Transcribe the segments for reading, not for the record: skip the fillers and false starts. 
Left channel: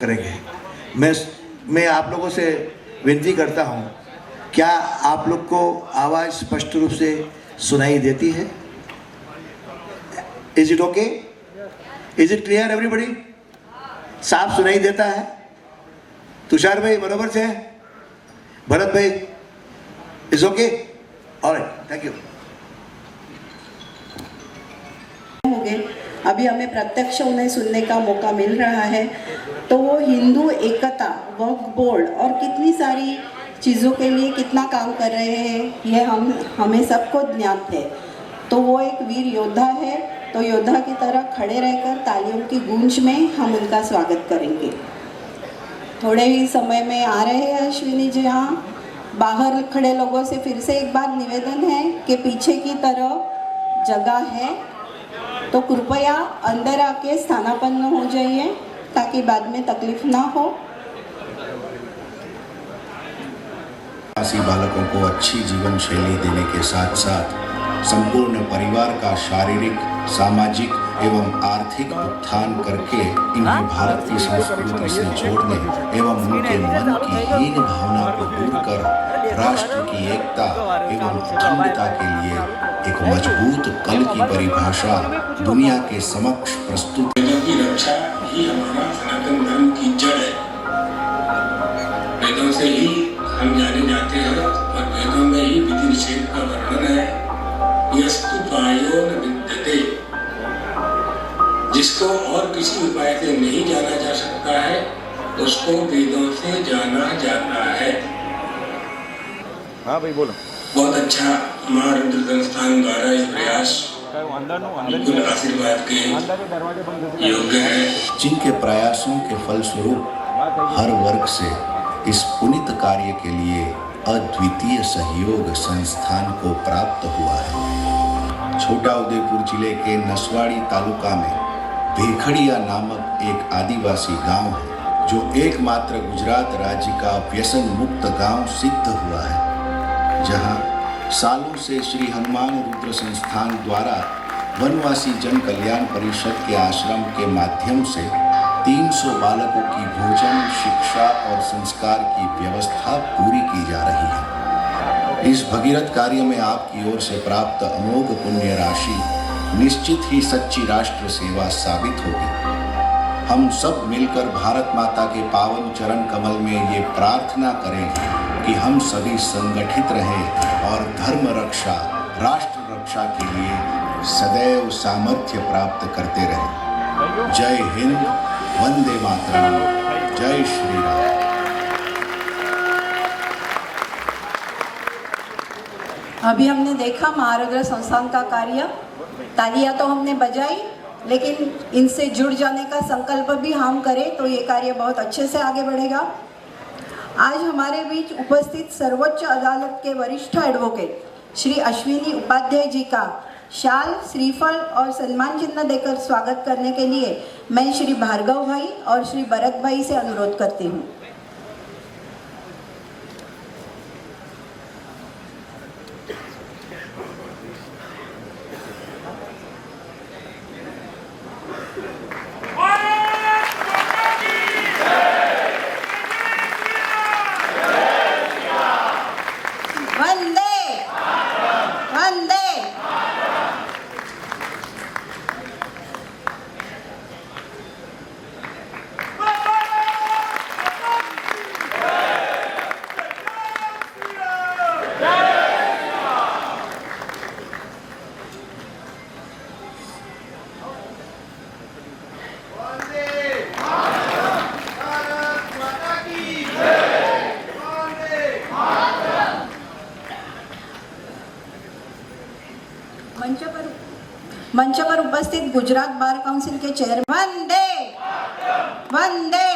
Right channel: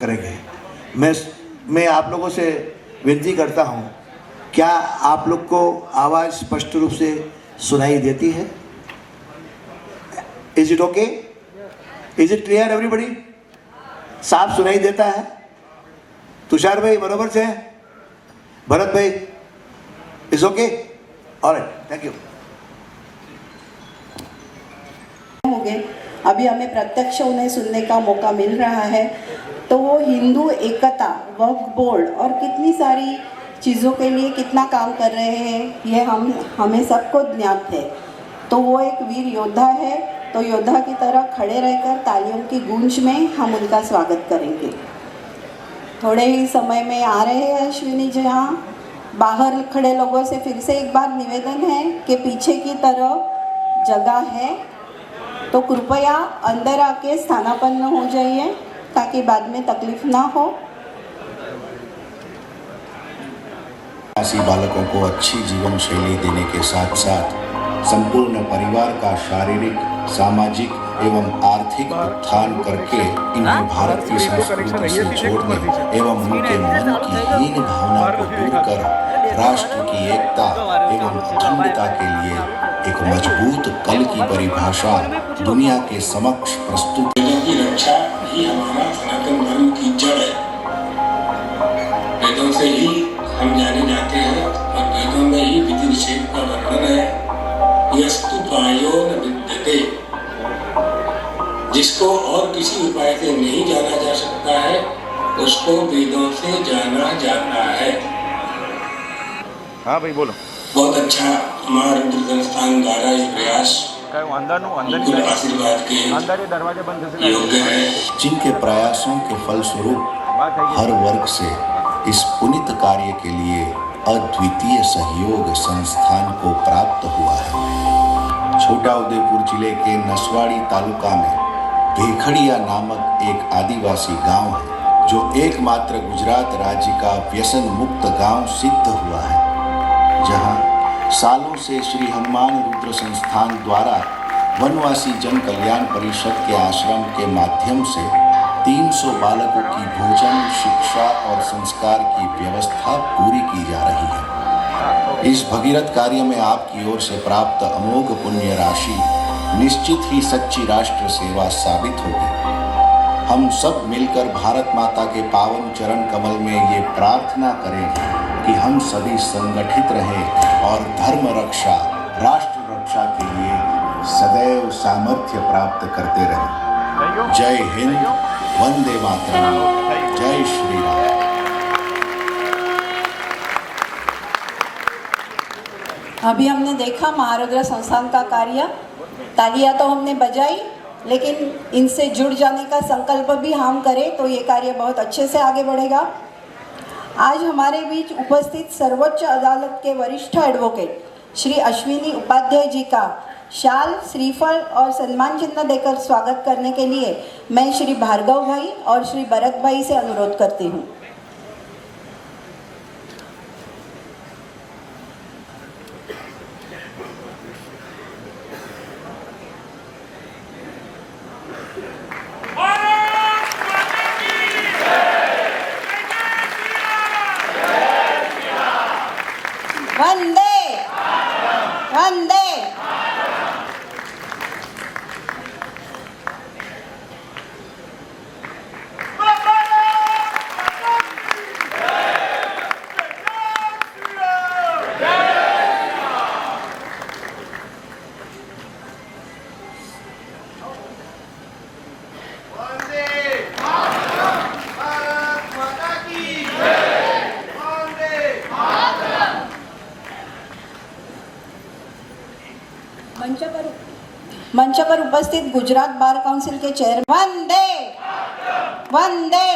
करेंगे। मैं आप लोगों से विनती करता हूं, क्या आप लोग को आवाज़ स्पष्ट रूप से सुनाई देती है? Is it okay? Is it clear everybody? साफ सुनाई देता है? तुषार भाई बराबर से? भरत भाई is okay? Alright, thank you. अभी हमें प्रत्यक्ष उन्हें सुनने का मौका मिल रहा है, तो वो हिंदू एकता, वक्फ बोर्ड और कितनी सारी चीज़ों के लिए कितना काम कर रहे हैं, ये हमें सबको ज्ञात है। तो वो एक वीर योद्धा है, तो योद्धा की तरह खड़े रहकर तालियों की गूंज में हम उनका स्वागत करेंगे। थोड़े ही समय में आ रहे हैं अश्विनी जी। यहाँ बाहर खड़े लोगों से फिर से एक बार निवेदन है कि पीछे की तरफ जगह है, तो कृपया अंदर आके स्थानापन्न हो जाइए ताकि बाद में तकलीफ ना हो। आदिवासी बालकों को अच्छी जीवन शैली देने के साथ साथ संपूर्ण परिवार का शारीरिक, सामाजिक एवं आर्थिक उत्थान करके इन्हें भारत की संस्कृति से जोड़ने एवं उनके मन की हीन भावना को दूर कर राष्ट्र की एकता एवं अखंडता के लिए एक मजबूत कल की परिभाषा दुनिया के समक्ष प्रस्तुत। वेदों की रक्षा ही हमारा सनातन धर्म की जड़ है। वेदों से ही हम जाने जाते हैं और वेदों में ही विधि निषेध का वर्णन है। यस्तु उपायो न विद्यते, जिसको और किसी उपाय से नहीं जाना जा सकता है उसको वेदों से जाना जाता है। हाँ भाई बोलो। बहुत अच्छा हमारे संस्थान द्वारा ये प्रयास बिल्कुल आशीर्वाद के योग्य है। जिनके प्रयासों के फलस्वरूप हर वर्ग से इस पुनीत कार्य के लिए अद्वितीय सहयोग संस्थान को प्राप्त हुआ है। छोटा उदेपुर जिले के नसवाड़ी तालुका में भेखड़िया नामक एक आदिवासी गांव है, जो एकमात्र गुजरात राज्य का व्यसन मुक्त गांव सिद्ध हुआ है, जहां सालों से श्री हनुमान रुद्र संस्थान द्वारा वनवासी जन कल्याण परिषद के आश्रम के माध्यम से 300 बालकों की भोजन, शिक्षा और संस्कार की व्यवस्था पूरी की जा रही है। इस भगीरथ कार्य में आपकी ओर से प्राप्त अमोघ पुण्य राशि निश्चित ही सच्ची राष्ट्र सेवा साबित होगी। हम सब मिलकर भारत माता के पावन चरण कमल में ये प्रार्थना करें कि हम सभी संगठित रहें और धर्म रक्षा, राष्ट्र रक्षा के लिए सदैव सामर्थ्य प्राप्त करते रहें। जय हिंद, वंदे मातरम, जय श्री राम। अभी हमने देखा महारुद्र संस्थान का कार्य, तालियां तो हमने बजाई, लेकिन इनसे जुड़ जाने का संकल्प भी हम करें तो ये कार्य बहुत अच्छे से आगे बढ़ेगा। आज हमारे बीच उपस्थित सर्वोच्च अदालत के वरिष्ठ एडवोकेट श्री अश्विनी उपाध्याय जी का शाल, श्रीफल और सम्मान चिन्ह देकर स्वागत करने के लिए मैं श्री भार्गव भाई और श्री भरत भाई से अनुरोध करती हूँ। वंदे वंदे। मंच पर उपस्थित गुजरात बार काउंसिल के चेयरमैन वंदे वंदे।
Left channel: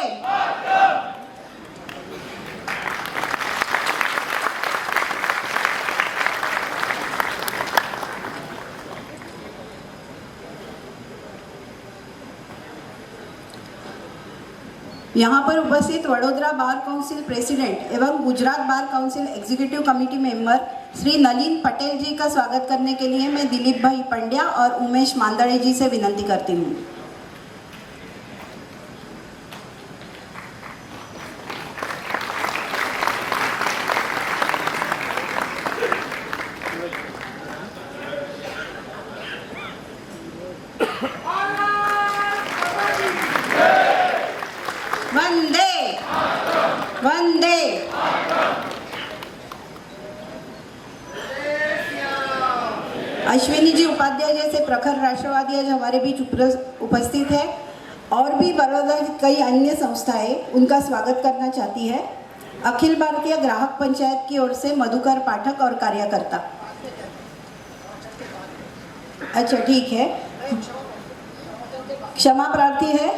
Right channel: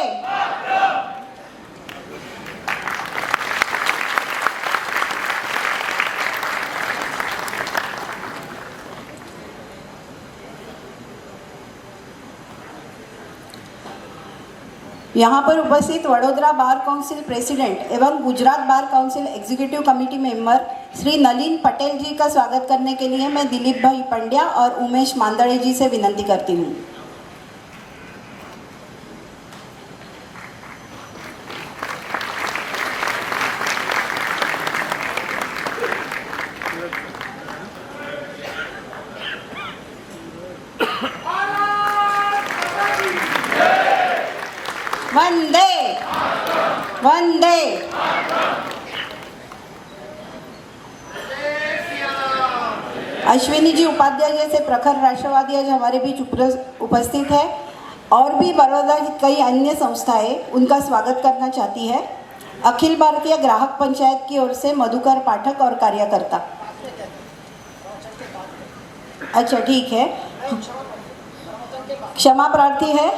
यहाँ पर उपस्थित वडोदरा बार काउंसिल प्रेसिडेंट एवं Gujarat bar council executive committee member Shri Nalin Patel ji का स्वागत करने के लिए मैं दिलीप भाई पंड्या और उमेश मांदड़े जी से विनती करती हूँ। वंदे वंदे। अश्विनी जी उपाध्याय जैसे प्रखर राष्ट्रवादी आज हमारे बीच उपस्थित है और भी बड़ौदा की कई अन्य संस्थाएं उनका स्वागत करना चाहती है। अखिल भारतीय ग्राहक पंचायत की ओर से मधुकर पाठक और कार्यकर्ता। अच्छा ठीक है, क्षमा प्रार्थी है,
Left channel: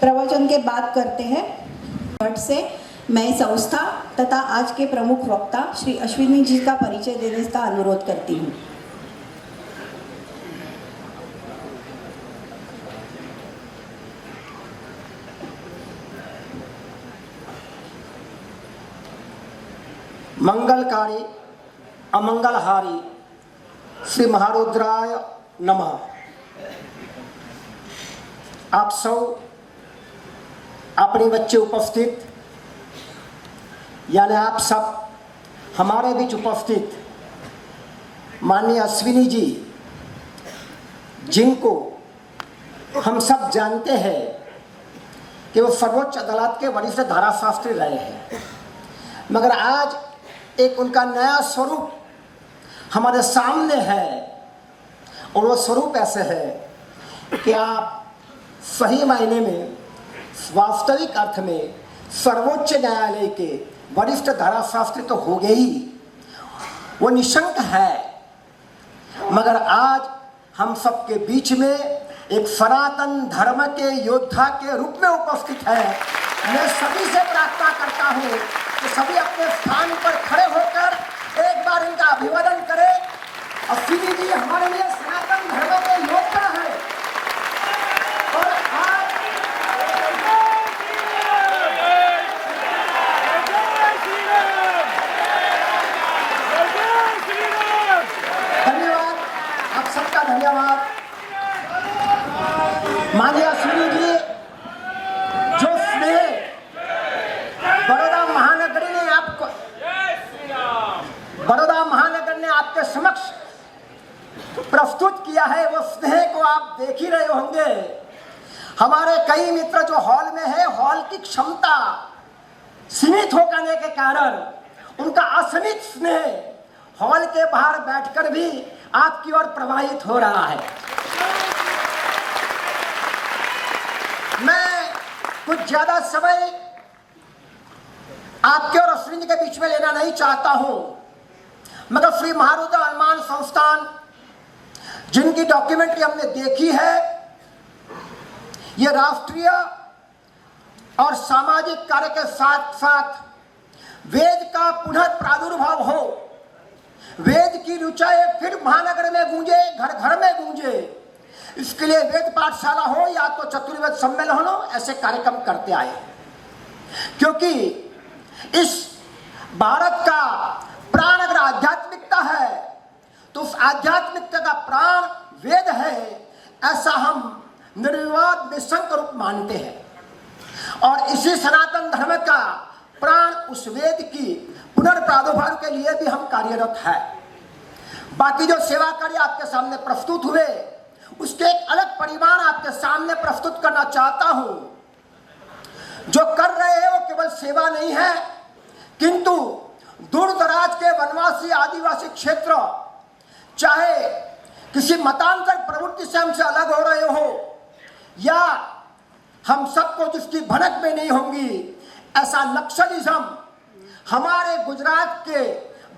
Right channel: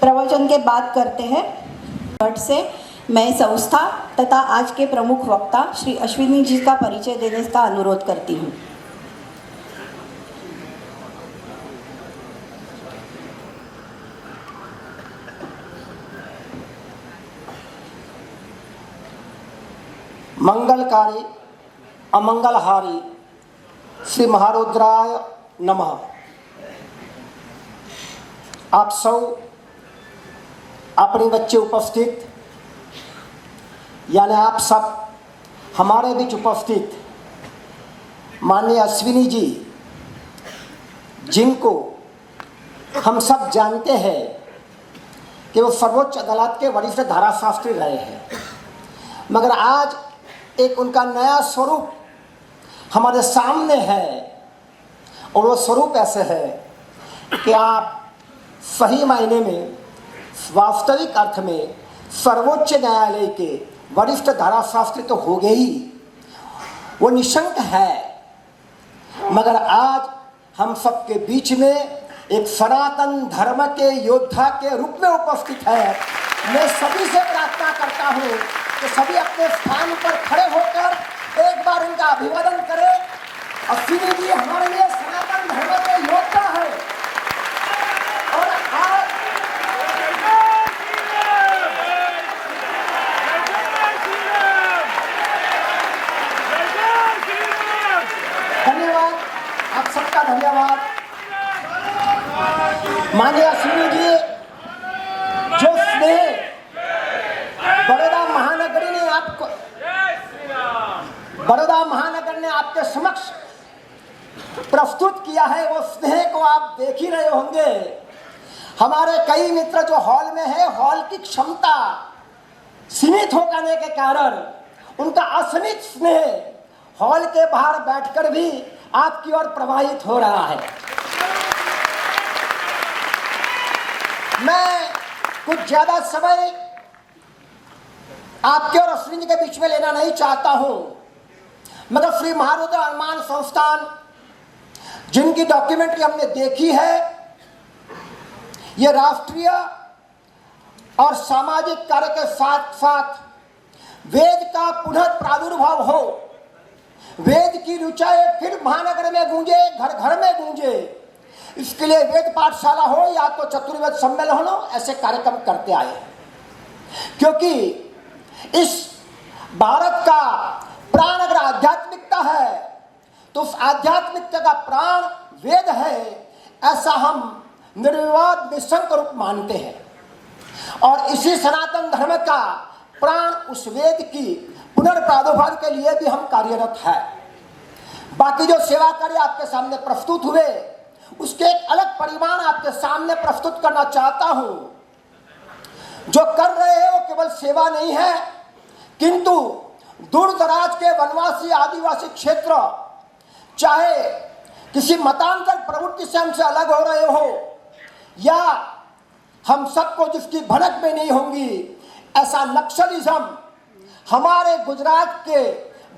प्रवचन के बाद करते हैं। झट से मैं संस्था तथा आज के प्रमुख वक्ता श्री अश्विनी जी का परिचय देने का अनुरोध करती हूँ। मंगलकारी अमंगलहारी श्री महारुद्राय नमः। आप सब अपने बच्चे उपस्थित यानी आप सब हमारे बीच उपस्थित माननीय अश्विनी जी, जिनको हम सब जानते हैं कि वो सर्वोच्च अदालत के वरिष्ठ धाराशास्त्री रहे हैं, मगर आज एक उनका नया स्वरूप हमारे सामने है और वो स्वरूप ऐसे है कि आप सही मायने में वास्तविक अर्थ में सर्वोच्च न्यायालय के वरिष्ठ धाराशास्त्री तो हो गए ही, वो निशंक है, मगर आज हम सबके बीच में एक सनातन धर्म के योद्धा के रूप में उपस्थित है। मैं सभी से प्रार्थना करता हूँ कि सभी अपने स्थान पर खड़े होकर एक बार इनका अभिवादन करें। अश्विनी जी हमारे लिए सनातन धर्म के योद्धा है और आज धन्यवाद, आप सबका धन्यवाद। माननीय अश्विनी जी, जो स्नेह बड़ौदा महानगर ने आपको आपके समक्ष प्रस्तुत किया है, वो स्नेह को आप देख ही रहे होंगे। हमारे कई मित्र जो हॉल में है, हॉल की क्षमता सीमित होने के कारण उनका असीमित स्नेह हॉल के बाहर बैठकर भी आपकी ओर प्रवाहित हो रहा है। मैं कुछ ज्यादा समय आपके और अश्विनी के बीच में लेना नहीं चाहता हूं, मगर श्री महारुद्र हनुमान संस्थान जिनकी डॉक्यूमेंट्री हमने देखी है, ये राष्ट्रीय और सामाजिक कार्य के साथ साथ वेद का पुनः प्रादुर्भाव हो, वेद की रुचाएं फिर महानगर में गूंजे, घर घर में गूंजे, इसके लिए वेद पाठशाला हो या तो चतुर्वेद सम्मेलन हो, ऐसे कार्यक्रम करते आए। क्योंकि इस भारत का प्राण अगर आध्यात्मिकता है तो उस आध्यात्मिकता का प्राण वेद है, ऐसा हम निर्विवाद निशंक रूप मानते हैं। और इसी सनातन धर्म का प्राण उस वेद की पुनर्प्रादुर्भाव के लिए भी हम कार्यरत है। बाकी जो सेवा कार्य आपके सामने प्रस्तुत हुए, उसके एक अलग परिमाण आपके सामने प्रस्तुत करना चाहता हूं। जो कर रहे हैं वो केवल सेवा नहीं है, किंतु दूर दराज के वनवासी आदिवासी क्षेत्र, चाहे किसी मतांतर प्रवृत्ति से हमसे अलग हो रहे हो या हम सबको जिसकी भनक में नहीं होंगी, ऐसा नक्सलिज्म हमारे गुजरात के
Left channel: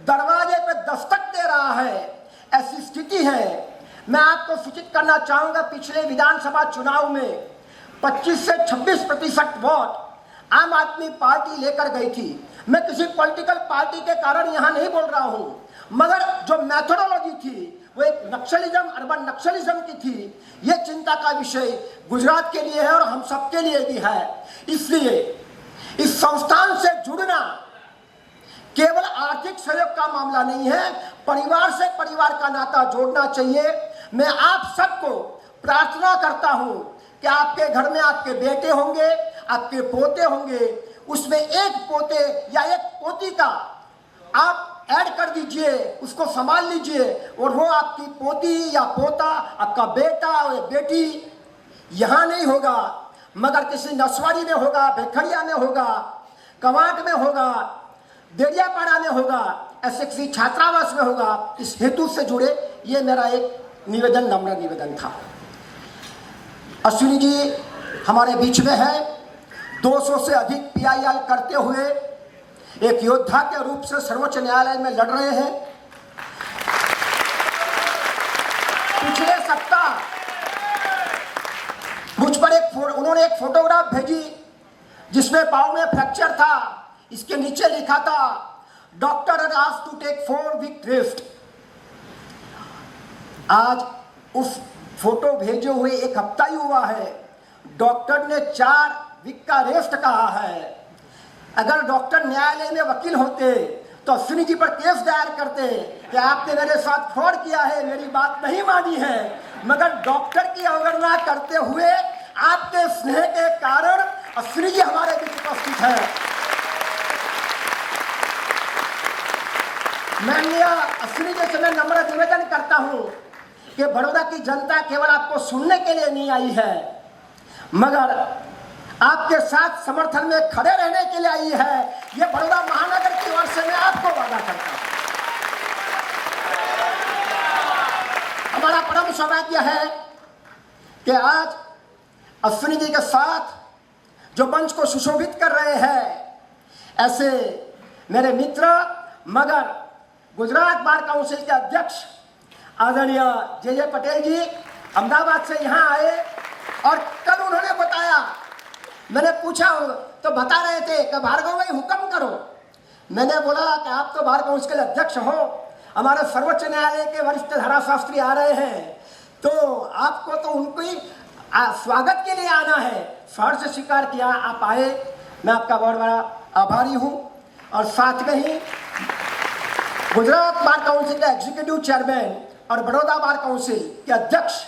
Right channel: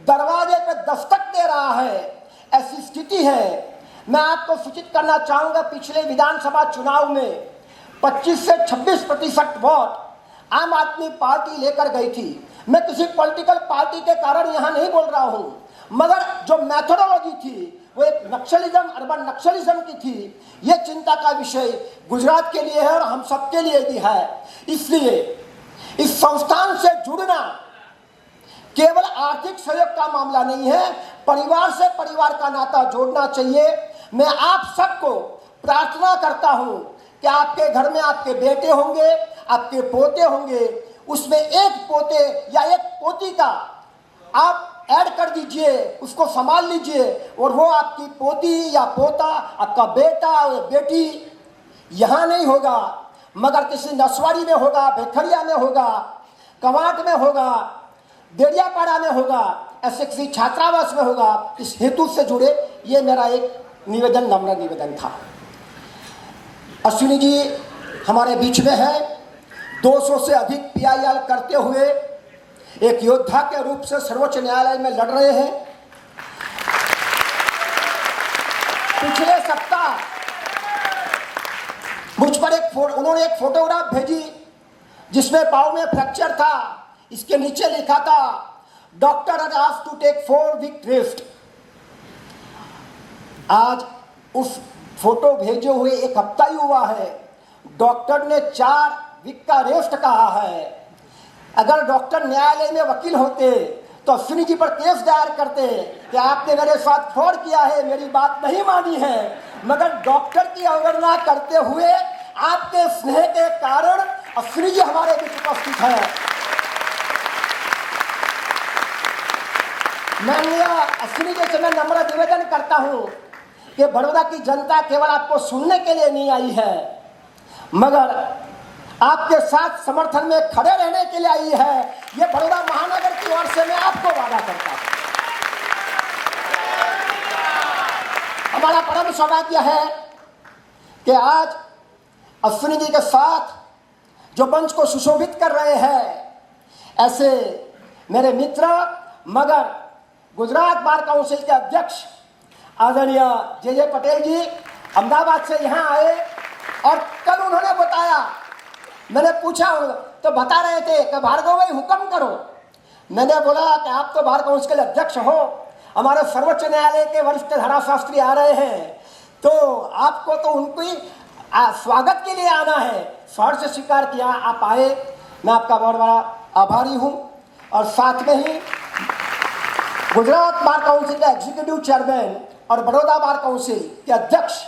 दरवाजे पे दस्तक दे रहा है, ऐसी स्थिति है। मैं आपको सूचित करना चाहूंगा, पिछले विधानसभा चुनाव में 25 से 26% वोट आम आदमी पार्टी लेकर गई थी। मैं किसी पॉलिटिकल पार्टी के कारण यहाँ नहीं बोल रहा हूँ, मगर जो मैथोडोलॉजी थी वो एक नक्सलिज्म, अर्बन नक्सलिज्म की थी। ये चिंता का विषय गुजरात के लिए है और हम सबके लिए भी है। इसलिए इस संस्थान से जुड़ना केवल आर्थिक सहयोग का मामला नहीं है, परिवार से परिवार का नाता जोड़ना चाहिए। मैं आप सबको प्रार्थना करता हूं कि आपके घर में आपके बेटे होंगे, आपके पोते होंगे, उसमें एक पोते या एक पोती का आप ऐड कर दीजिए, उसको संभाल लीजिए, और वो आपकी पोती या पोता, आपका बेटा या बेटी यहाँ नहीं होगा मगर किसी नसवाड़ी में होगा, भेखड़िया में होगा, कवाट में होगा, देरियापाड़ा में होगा, ऐसे किसी छात्रावास में होगा, इस हेतु से जुड़े ये मेरा एक निवेदन, नम्र निवेदन था। अश्विनी जी हमारे बीच में है, 200 से अधिक PIL करते हुए एक योद्धा के रूप से सर्वोच्च न्यायालय में लड़ रहे हैं। पिछले सप्ताह मुझ पर उन्होंने एक फोटोग्राफ भेजी जिसमें पाँव में फ्रैक्चर था, इसके नीचे लिखा था doctor had asked to take 4 week rest. आज उस फोटो भेजे हुए 1 हफ्ता ही हुआ है, डॉक्टर ने 4 वीक का रेस्ट कहा है। अगर डॉक्टर न्यायालय में वकील होते तो अश्विनी जी पर केस दायर करते कि आपने मेरे साथ फ्रॉड किया है, मेरी बात नहीं मानी है, मगर डॉक्टर की अवहेलना करते हुए आपके स्नेह के कारण अश्विनी जी हमारे बीच उपस्थित है। मैं अश्विनी जी से मैं नम्र निवेदन करता हूं कि बड़ौदा की जनता केवल आपको सुनने के लिए नहीं आई है, मगर आपके साथ समर्थन में खड़े रहने के लिए आई है। ये बड़ौदा महानगर की ओर से मैं आपको वादा करता हूं। हमारा परम सौभाग्य है कि आज अश्विनी जी के साथ जो मंच को सुशोभित कर रहे हैं, ऐसे मेरे मित्र मगर गुजरात बार काउंसिल के अध्यक्ष आदरणीय जे पटेल जी अहमदाबाद से यहाँ आए और कल उन्होंने बताया, मैंने पूछा तो बता रहे थे कि भार्गव भाई हुक्म करो। मैंने बोला कि आप तो बार काउंसिल के अध्यक्ष हो, हमारे सर्वोच्च न्यायालय के वरिष्ठ धाराशास्त्री आ रहे हैं, तो आपको तो उनकी स्वागत के लिए आना है। शहर से स्वीकार किया, आप आए, मैं आपका बहुत बड़ा आभारी हूँ। और साथ में ही गुजरात बार काउंसिल का एग्जीक्यूटिव चेयरमैन और बड़ौदा बार काउंसिल के अध्यक्ष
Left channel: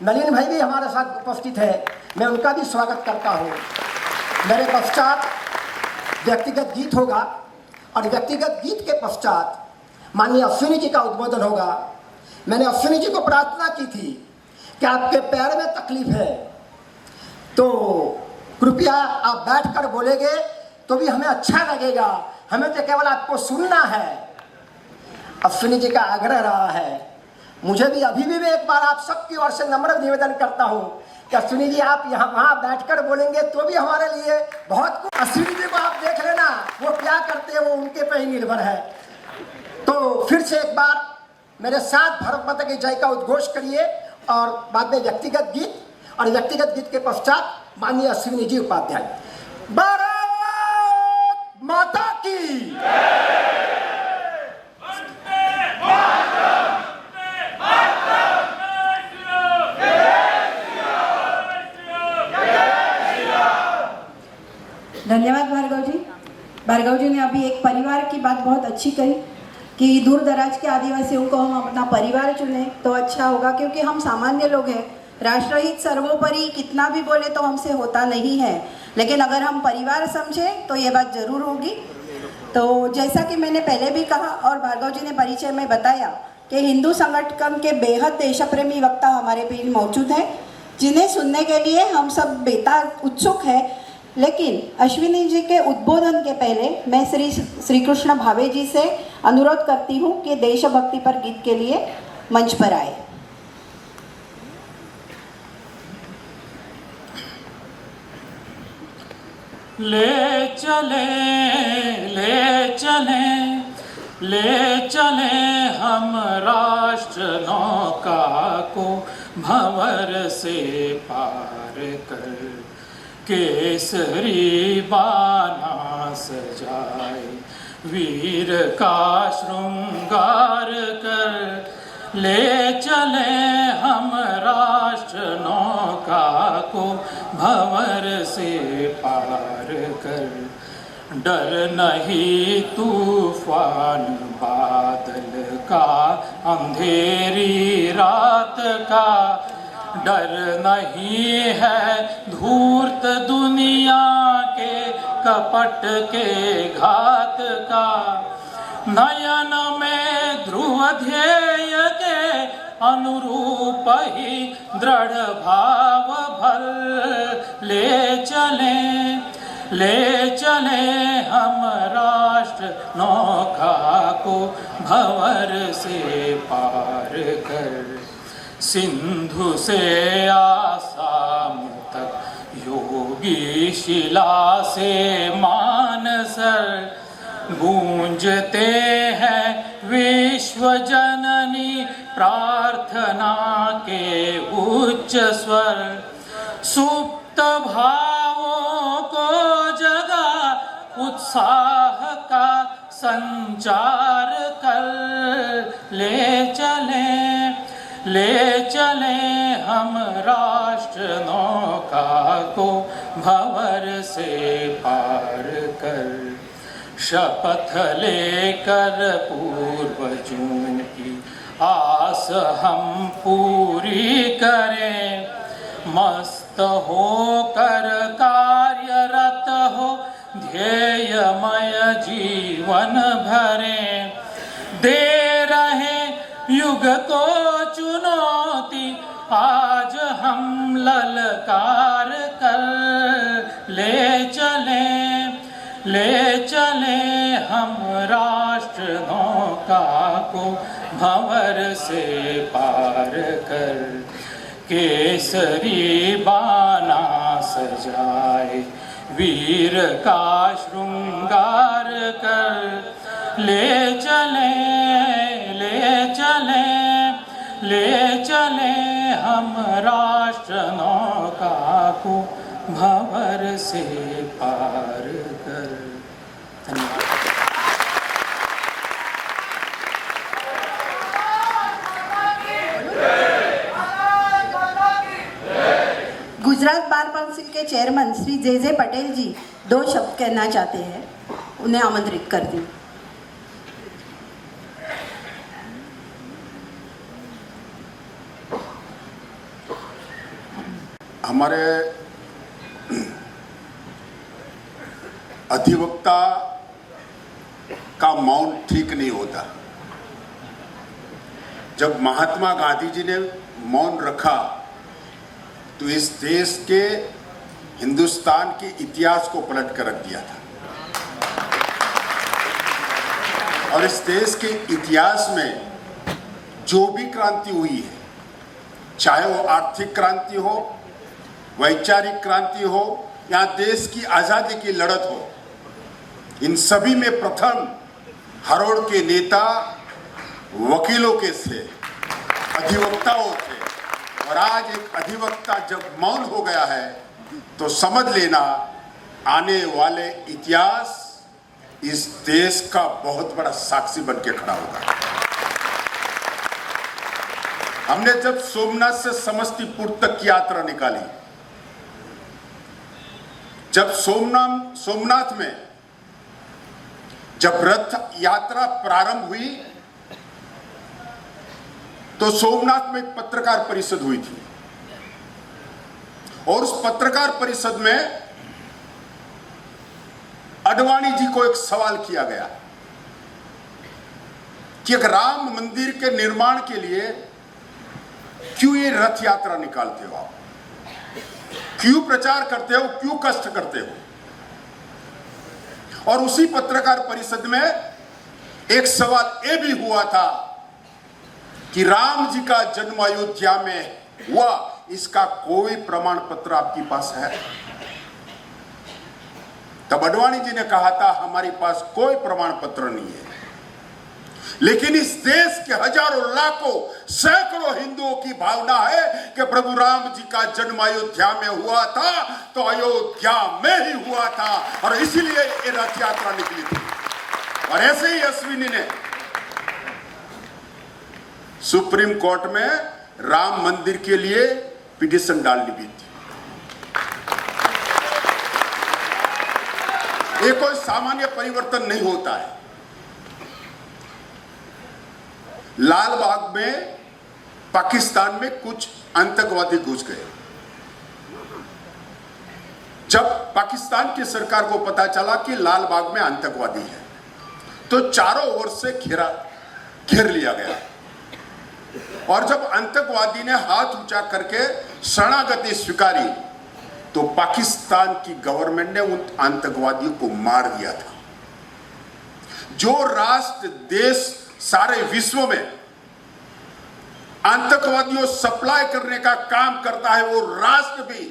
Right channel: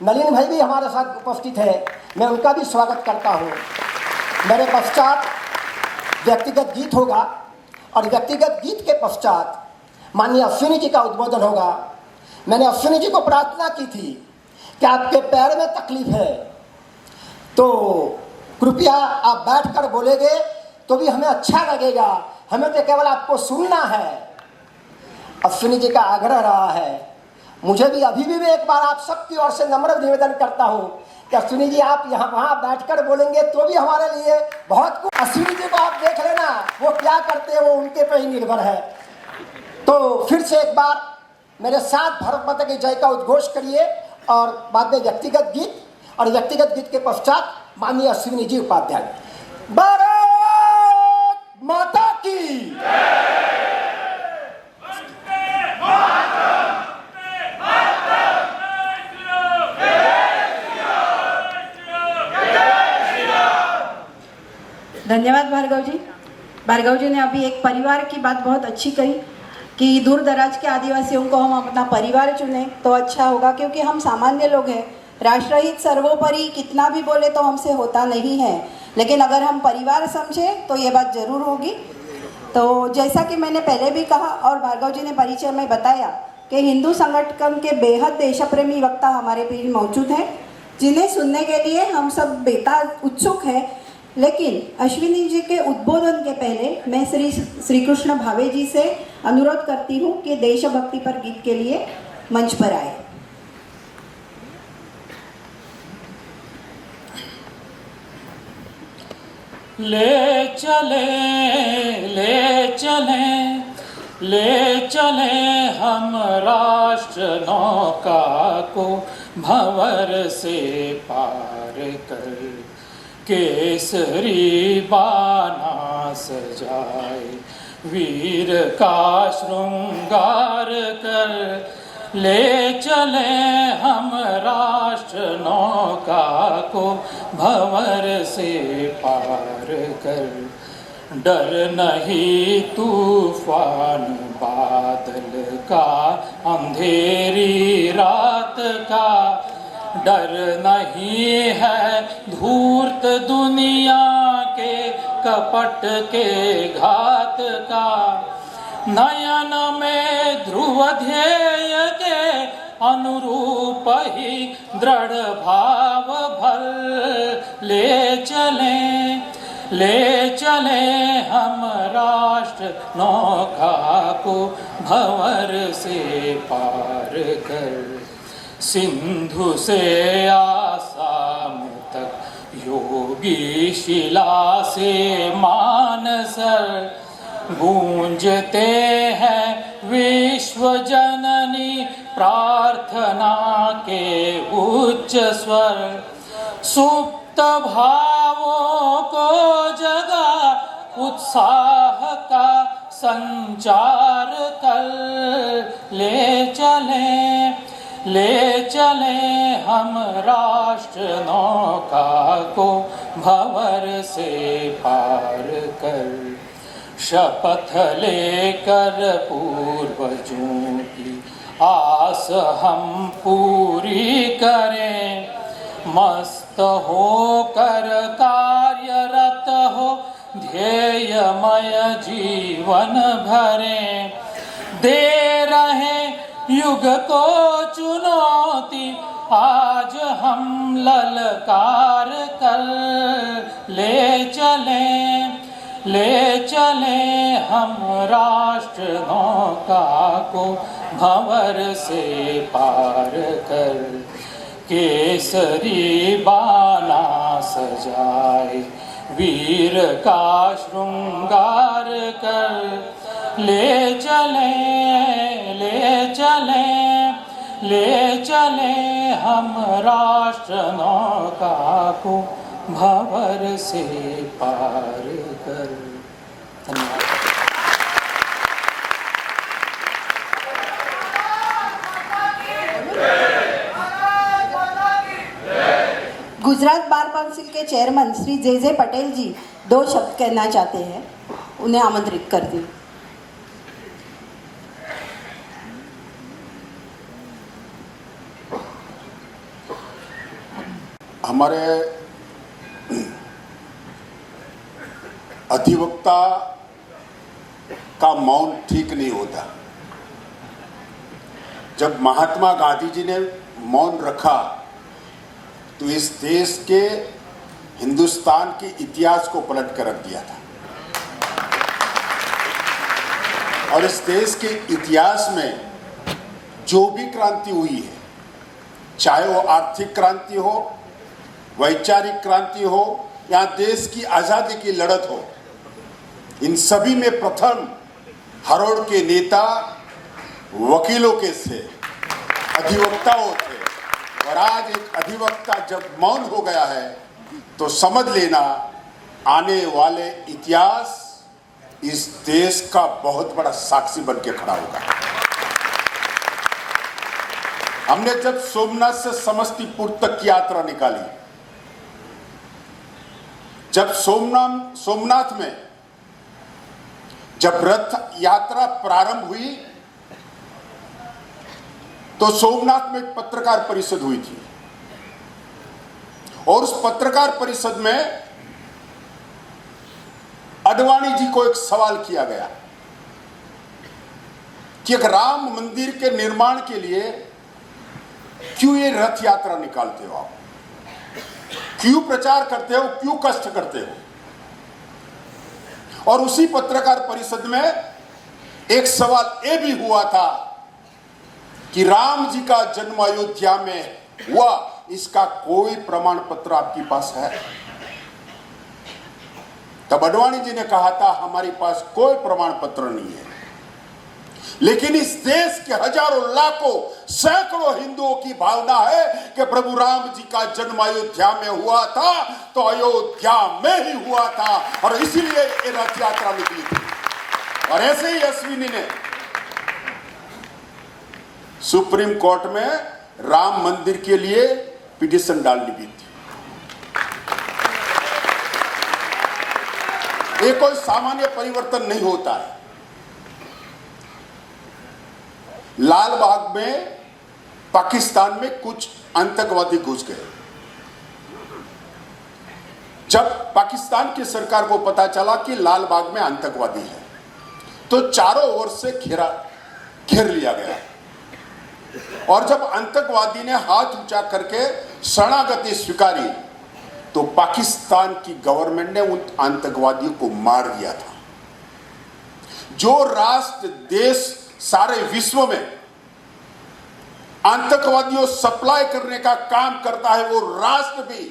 नलिन भाई भी हमारे साथ उपस्थित है, मैं उनका भी स्वागत करता हूँ। मेरे पश्चात व्यक्तिगत गीत होगा और व्यक्तिगत गीत के पश्चात माननीय अश्विनी जी का उद्बोधन होगा। मैंने अश्विनी जी को प्रार्थना की थी कि आपके पैर में तकलीफ है तो कृपया आप बैठकर बोलेंगे तो भी हमें अच्छा लगेगा, हमें तो केवल आपको सुनना है। अश्विनी जी का आग्रह रहा है। मुझे भी अभी भी एक बार आप सबकी ओर से नम्र निवेदन करता हूं कि अश्विनी जी आप यहाँ वहाँ बैठकर बोलेंगे तो भी हमारे लिए बहुत कुछ। अश्विनी जी को आप देख लेना, वो क्या करते हैं वो उनके पे ही निर्भर है। तो फिर से एक बार मेरे साथ भारत माता की जय का उद्घोष करिए और बाद में व्यक्तिगत गीत, और व्यक्तिगत गीत के पश्चात माननीय अश्विनी जी उपाध्याय। भारत माता की धन्यवाद भार्गव जी। भार्गव जी ने अभी एक परिवार की बात बहुत अच्छी कही कि दूर दराज के आदिवासियों को हम अपना परिवार चुने तो अच्छा होगा, क्योंकि हम सामान्य लोग हैं। राष्ट्रहित सर्वोपरि कितना भी बोले तो हमसे होता नहीं है, लेकिन अगर हम परिवार समझें तो ये बात ज़रूर होगी। तो जैसा कि मैंने पहले भी कहा और भार्गव जी ने परिचय में बताया कि हिंदू संगठन के बेहद देशप्रेमी वक्ता हमारे बीच मौजूद हैं, जिन्हें सुनने के लिए हम सब बेताब उत्सुक हैं। लेकिन अश्विनी जी के उद्बोधन के पहले मैं श्री कृष्ण भावे जी से अनुरोध करती हूँ कि देशभक्ति पर गीत के लिए मंच पर आए। ले चले ले चले ले चले हम राष्ट्र नौका को भंवर से पार कर, केसरी बाना सजाए वीर का श्रृंगार कर। ले चले हम राष्ट्र नौका को भंवर से पार कर, डर नहीं तूफान बादल का अंधेरी रात का, डर नहीं है धूर्त दुनिया के कपट के घात का। नयन में ध्रुव ध्येय के अनुरूप ही दृढ़ भाव भर ले चले हम राष्ट्र नौका को भंवर से पार कर। सिंधु से आसाम तक योगी शिला से मानसर गूंजते हैं विश्व जननी प्रार्थना के उच्च स्वर। सुप्त भावों को जगा उत्साह का संचार कर ले चले हम राष्ट्र नौका को भंवर से पार कर। शपथ लेकर पूर्वजों की आस हम पूरी करें। मस्त होकर कार्यरत हो ध्येयमय जीवन भरें। दे रहे युग को चुनौती आज हम ललकार कर। ले चले हम राष्ट्र नौका को भंवर से पार कर। केसरी बाना सजाए वीर का श्रृंगार कर। ले चले हम राष्ट्र नौका को भंवर से पार कर। धन्यवाद। गुजरात बार काउंसिल के चेयरमैन श्री जे पटेल जी 2 शब्द कहना चाहते हैं, उन्हें आमंत्रित करती हूँ। हमारे अधिवक्ता का मौन ठीक नहीं होता। जब महात्मा गांधी जी ने मौन रखा तो इस देश के हिंदुस्तान के इतिहास को पलट कर रख दिया था। और इस देश के इतिहास में जो भी क्रांति हुई है, चाहे वो आर्थिक क्रांति हो, वैचारिक क्रांति हो या देश की आजादी की लड़त हो, इन सभी में प्रथम हरोड़ के नेता वकीलों के थे, अधिवक्ताओं थे। और आज एक अधिवक्ता जब मौन हो गया है तो समझ लेना आने वाले इतिहास इस देश का बहुत बड़ा साक्षी बन के खड़ा होगा। हमने जब सोमनाथ से समस्तीपुर तक की यात्रा निकाली, जब सोमनाथ में जब रथ यात्रा प्रारंभ हुई तो सोमनाथ में एक पत्रकार परिषद हुई थी और उस पत्रकार परिषद में अडवाणी जी को एक सवाल किया गया कि एक राम मंदिर के निर्माण के लिए क्यों ये रथ यात्रा निकालते हो, आप क्यों प्रचार करते हो, क्यों कष्ट करते हो। और उसी पत्रकार परिषद में एक सवाल यह भी हुआ था कि राम जी का जन्म अयोध्या में हुआ, इसका कोई प्रमाण पत्र आपके पास है? तब अडवाणी जी ने कहा था हमारे पास कोई प्रमाण पत्र नहीं है, लेकिन इस देश के हजारों लाखों सैकड़ों हिंदुओं की भावना है कि प्रभु राम जी का जन्म अयोध्या में हुआ था तो अयोध्या में ही हुआ था और इसीलिए ये रथ यात्रा निकली थी। और ऐसे ही अश्विनी ने सुप्रीम कोर्ट में राम मंदिर के लिए पिटीशन डालनी भी थी। ये कोई सामान्य परिवर्तन नहीं होता है। लाल बाग में पाकिस्तान में कुछ आतंकवादी घुस गए। जब पाकिस्तान की सरकार को पता चला कि लाल बाग में आतंकवादी है तो चारों ओर से घेर लिया गया और जब आतंकवादी ने हाथ ऊंचा करके शरणागति स्वीकारी तो पाकिस्तान की गवर्नमेंट ने उन आतंकवादियों को मार दिया था। जो राष्ट्र देश सारे विश्व में आतंकवादियों सप्लाई करने का काम करता है, वो राष्ट्र भी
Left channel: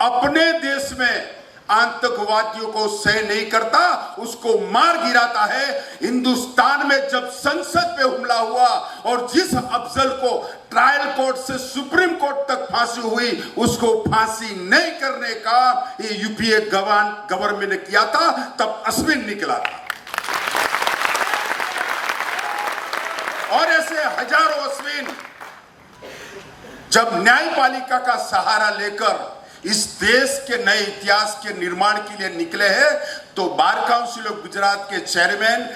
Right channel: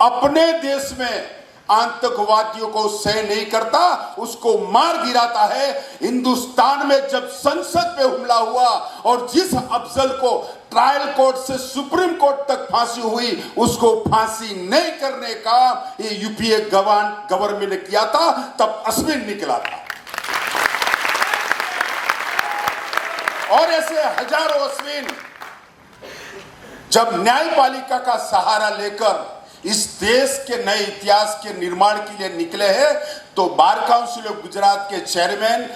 अपने देश में आतंकवादियों को सह नहीं करता, उसको मार गिराता है। हिंदुस्तान में जब संसद पे हमला हुआ और जिस अफजल को ट्रायल कोर्ट से सुप्रीम कोर्ट तक फांसी हुई, उसको फांसी नहीं करने का ये यूपीए गवर्नमेंट ने किया था, तब अश्विन निकला था। और ऐसे हजारों अश्विन जब न्यायपालिका का सहारा लेकर इस देश के नए इतिहास के निर्माण के लिए निकले हैं, तो बार काउंसिल ऑफ गुजरात के चेयरमैन,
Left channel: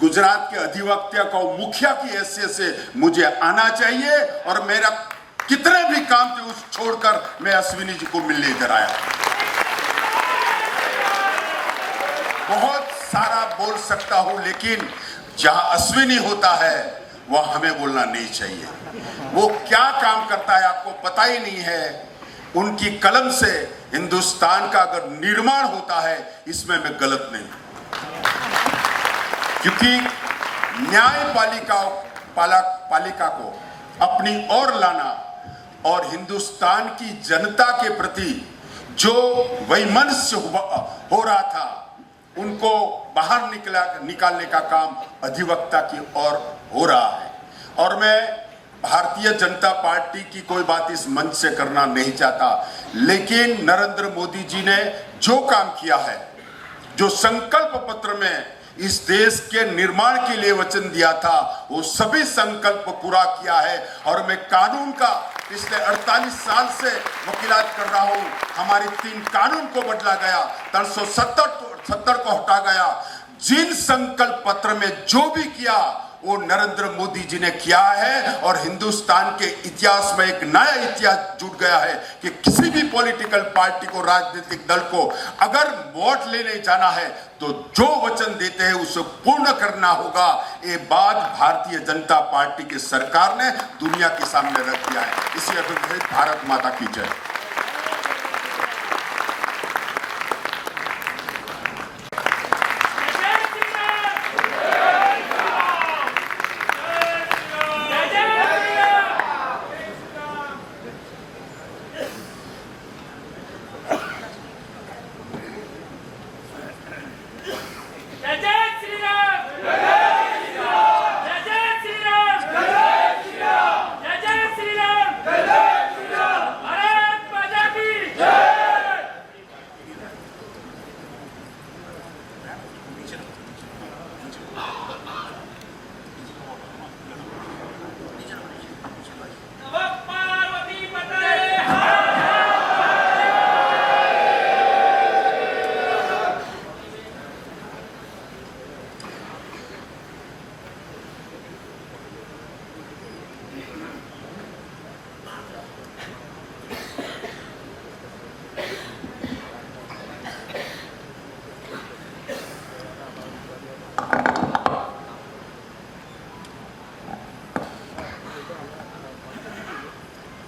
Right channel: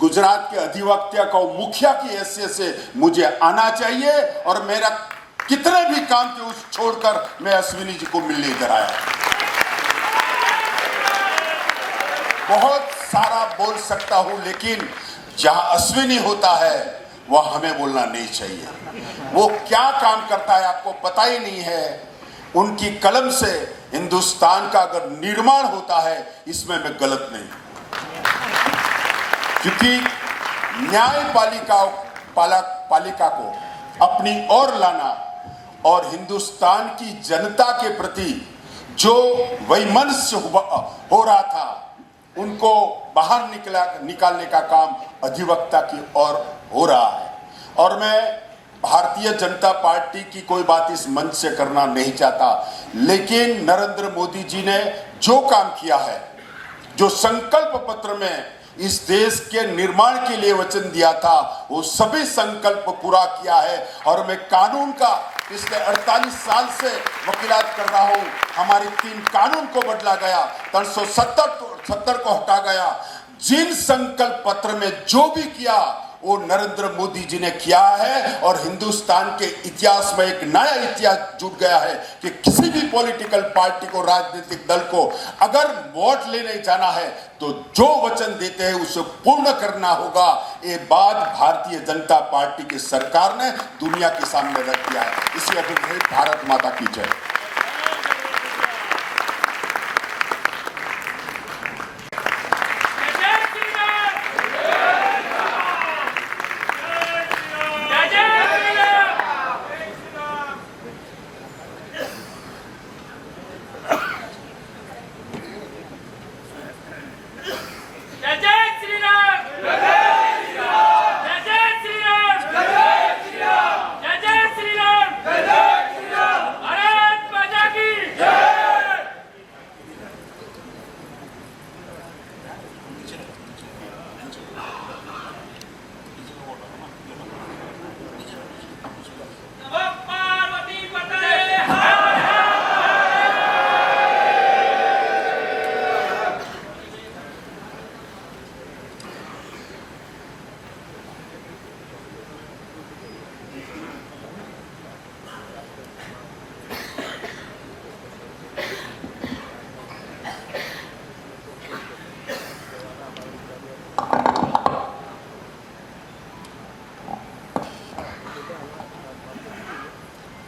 गुजरात के अधिवक्ता को मुखिया की हैसियत से मुझे आना चाहिए और मेरा कितने भी काम थे उस छोड़कर मैं अश्विनी जी को मिलने इधर आया। बहुत सारा बोल सकता हूं, लेकिन जहां अश्विनी होता है वह हमें बोलना नहीं चाहिए। वो क्या काम करता है आपको पता ही नहीं है। उनकी कलम से हिंदुस्तान का अगर निर्माण होता है, इसमें मैं गलत नहीं, क्योंकि न्यायपालिका को अपनी ओर लाना और हिंदुस्तान की जनता के प्रति जो वैमनस्य हो रहा था, उनको बाहर निकालने का काम अधिवक्ता की ओर हो रहा है। और मैं भारतीय जनता पार्टी की कोई बात इस मंच से करना नहीं चाहता, लेकिन नरेंद्र मोदी जी ने जो काम किया है, जो संकल्प पत्र में इस देश के निर्माण के लिए वचन दिया था, वो सभी संकल्प पूरा किया है। और मैं कानून का पिछले 48 साल से वकीलात कर रहा हूं। हमारी 3 कानून को बदला गया, 370 को हटा गया। जिन संकल्प पत्र में जो भी किया वो नरेंद्र मोदी जी ने किया है, और हिंदुस्तान के इतिहास में एक नया इतिहास जुड़ गया है कि किसी भी पॉलिटिकल पार्टी को, राजनीतिक दल को अगर वोट लेने जाना है तो जो वचन देते हैं उसे पूर्ण करना होगा। ये बात भारतीय जनता पार्टी की सरकार ने दुनिया के सामने रख दिया है। इसी अभिप्राय भारत माता की जय।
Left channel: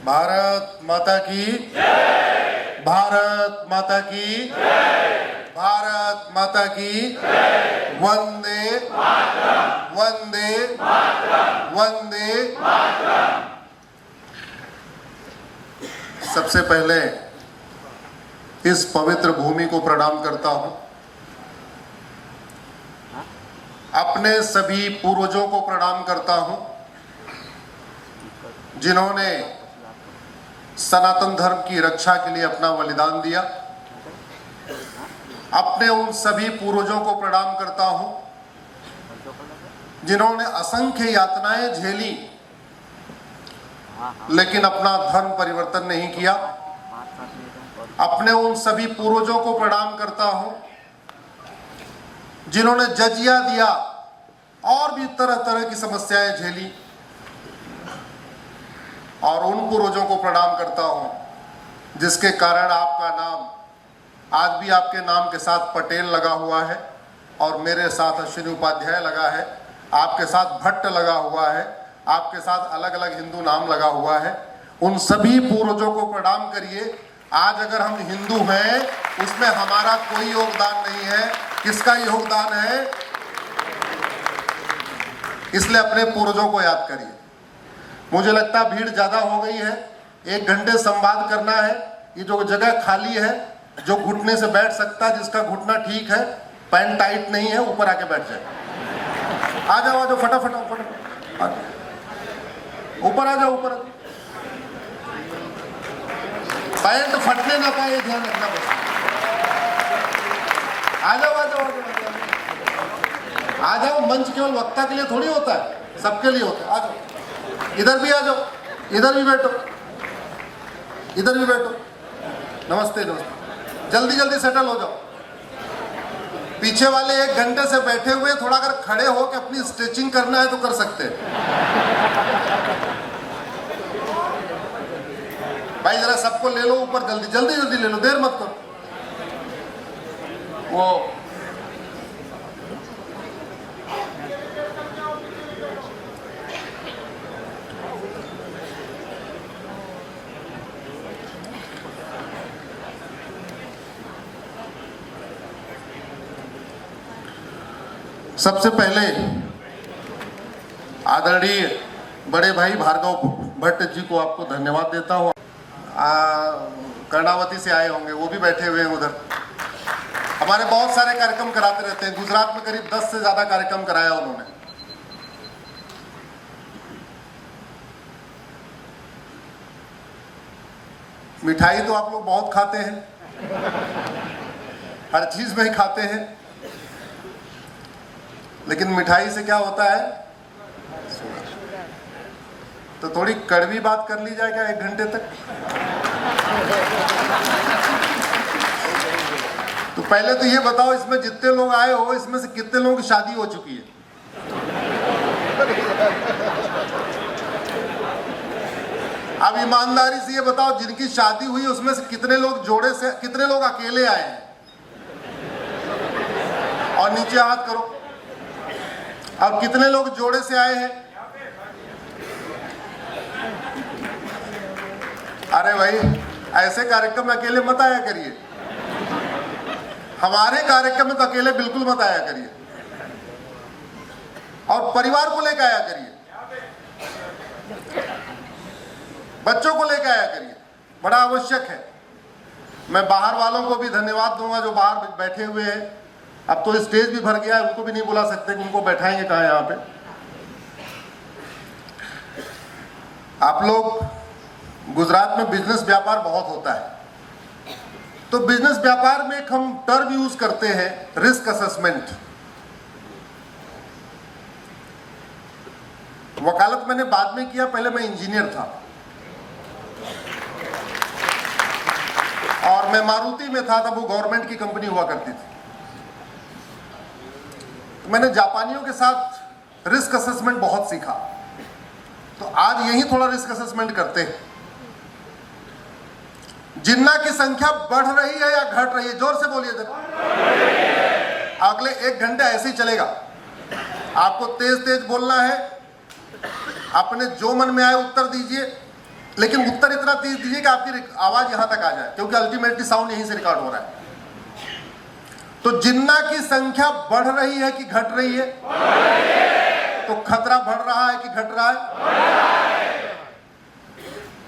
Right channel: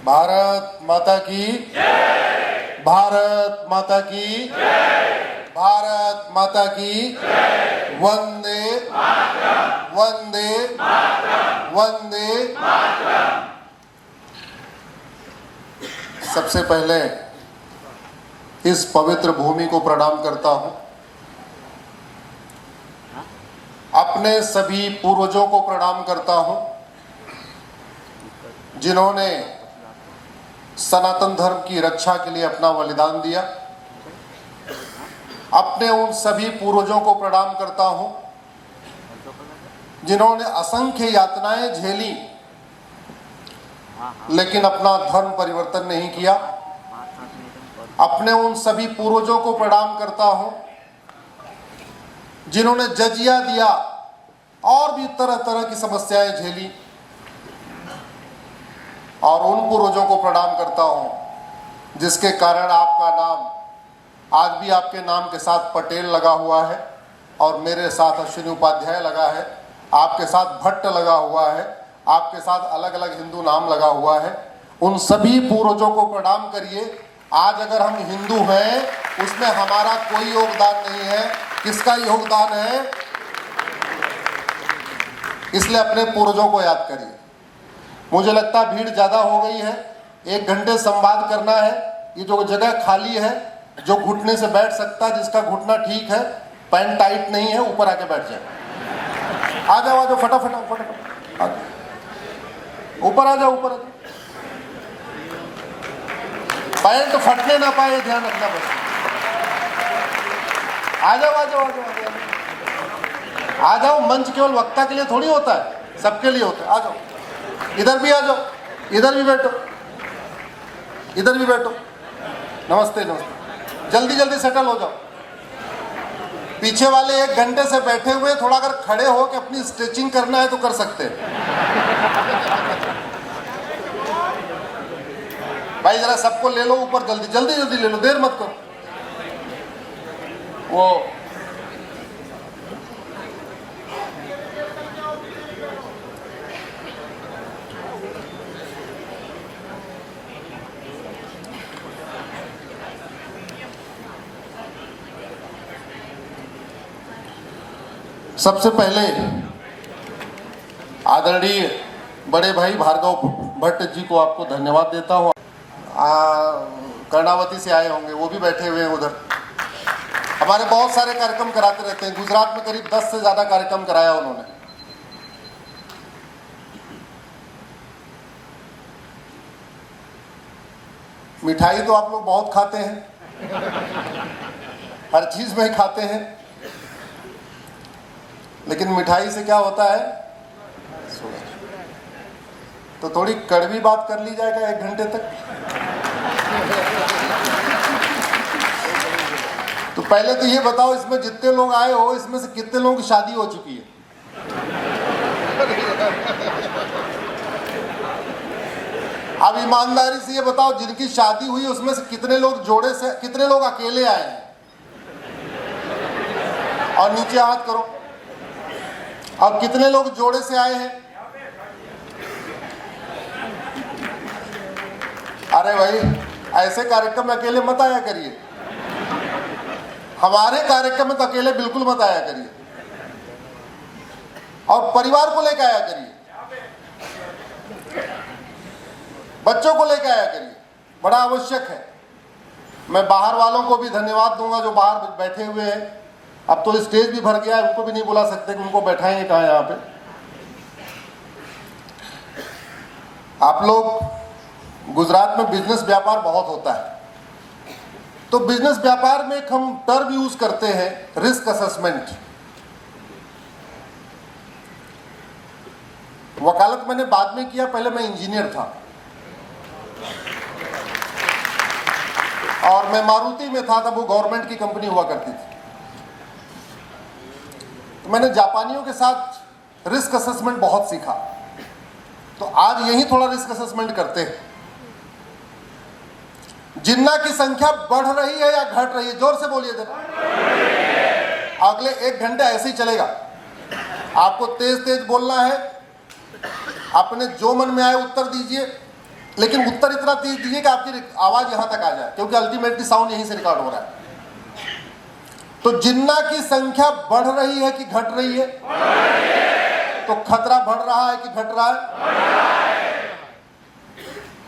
भारत माता की जय। भारत माता की जय। भारत माता की जय। वंदे मातरम। वंदे मातरम। वंदे मातरम। सबसे पहले इस पवित्र भूमि को प्रणाम करता हूं। अपने सभी पूर्वजों को प्रणाम करता हूं, जिन्होंने सनातन धर्म की रक्षा के लिए अपना बलिदान दिया। अपने उन सभी पूर्वजों को प्रणाम करता हूं, जिन्होंने असंख्य यातनाएं झेली लेकिन अपना धर्म परिवर्तन नहीं किया। अपने उन सभी पूर्वजों को प्रणाम करता हूं, जिन्होंने जजिया दिया और भी तरह तरह की समस्याएं झेली। और उन पूर्वजों को प्रणाम करता हूं जिसके कारण आपका नाम आज भी आपके नाम के साथ पटेल लगा हुआ है, और मेरे साथ अश्विनी उपाध्याय लगा है, आपके साथ भट्ट लगा हुआ है, आपके साथ अलग अलग हिंदू नाम लगा हुआ है, उन सभी पूर्वजों को प्रणाम करिए। आज अगर हम हिंदू हैं उसमें हमारा कोई योगदान नहीं है, किसका योगदान है? इसलिए अपने पूर्वजों को याद करिए। मुझे लगता है भीड़ ज्यादा हो गई है, 1 घंटे संवाद करना है। ये जो जगह खाली है, जो घुटने से बैठ सकता है, जिसका घुटना ठीक है, पैंट टाइट नहीं है, ऊपर आके बैठ जाए। आ जाओ फटाफट ऊपर आ जाओ, ऊपर पैंट फटने ना पाए, ध्यान रखना बस। आ जाओ। मंच केवल वक्ता के लिए थोड़ी होता है, सबके लिए होता है। आ जाओ, इधर भी आ जाओ, इधर भी बैठो। नमस्ते। जल्दी सेटल हो जाओ। पीछे वाले 1 घंटे से बैठे हुए, थोड़ा अगर खड़े हो के अपनी स्ट्रेचिंग करना है तो कर सकते हैं। भाई जरा सबको ले लो ऊपर, जल्दी ले लो, देर मत करो। वो सबसे पहले आदरणीय बड़े भाई भार्गव भट्ट जी को आपको धन्यवाद देता हूँ। कर्णावती से आए होंगे, वो भी बैठे हुए हैं उधर। हमारे बहुत सारे कार्यक्रम कराते रहते हैं, गुजरात में करीब 10 से ज्यादा कार्यक्रम कराया उन्होंने। मिठाई तो आप लोग बहुत खाते हैं, हर चीज में खाते हैं, लेकिन मिठाई से क्या होता है? तो थोड़ी कड़वी बात कर ली जाएगा 1 घंटे तक। तो पहले तो ये बताओ, इसमें जितने लोग आए हो, इसमें से कितने लोगों की शादी हो चुकी है? अब ईमानदारी से ये बताओ, जिनकी शादी हुई उसमें से कितने लोग जोड़े से, कितने लोग अकेले आए हैं? और नीचे हाथ करो। अब कितने लोग जोड़े से आए हैं? अरे भाई, ऐसे कार्यक्रम में अकेले मत आया करिए। हमारे कार्यक्रम में तो अकेले बिल्कुल मत आया करिए, और परिवार को लेकर आया करिए, बच्चों को लेकर आया करिए, बड़ा आवश्यक है। मैं बाहर वालों को भी धन्यवाद दूंगा जो बाहर बैठे हुए हैं। अब तो स्टेज भी भर गया है, उनको भी नहीं बुला सकते कि उनको बैठाएंगे कहाँ यहाँ पे। आप लोग गुजरात में बिजनेस व्यापार बहुत होता है, तो बिजनेस व्यापार में एक हम टर्म यूज करते हैं, रिस्क असेसमेंट। वकालत मैंने बाद में किया, पहले मैं इंजीनियर था और मैं मारुति में था, तब वो गवर्नमेंट की कंपनी हुआ करती थी। तो मैंने जापानियों के साथ रिस्क असेसमेंट बहुत सीखा, तो आज यही थोड़ा रिस्क असेसमेंट करते हैं। जिन्ना की संख्या बढ़ रही है या घट रही है? जोर से बोलिए जरा। अगले 1 घंटे ऐसे ही चलेगा। आपको तेज तेज बोलना है, अपने जो मन में आए उत्तर दीजिए, लेकिन उत्तर इतना तेज दीजिए कि आपकी आवाज यहां तक आ जाए, क्योंकि अल्टीमेटली साउंड यहीं से रिकॉर्ड हो रहा है। तो जिन्ना की संख्या बढ़ रही है कि घट रही है? तो खतरा बढ़ रहा है कि घट रहा है?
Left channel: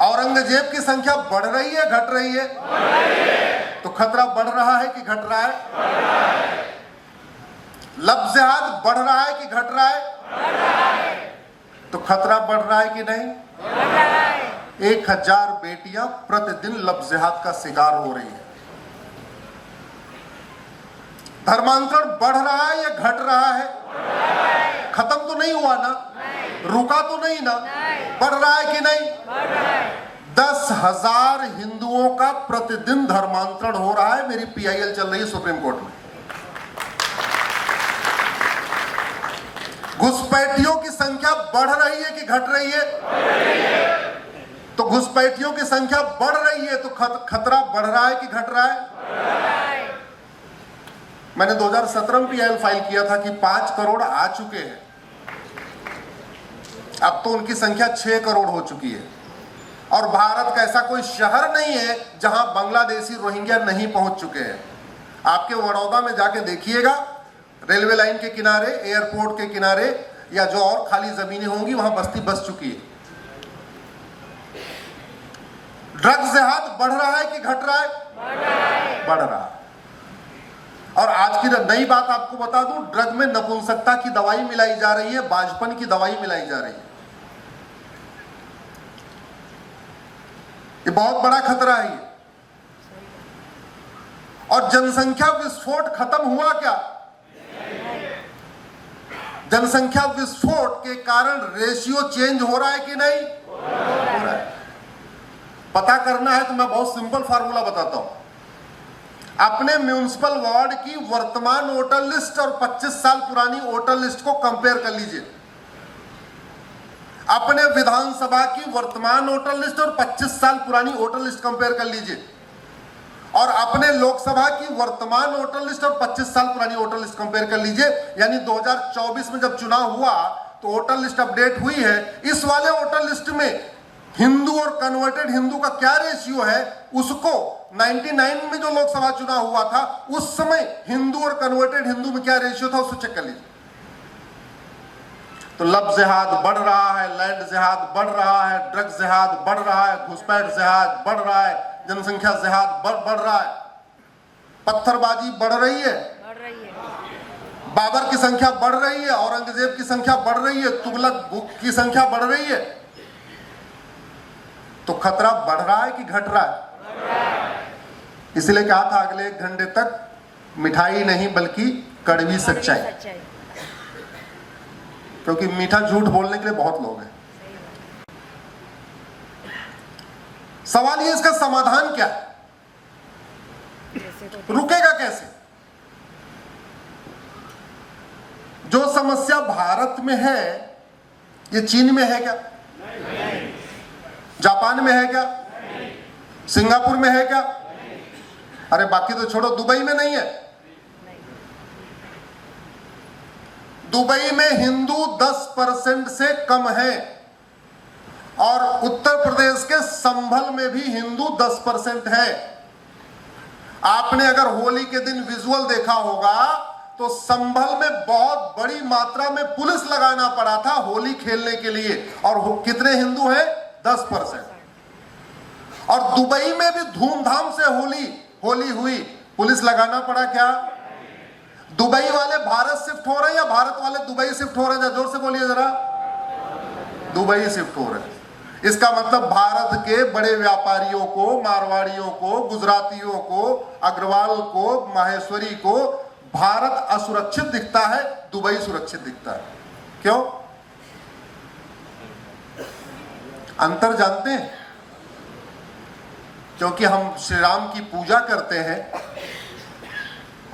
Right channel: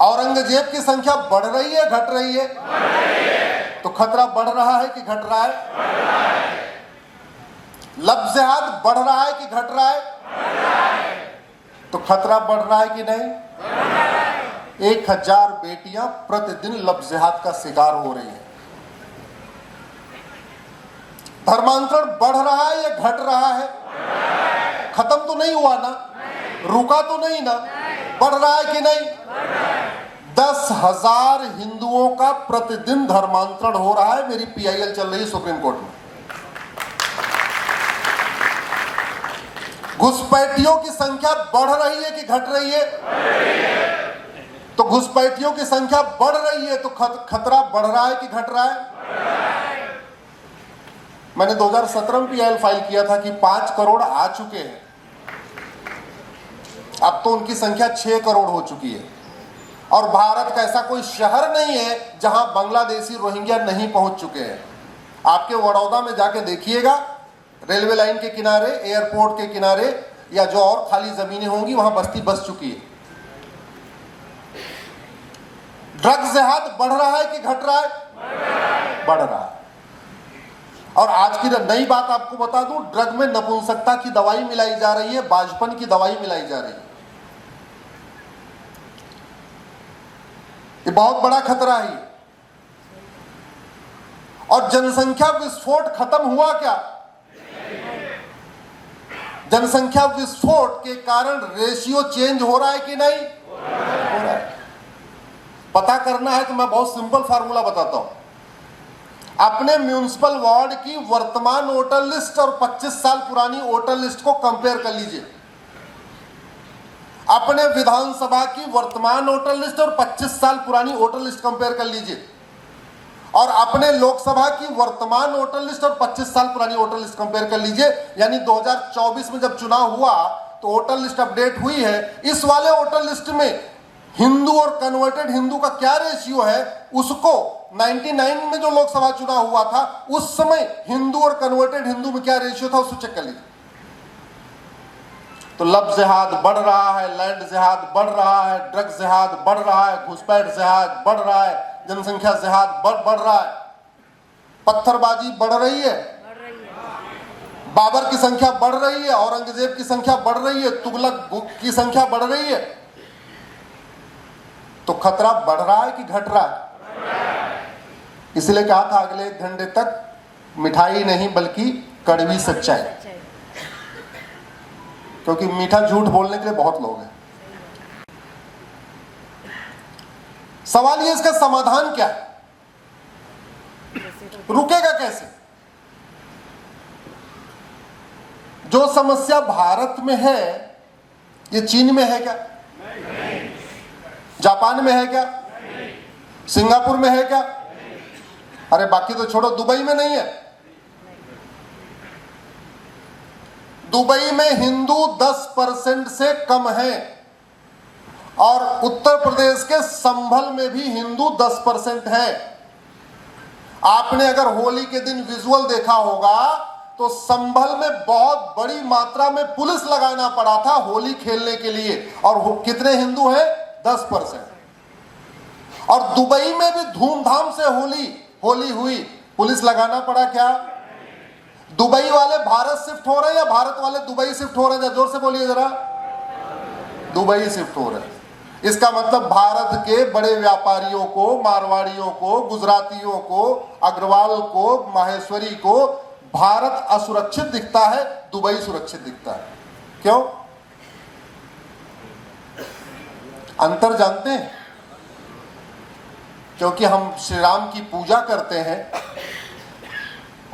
औरंगजेब की संख्या बढ़ रही है घट रही है? तो खतरा बढ़ रहा है कि घट रहा है? लफ्ज़ जिहाद बढ़ रहा है कि घट रहा है? तो खतरा बढ़ रहा है कि नहीं? 1000 बेटियां प्रतिदिन लफ्ज़ जिहाद का शिकार हो रही है। धर्मांतरण बढ़ रहा है या घट रहा है? खत्म तो नहीं हुआ ना, रुका तो नहीं ना, बढ़ रहा है कि नहीं? 10,000 हिंदुओं का प्रतिदिन धर्मांतरण हो रहा है। मेरी PIL चल रही है सुप्रीम कोर्ट में। घुसपैठियों की संख्या बढ़ रही है कि घट रही है? तो घुसपैठियों की संख्या बढ़ रही है, तो खतरा बढ़ रहा है कि घट रहा है? मैंने 2017 में PIL फाइल किया था कि 5 करोड़ आ चुके हैं। अब तो उनकी संख्या 6 करोड़ हो चुकी है। और भारत का ऐसा कोई शहर नहीं है जहां बांग्लादेशी रोहिंग्या नहीं पहुंच चुके हैं। आपके बड़ौदा में जाके देखिएगा, रेलवे लाइन के किनारे, एयरपोर्ट के किनारे या जो और खाली जमीनें होंगी वहां बस्ती बस चुकी है। ड्रग्स जिहाद बढ़ रहा है कि घट रहा है? बढ़ रहा है। और आज की नई बात आपको बता दूं, ड्रग में नपुंसकता की दवाई मिलाई जा रही है, बाजपन की दवाई मिलाई जा रही है। ये बहुत बड़ा खतरा है। और जनसंख्या विस्फोट खत्म हुआ क्या? जनसंख्या विस्फोट के कारण रेशियो चेंज हो रहा है कि नहीं? हो रहा है। पता करना है तो मैं बहुत सिंपल फार्मूला बताता हूं। अपने म्युनिसिपल वार्ड की वर्तमान वोटर लिस्ट और 25 साल पुरानी वोटर लिस्ट को कंपेयर कर लीजिए। अपने विधानसभा की वर्तमान वोटर लिस्ट और 25 साल पुरानी वोटर लिस्ट कंपेयर कर लीजिए, और अपने लोकसभा की वर्तमान वोटर लिस्ट और 25 साल पुरानी वोटर लिस्ट कंपेयर कर लीजिए। यानी 2024 में जब चुनाव हुआ तो वोटर लिस्ट अपडेट हुई है, इस वाले वोटर लिस्ट में हिंदू और कन्वर्टेड हिंदू का क्या रेशियो है, उसको 99 में जो लोकसभा चुनाव हुआ था उस समय हिंदू और कन्वर्टेड हिंदू में क्या रेशियो था, उसको चेक कर लीजिए। तो लव जिहाद बढ़ रहा है, लैंड जिहाद बढ़ रहा है, ड्रग्स जिहाद बढ़ रहा है, घुसपैठ जिहाद बढ़ रहा है, जनसंख्या जिहाद बढ़ रहा है, पत्थरबाजी बढ़ रही है, बाबर की संख्या बढ़ रही है, औरंगजेब की संख्या बढ़ रही है, तुगलक की संख्या बढ़ रही है। तो खतरा बढ़ रहा है कि घट रहा है? इसलिए कहा था अगले 1 घंटे तक मिठाई नहीं बल्कि कड़वी सच्चाई, क्योंकि मीठा झूठ बोलने के लिए बहुत लोग हैं। सवाल ये, इसका समाधान क्या है? रुकेगा कैसे? जो समस्या भारत में है ये चीन में है क्या? जापान में है क्या? सिंगापुर में है क्या? अरे बाकी तो छोड़ो, दुबई में नहीं है। दुबई में हिंदू 10% से कम है, और उत्तर प्रदेश के संभल में भी हिंदू 10% है। आपने अगर होली के दिन विजुअल देखा होगा तो संभल में बहुत बड़ी मात्रा में पुलिस लगाना पड़ा था होली खेलने के लिए, और कितने हिंदू हैं? 10%। और दुबई में भी धूमधाम से होली हुई, पुलिस लगाना पड़ा क्या? दुबई वाले भारत शिफ्ट हो रहे हैं या भारत वाले दुबई शिफ्ट हो रहे हैं? जोर से बोलिए जरा। दुबई शिफ्ट हो रहे हैं। इसका मतलब भारत के बड़े व्यापारियों को, मारवाड़ियों को, गुजरातियों को, अग्रवाल को, माहेश्वरी को भारत असुरक्षित दिखता है, दुबई सुरक्षित दिखता है। क्यों? अंतर जानते हैं? क्योंकि हम श्री राम की पूजा करते हैं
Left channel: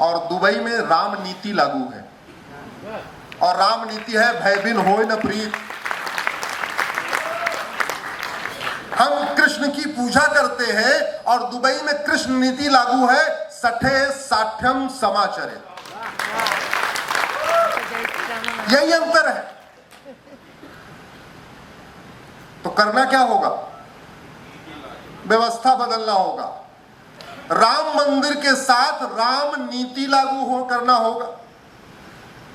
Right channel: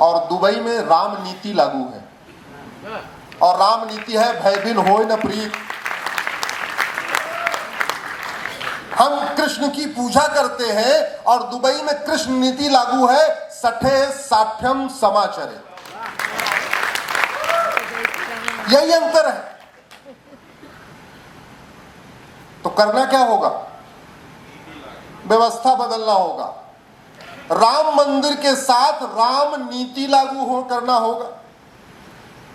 और दुबई में राम नीति लागू है, और राम नीति है भय बिन होय न प्रीत। हम कृष्ण की पूजा करते हैं और दुबई में कृष्ण नीति लागू है, सठे साठ्यम समाचरे। यही अंतर है। तो करना क्या होगा? व्यवस्था बदलना होगा। राम मंदिर के साथ राम नीति लागू करना होगा।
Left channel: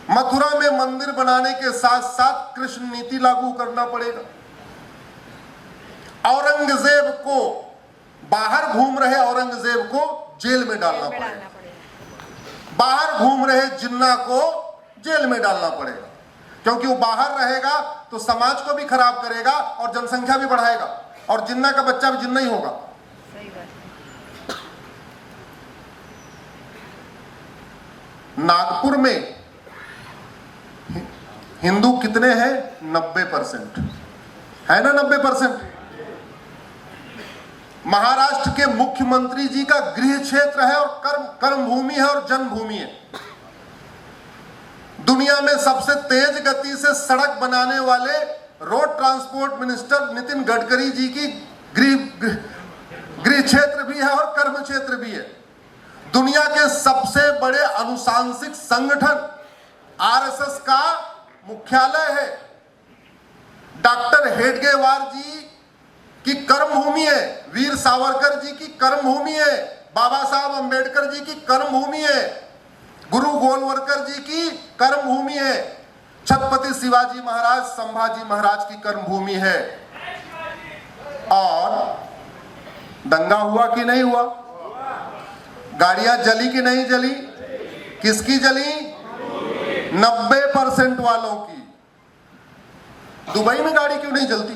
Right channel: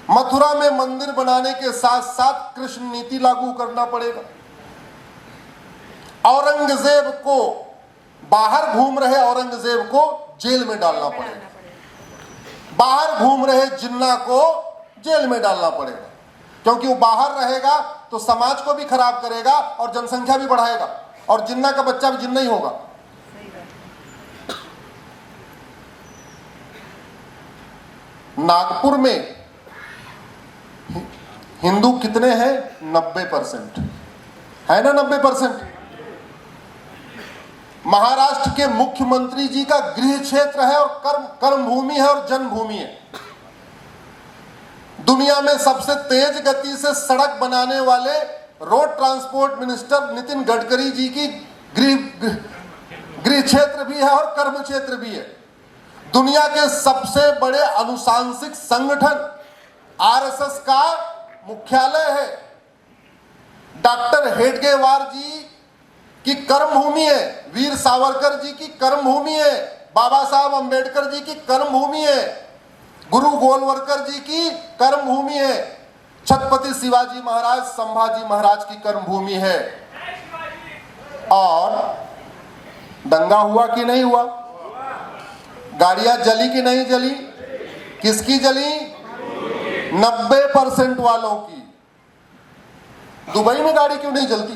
मथुरा में मंदिर बनाने के साथ साथ कृष्ण नीति लागू करना पड़ेगा। औरंगजेब को, बाहर घूम रहे औरंगजेब को जेल में डालना पड़ेगा। बाहर घूम रहे जिन्ना को जेल में डालना पड़ेगा, क्योंकि वो बाहर रहेगा तो समाज को भी खराब करेगा और जनसंख्या भी बढ़ाएगा, और जिन्ना का बच्चा भी जिन्ना ही होगा। नागपुर में हिंदू कितने हैं? 90% है ना? 90%। महाराष्ट्र के मुख्यमंत्री जी का गृह क्षेत्र है और कर्म भूमि है और जन्मभूमि है। दुनिया में सबसे तेज गति से सड़क बनाने वाले road transport minister Nitin Gadkari ji की गृह क्षेत्र भी है और कर्म क्षेत्र भी है। दुनिया के सबसे बड़े अनुशांसिक संगठन आरएसएस का मुख्यालय है। डॉक्टर हेडगेवार जी की कर्मभूमि है, वीर सावरकर जी की कर्मभूमि है, बाबा साहब अंबेडकर जी की कर्मभूमि है, गुरु गोलवलकर जी की कर्मभूमि है, छत्रपति शिवाजी महाराज संभाजी महाराज की कर्मभूमि है। और दंगा हुआ कि नहीं हुआ? गाड़ियां जली कि नहीं जली? किसकी जली? 90% वालों की। दुबई में गाड़ी क्यों नहीं जलती?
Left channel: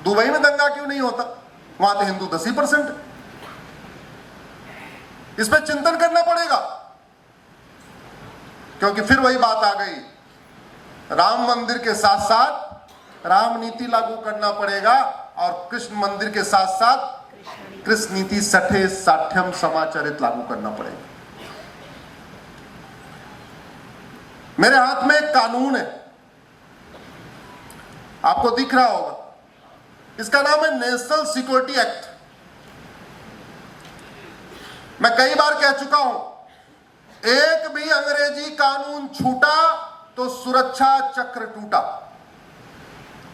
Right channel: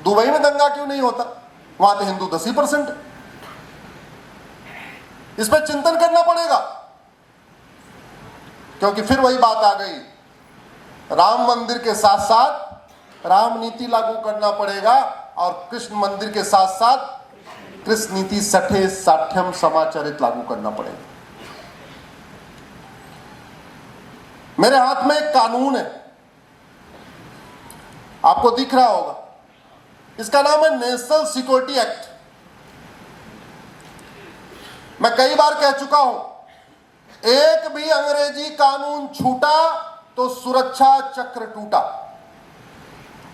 दुबई में दंगा क्यों नहीं होता? वहां तो हिंदू 10%। इस पर चिंतन करना पड़ेगा, क्योंकि फिर वही बात आ गई, राम मंदिर के साथ साथ राम नीति लागू करना पड़ेगा और कृष्ण मंदिर के साथ साथ कृष्ण नीति सठे साठ्यम समाचरित लागू करना पड़ेगा। मेरे हाथ में एक कानून है, आपको दिख रहा होगा, इसका नाम है नेशनल सिक्योरिटी एक्ट। मैं कई बार कह चुका हूं, एक भी अंग्रेजी कानून छूटा तो सुरक्षा चक्र टूटा,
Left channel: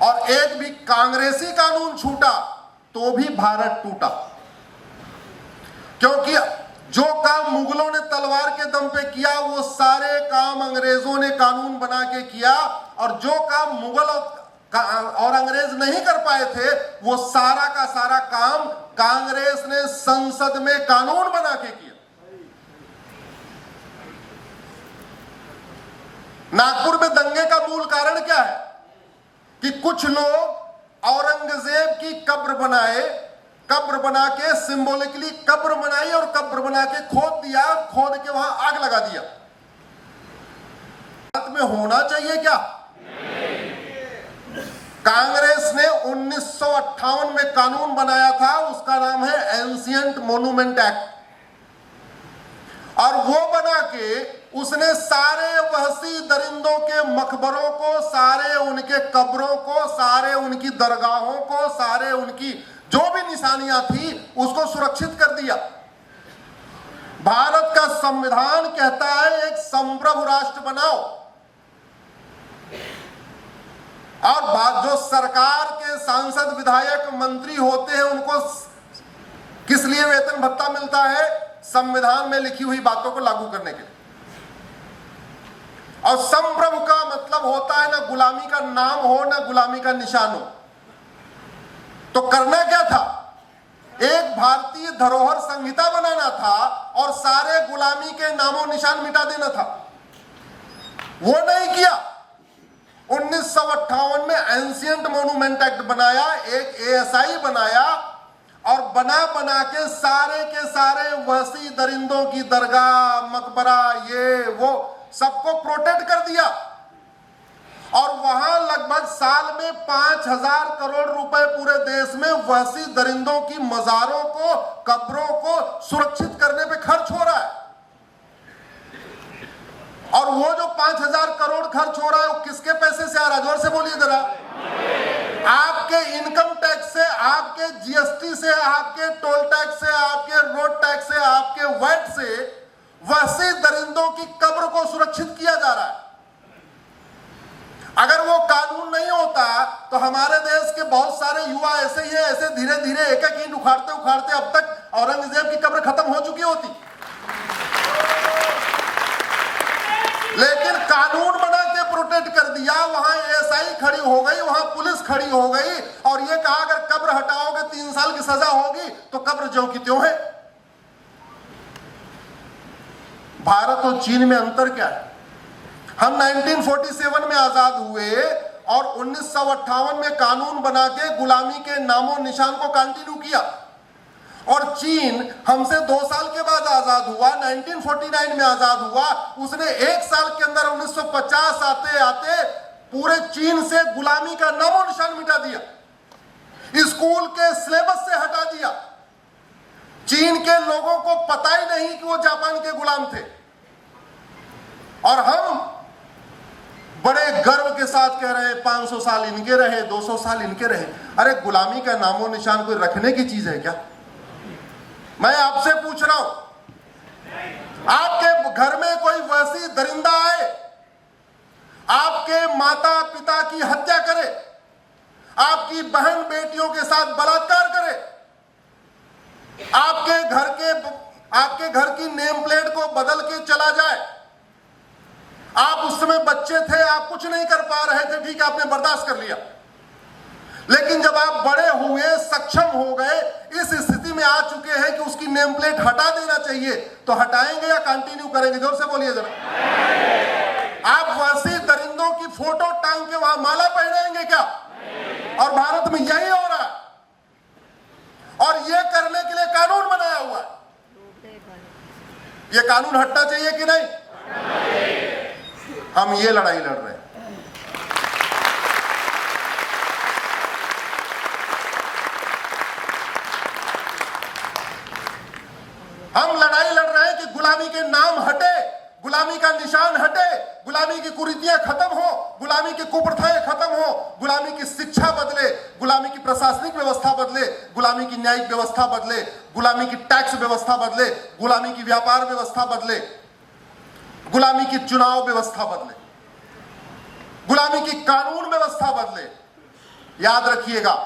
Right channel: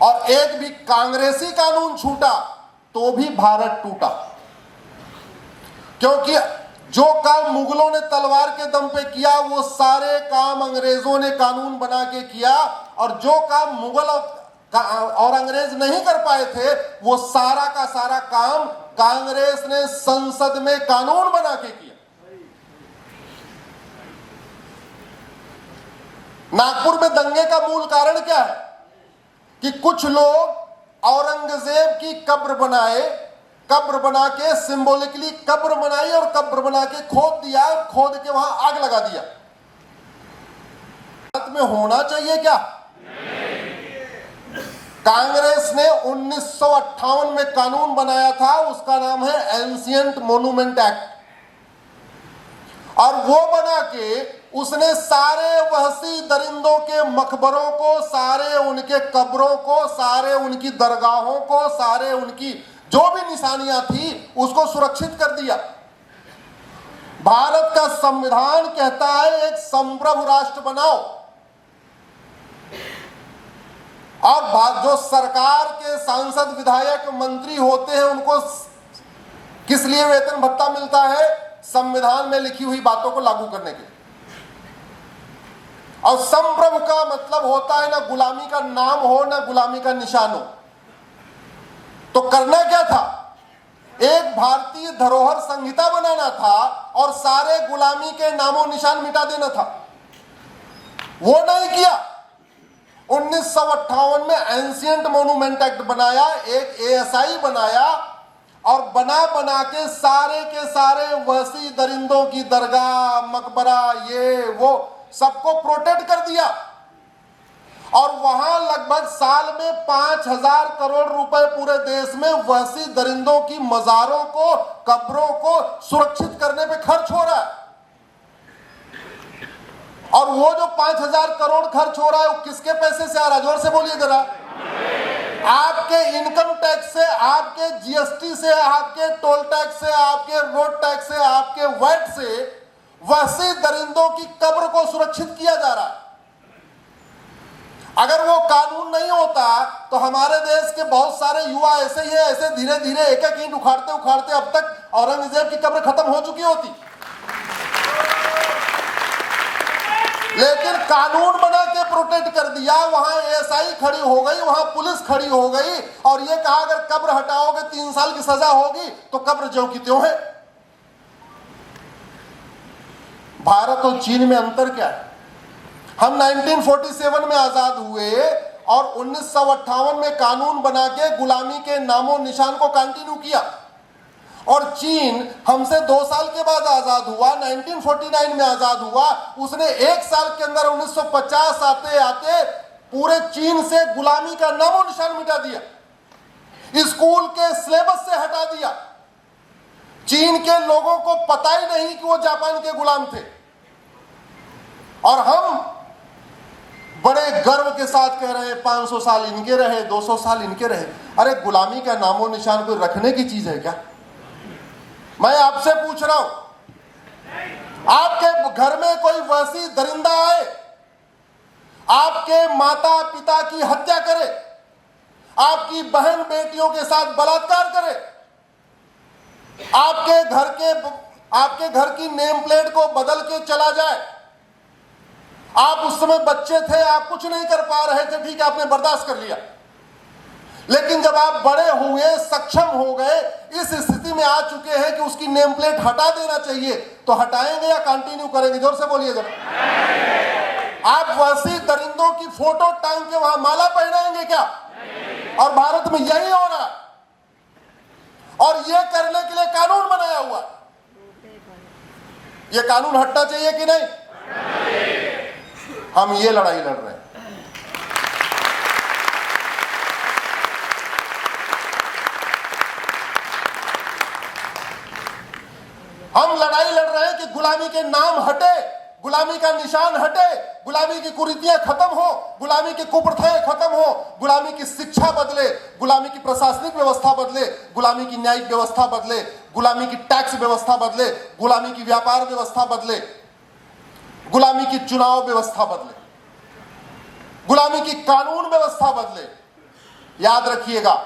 और एक भी कांग्रेसी कानून छूटा तो भी भारत टूटा। क्योंकि जो काम मुगलों ने तलवार के दम पे किया वो सारे काम अंग्रेजों ने कानून बना के किया, और जो काम मुगल और अंग्रेज नहीं कर पाए थे वो सारा का सारा काम कांग्रेस ने संसद में कानून बना के किया। नागपुर में दंगे का मूल कारण क्या है कि कुछ लोग औरंगजेब की कब्र बनाए, कब्र बना के सिंबॉलिकली कब्र बनाई और कब्र बना के खोद दिया, खोद के वहां आग लगा दिया। भारत में होना चाहिए क्या? कांग्रेस ने 1958 में कानून बनाया था, उसका नाम है एंशिएंट मॉन्यूमेंट एक्ट, और वो बना के उसने सारे वहशी दरिंदों के मकबरों को, सारे उनके कब्रों को, सारे उनकी दरगाहों को, सारे उनकी जो भी निशानियां थी उसको सुरक्षित कर दिया। भारत का संविधान कहता है एक संप्रभु राष्ट्र बनाओ, और जो सरकार के सांसद विधायक मंत्री होते हैं उनको किस लिए वेतन भत्ता मिलता है? संविधान में लिखी हुई बातों को लागू करने के लिए। और संप्रभु का मतलब होता है ना गुलामी का नाम हो ना गुलामी का निशान हो। तो करना क्या था? एक भारतीय धरोहर संहिता बनाना था और सारे गुलामी के नामों निशान मिटा देना था। वो नहीं किया। 1958 में एंशिएंट मॉन्यूमेंट एक्ट बनाया, एक एएसआई बनाया, और बना बना के सारे वहशी दरिंदों की दरगाह, मकबरा, ये वो सबको प्रोटेक्ट कर दिया। और वहां लगभग साल में 5000 करोड़ रुपए पूरे देश में वहशी दरिंदों की मजारों को, कब्रों को सुरक्षित करने पे खर्च हो रहा है। और वो जो 5000 करोड़ खर्च हो रहा है वो किसके पैसे से आ रहा है? जोर से बोलिए जरा। आपके इनकम टैक्स से, आपके जीएसटी से, आपके टोल टैक्स से, आपके रोड टैक्स से, आपके वैट से वहशी दरिंदों की कब्र को सुरक्षित किया जा रहा है। अगर वो कानून नहीं होता तो हमारे देश के बहुत सारे युवा ऐसे ही है, ऐसे धीरे धीरे एक एक ईंट उखाड़ते उखाड़ते अब तक औरंगजेब की कब्र खत्म हो चुकी होती। लेकिन कानून बना के प्रोटेक्ट कर दिया, वहां एएसआई खड़ी हो गई, वहां पुलिस खड़ी हो गई, और ये कहा अगर कब्र हटाओगे 3 साल की सजा होगी, तो कब्र ज्यों की त्यों है। भारत और चीन में अंतर क्या है? हम 1947 में आजाद हुए और 1958 में कानून बना के गुलामी के नामों निशान को कंटिन्यू किया, और चीन हमसे 2 साल के बाद आजाद हुआ, 1949 में आजाद हुआ। उसने 1 साल के अंदर 1950 आते आते पूरे चीन से गुलामी का नामो निशान मिटा दिया, स्कूल के सिलेबस से हटा दिया। चीन के लोगों को पता ही नहीं कि वो जापान के गुलाम थे, और हम बड़े गर्व के साथ कह रहे हैं 500 साल इनके रहे, 200 साल इनके रहे। अरे गुलामी का नामो निशान कोई रखने की चीज है क्या? मैं आपसे पूछ रहा हूं, आपके घर में कोई वहशी दरिंदा आए, आपके माता पिता की हत्या करे, आपकी बहन बेटियों के साथ बलात्कार करे, आपके घर की नेम प्लेट को बदल के चला जाए। आप उस समय बच्चे थे, आप कुछ नहीं कर पा रहे थे, ठीक है, आपने बर्दाश्त कर लिया। लेकिन जब आप बड़े हुए, सक्षम हो गए, इस स्थिति में आ चुके हैं कि उसकी नेम प्लेट हटा देना चाहिए, तो हटाएंगे या कंटिन्यू करेंगे? जोर से बोलिए जरा। आप वैसी दरिंदों की फोटो टांग के वहां माला पहनाएंगे क्या? और भारत में यही हो रहा है, और यह करने के लिए कानून बनाया हुआ है। यह कानून हटना चाहिए कि नहीं? हम ये लड़ाई लड़ रहे हैं। हम लड़ाई लड़ रहे हैं कि गुलामी के नाम हटे, गुलामी का निशान हटे, गुलामी की कुरीतियां खत्म हो, गुलामी की कुप्रथाएं खत्म हो, गुलामी की शिक्षा बदले, गुलामी की प्रशासनिक व्यवस्था बदले, गुलामी की न्यायिक व्यवस्था बदले, गुलामी की टैक्स व्यवस्था बदले, गुलामी की व्यापार व्यवस्था बदले, गुलामी की चुनाव व्यवस्था बदले, गुलामी की कानून व्यवस्था बदले। याद रखिएगा,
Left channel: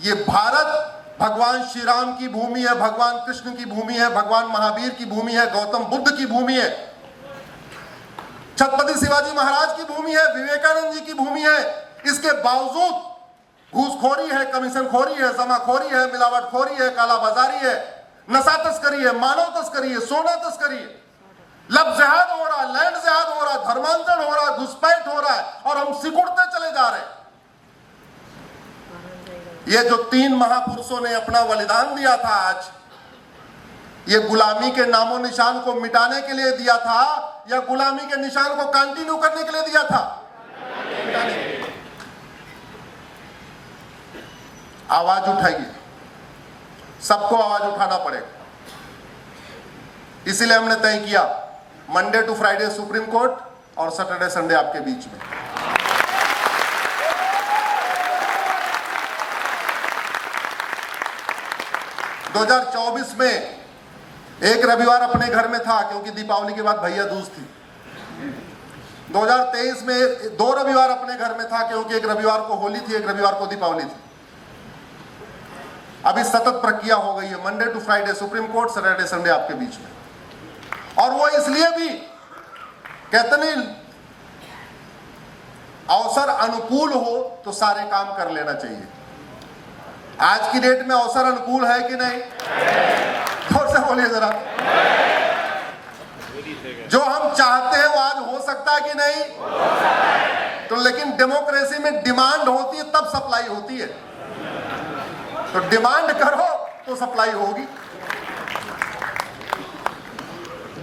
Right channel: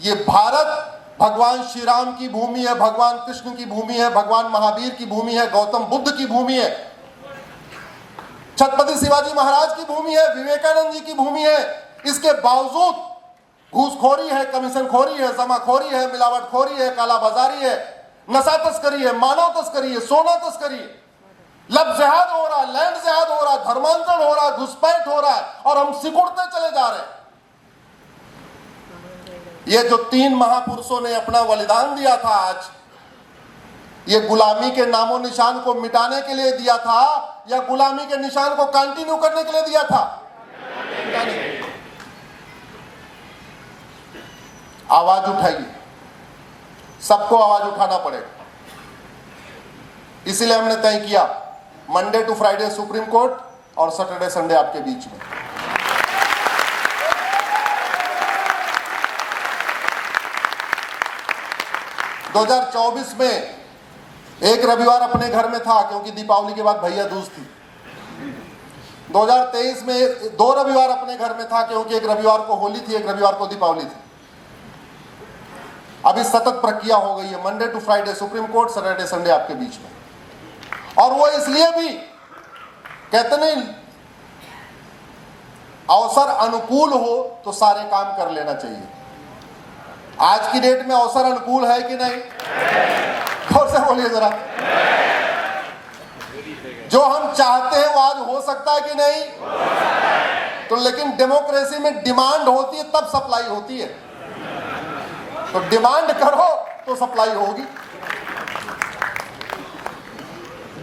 ये भारत भगवान श्री राम की भूमि है, भगवान कृष्ण की भूमि है, भगवान महावीर की भूमि है, गौतम बुद्ध की भूमि है, छत्रपति शिवाजी महाराज की भूमि है, विवेकानंद जी की भूमि है। इसके बावजूद घूसखोरी है, कमीशनखोरी है, जमाखोरी है, मिलावटखोरी है, कालाबाजारी है, नशा तस्करी है, मानव तस्करी है, सोना तस्करी है, लब जिहाद हो रहा है, लैंड जिहाद हो रहा है, धर्मांतरण हो रहा है, घुसपैठ हो रहा है, और हम सिकुड़ते चले जा रहे हैं। ये जो 3 महापुरुषों ने अपना बलिदान दिया था, आज ये गुलामी के नामो निशान को मिटाने के लिए दिया था या गुलामी के निशान को कंटिन्यू करने के लिए दिया था? आवाज उठाइए, सबको आवाज उठाना पड़ेगा। इसीलिए हमने तय किया Monday to Friday Supreme Court और सैटरडे संडे आपके बीच में। दो 2024 में एक रविवार अपने घर में था, क्योंकि दीपावली के बाद भैया दूज थी। 2023 में 2 रविवार अपने घर में था, क्योंकि एक रविवार को होली थी, एक रविवार को दीपावली थी। अभी सतत प्रक्रिया हो गई है, Monday to Friday Supreme Court, Saturday Sunday आपके बीच में। और वो इसलिए भी कहते नहीं, अवसर अनुकूल हो तो सारे काम कर लेना चाहिए। आज की डेट में अवसर अनुकूल है कि नहीं? जोर से बोलिए जरा। जो हम चाहते हैं वो आज हो सकता है कि नहीं? तो लेकिन डेमोक्रेसी में डिमांड होती है तब सप्लाई होती है, तो डिमांड करो तो सप्लाई होगी।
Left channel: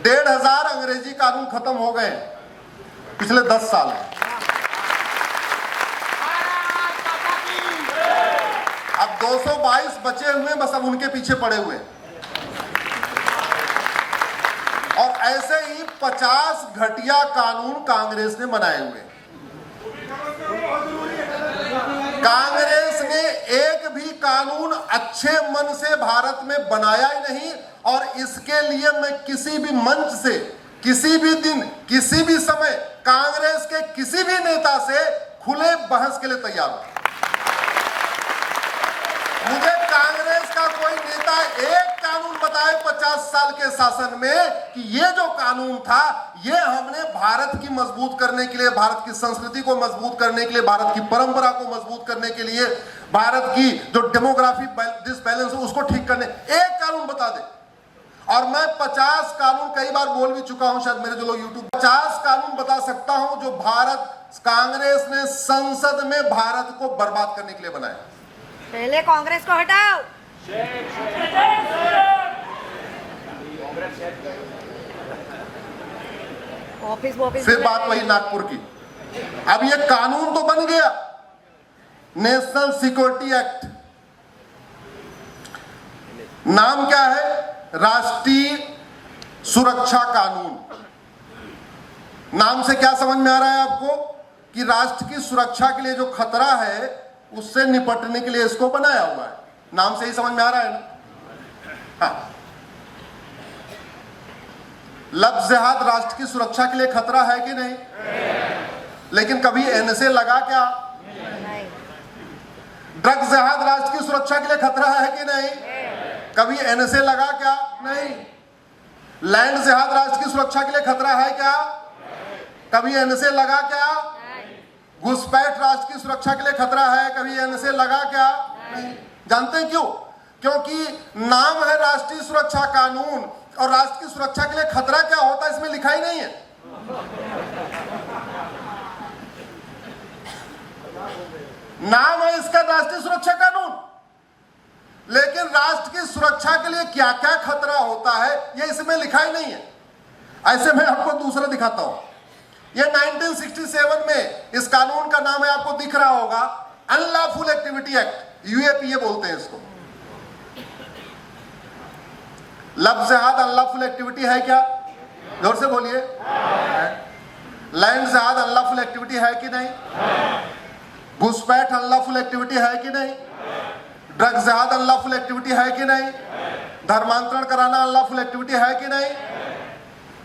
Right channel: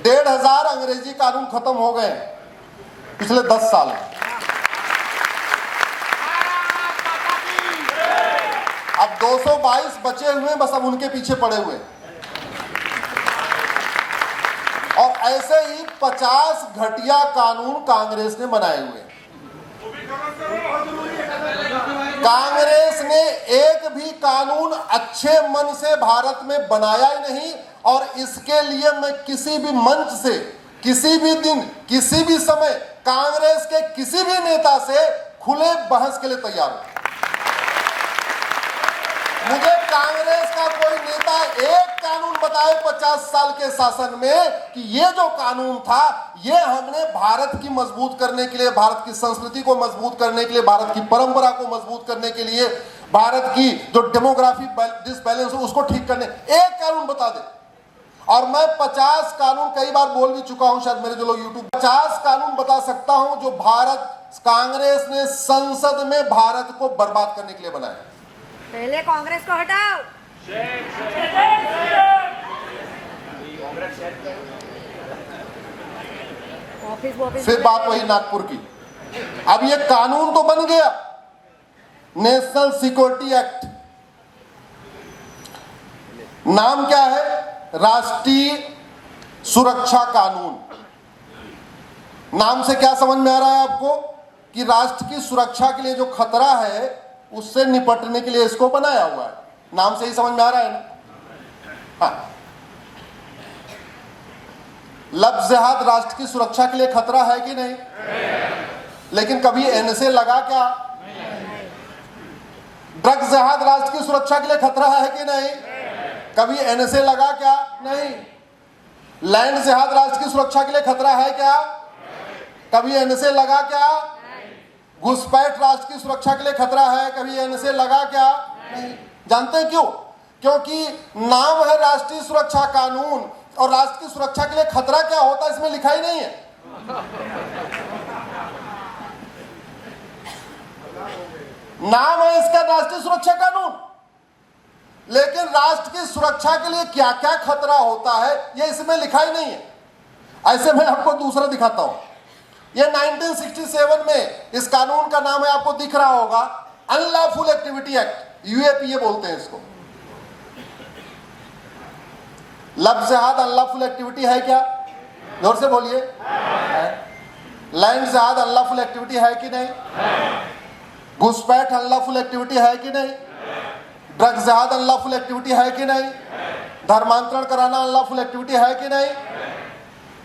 1,500 अंग्रेजी कानून खत्म हो गए पिछले 10 साल में। अब 222 बचे हुए, बस अब उनके पीछे पड़े हुए। और ऐसे ही 50 घटिया कानून कांग्रेस ने बनाए हुए। कांग्रेस ने एक भी कानून अच्छे मन से भारत में बनाया ही नहीं, और इसके लिए मैं किसी भी मंच से, किसी भी दिन, किसी भी समय कांग्रेस के किसी भी नेता से खुले बहस के लिए तैयार हूं। मुझे कांग्रेस का कोई नेता एक कानून बताए 50 साल के शासन में कि ये जो कानून था, ये हमने भारत की मजबूत करने के लिए, भारत की संस्कृति को मजबूत करने के लिए, भारत की परंपरा को मजबूत करने के लिए, भारत की जो डेमोग्राफी डिसबैलेंस है उसको ठीक करने, एक कानून बता दे। और मैं 50 कानून कई बार बोल भी चुका हूं, शायद मेरे जो लोग यूट्यूब 50 कानून बता सकता हूं जो भारत कांग्रेस ने संसद में भारत को बर्बाद करने के लिए बनाया। पहले कांग्रेस को हटाओ। फिर बात वही नागपुर की। अब ये कानून तो बन गया, नेशनल सिक्योरिटी एक्ट। नाम क्या है? राष्ट्रीय सुरक्षा कानून। नाम से क्या समझ में आ रहा है आपको? कि राष्ट्र की सुरक्षा के लिए जो खतरा है उससे निपटने के लिए इसको बनाया हुआ है। नाम से ही समझ में आ रहा है ना? हाँ। लब जिहाद राष्ट्र की सुरक्षा के लिए खतरा है कि नहीं? लेकिन कभी एनएसए लगा क्या? ड्रग्स जहाज राष्ट्र की सुरक्षा के लिए खतरा है कि नहीं? कभी एनएसए लगा क्या? नहीं। लैंड जहाज राष्ट्र की सुरक्षा के लिए खतरा है क्या? कभी एनएसए लगा क्या? घुसपैठ राष्ट्र की सुरक्षा के लिए खतरा है, कभी एनएसए लगा क्या? नहीं। जानते हैं क्यों? क्योंकि नाम है राष्ट्रीय सुरक्षा कानून, और राष्ट्र की सुरक्षा के लिए खतरा क्या होता है इसमें लिखा ही नहीं है। नाम है इसका राष्ट्रीय सुरक्षा कानून, लेकिन राष्ट्र की सुरक्षा के लिए क्या क्या खतरा होता है यह इसमें लिखा ही नहीं है। ऐसे मैं आपको दूसरा दिखाता हूं। यह 1967 में इस कानून का नाम है, आपको दिख रहा होगा, अनलॉफुल एक्टिविटी एक्ट, यूएपीए बोलते हैं इसको। लफ्ज जहाद अनलॉफुल एक्टिविटी है क्या? जोर से बोलिए। लैंड जहाद अनलॉफुल एक्टिविटी है कि नहीं? घुसपैठ अनलॉफुल एक्टिविटी है कि नहीं? ड्रग्स जहाद अनलॉफुल एक्टिविटी है कि नहीं? धर्मांतरण कराना अनलॉफुल एक्टिविटी है कि नहीं?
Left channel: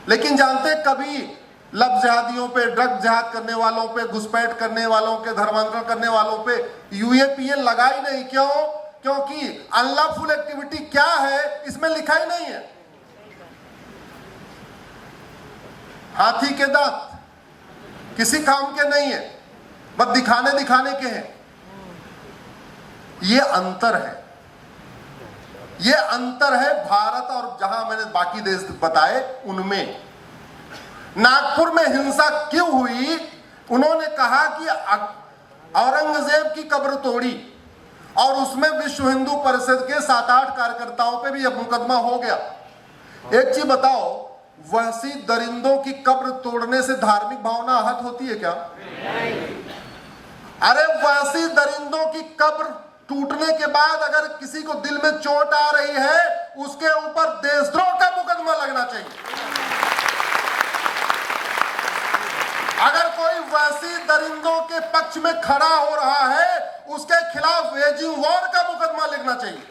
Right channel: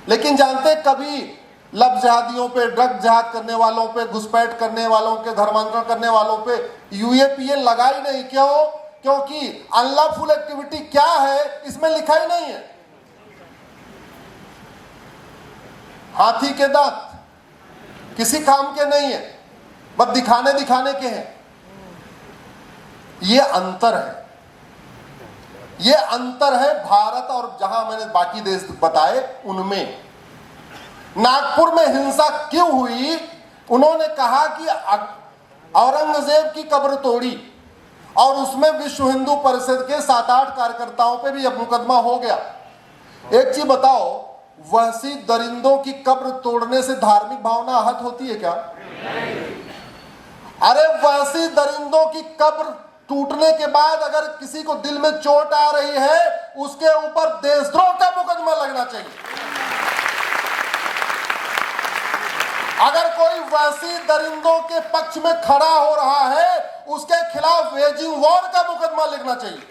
लेकिन जानते कभी लफ्ज जहादियों पे, ड्रग जहाद करने वालों पे, घुसपैठ करने वालों के, धर्मांतरण करने वालों पे यूएपीए लगा ही नहीं। क्यों? क्योंकि अनलॉफुल एक्टिविटी क्या है इसमें लिखा ही नहीं है। हाथी के दांत किसी काम के नहीं है, बस दिखाने के हैं। ये अंतर है, ये अंतर है भारत और जहां मैंने बाकी देश बताए उनमें। नागपुर में हिंसा क्यों हुई? उन्होंने कहा कि औरंगजेब की कब्र तोड़ी और उसमें विश्व हिंदू परिषद के 7-8 कार्यकर्ताओं पे भी अब मुकदमा हो गया। एक चीज बताओ, वहशी दरिंदों की कब्र तोड़ने से धार्मिक भावना आहत होती है क्या? अरे वहशी दरिंदों की कब्र टूटने के बाद अगर किसी को दिल में चोट आ रही है, उसके ऊपर देशद्रोह का मुकदमा लगना चाहिए। अगर कोई वहशी दरिंदों के पक्ष में खड़ा हो रहा है, उसके खिलाफ वेजिंग वॉर का मुकदमा लिखना चाहिए।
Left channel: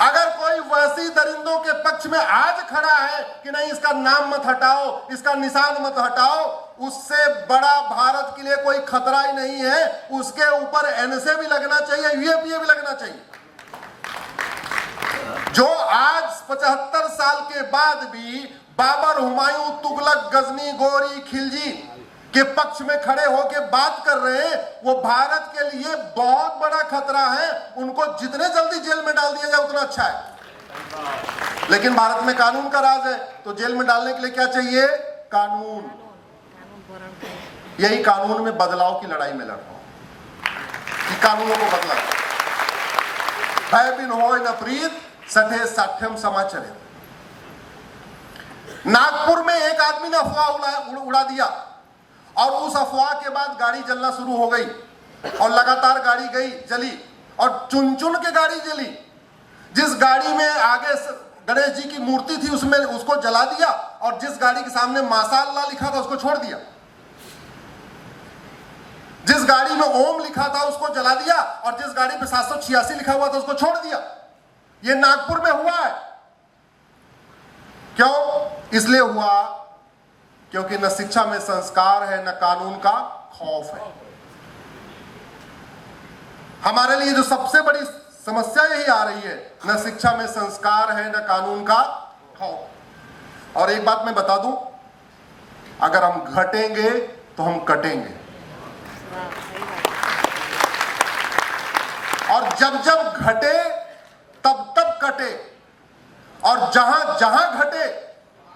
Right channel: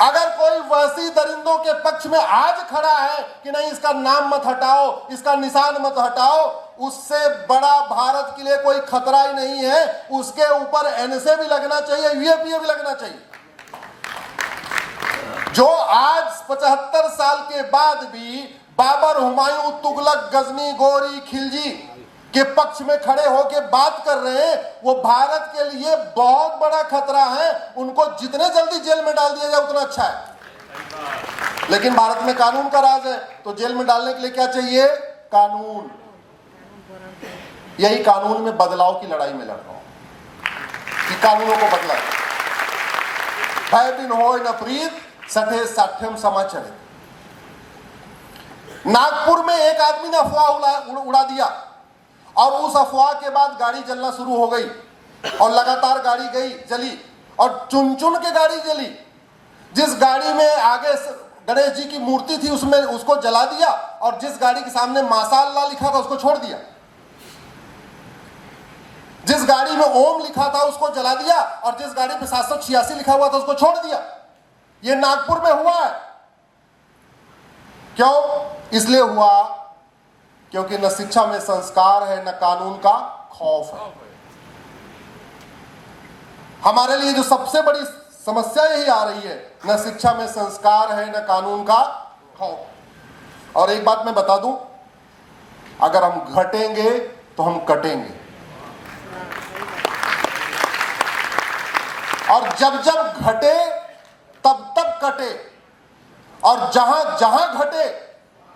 अगर कोई वहशी दरिंदों के पक्ष में आज खड़ा है कि नहीं इसका नाम मत हटाओ, इसका निशान मत हटाओ, उससे बड़ा भारत के लिए कोई खतरा ही नहीं है। उसके ऊपर एनएसए भी लगना चाहिए, यूएपीए भी लगना चाहिए। जो आज 75 साल के बाद भी बाबर, हुमायूं, तुगलक, गजनी, गोरी, खिलजी के पक्ष में खड़े होकर बात कर रहे हैं, वो भारत के लिए बहुत बड़ा खतरा है। उनको जितने जल्दी जेल में डाल दिया जाए उतना अच्छा है। लेकिन भारत में कानून का राज है, तो जेल में डालने के लिए क्या चाहिए? कानून। यही कानून में बदलाव की लड़ाई में लड़ रहा हूं कि कानूनों को बदला। भय बिन होय न प्रीत, सठे साठ्यम समाचरित। नागपुर में एक आदमी ने अफवाह उड़ा दिया और उस अफवाह के बाद गाड़ी जलना शुरू हो गई और लगातार गाड़ी गई, जली और चुन चुन के गाड़ी जली। जिस गाड़ी में आगे गणेश जी की मूर्ति थी उसमें उसको जला दिया, और जिस गाड़ी के सामने माशाअल्लाह लिखा था उसको छोड़ दिया। जिस गाड़ी में ओम लिखा था उसको जला दिया, और जिस गाड़ी पे 786 लिखा हुआ था उसको छोड़ दिया। यह नागपुर में हुआ है। क्यों? इसलिए हुआ क्योंकि न शिक्षा में संस्कार है, न कानून का खौफ है। हमारे लिए जो सबसे बड़ी समस्या यही आ रही है, न शिक्षा में संस्कार है, न कानून का खौफ। और एक बात मैं बता दूं, अगर हम घटेंगे तो हम कटेंगे। और जब जब घटे तब तब कटे, और जहां जहां घटे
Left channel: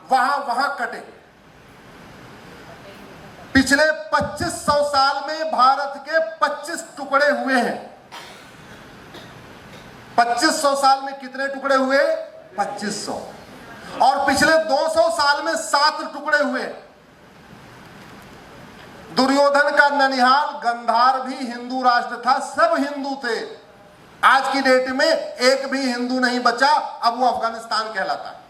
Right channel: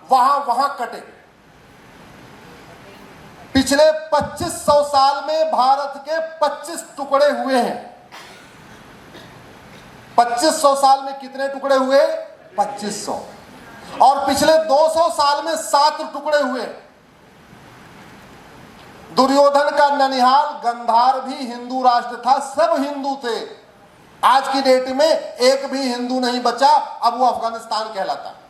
वहां वहां कटे। पिछले 2500 साल में भारत के 25 टुकड़े हुए हैं। 2500 साल में कितने टुकड़े हुए? 2500। और पिछले 200 साल में 7 टुकड़े हुए। दुर्योधन का ननिहाल गंधार भी हिंदू राष्ट्र था, सब हिंदू थे। आज की डेट में एक भी हिंदू नहीं बचा, अब वो अफगानिस्तान कहलाता है।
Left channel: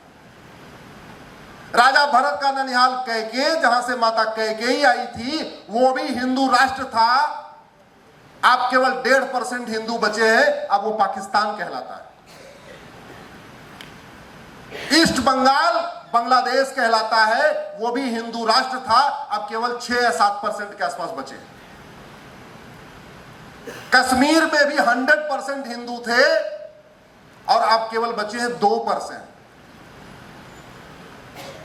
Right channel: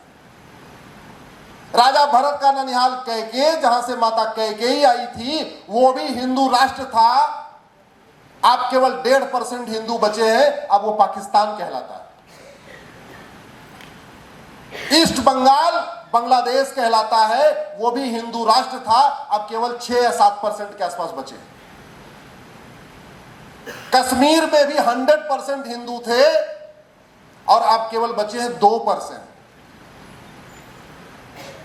राजा भरत का ननिहाल कैकेय, जहां से माता कैकेयी आई थी, वो भी हिंदू राष्ट्र था। आप केवल 1.5% हिंदू बचे हैं, अब वो पाकिस्तान कहलाता है। ईस्ट बंगाल बांग्लादेश कहलाता है, वो भी हिंदू राष्ट्र था, अब केवल 6 या 7% के आसपास बचे। कश्मीर में भी 100% हिंदू थे और अब केवल बचे हैं 2%।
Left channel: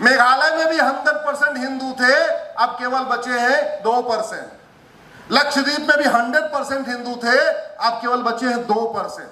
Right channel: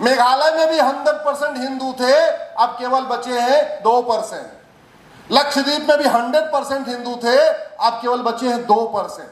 मेघालय में भी 100% हिंदू थे, अब केवल बचे हैं 2%। लक्षद्वीप में भी 100% हिंदू थे, अब केवल बचे हैं 2%।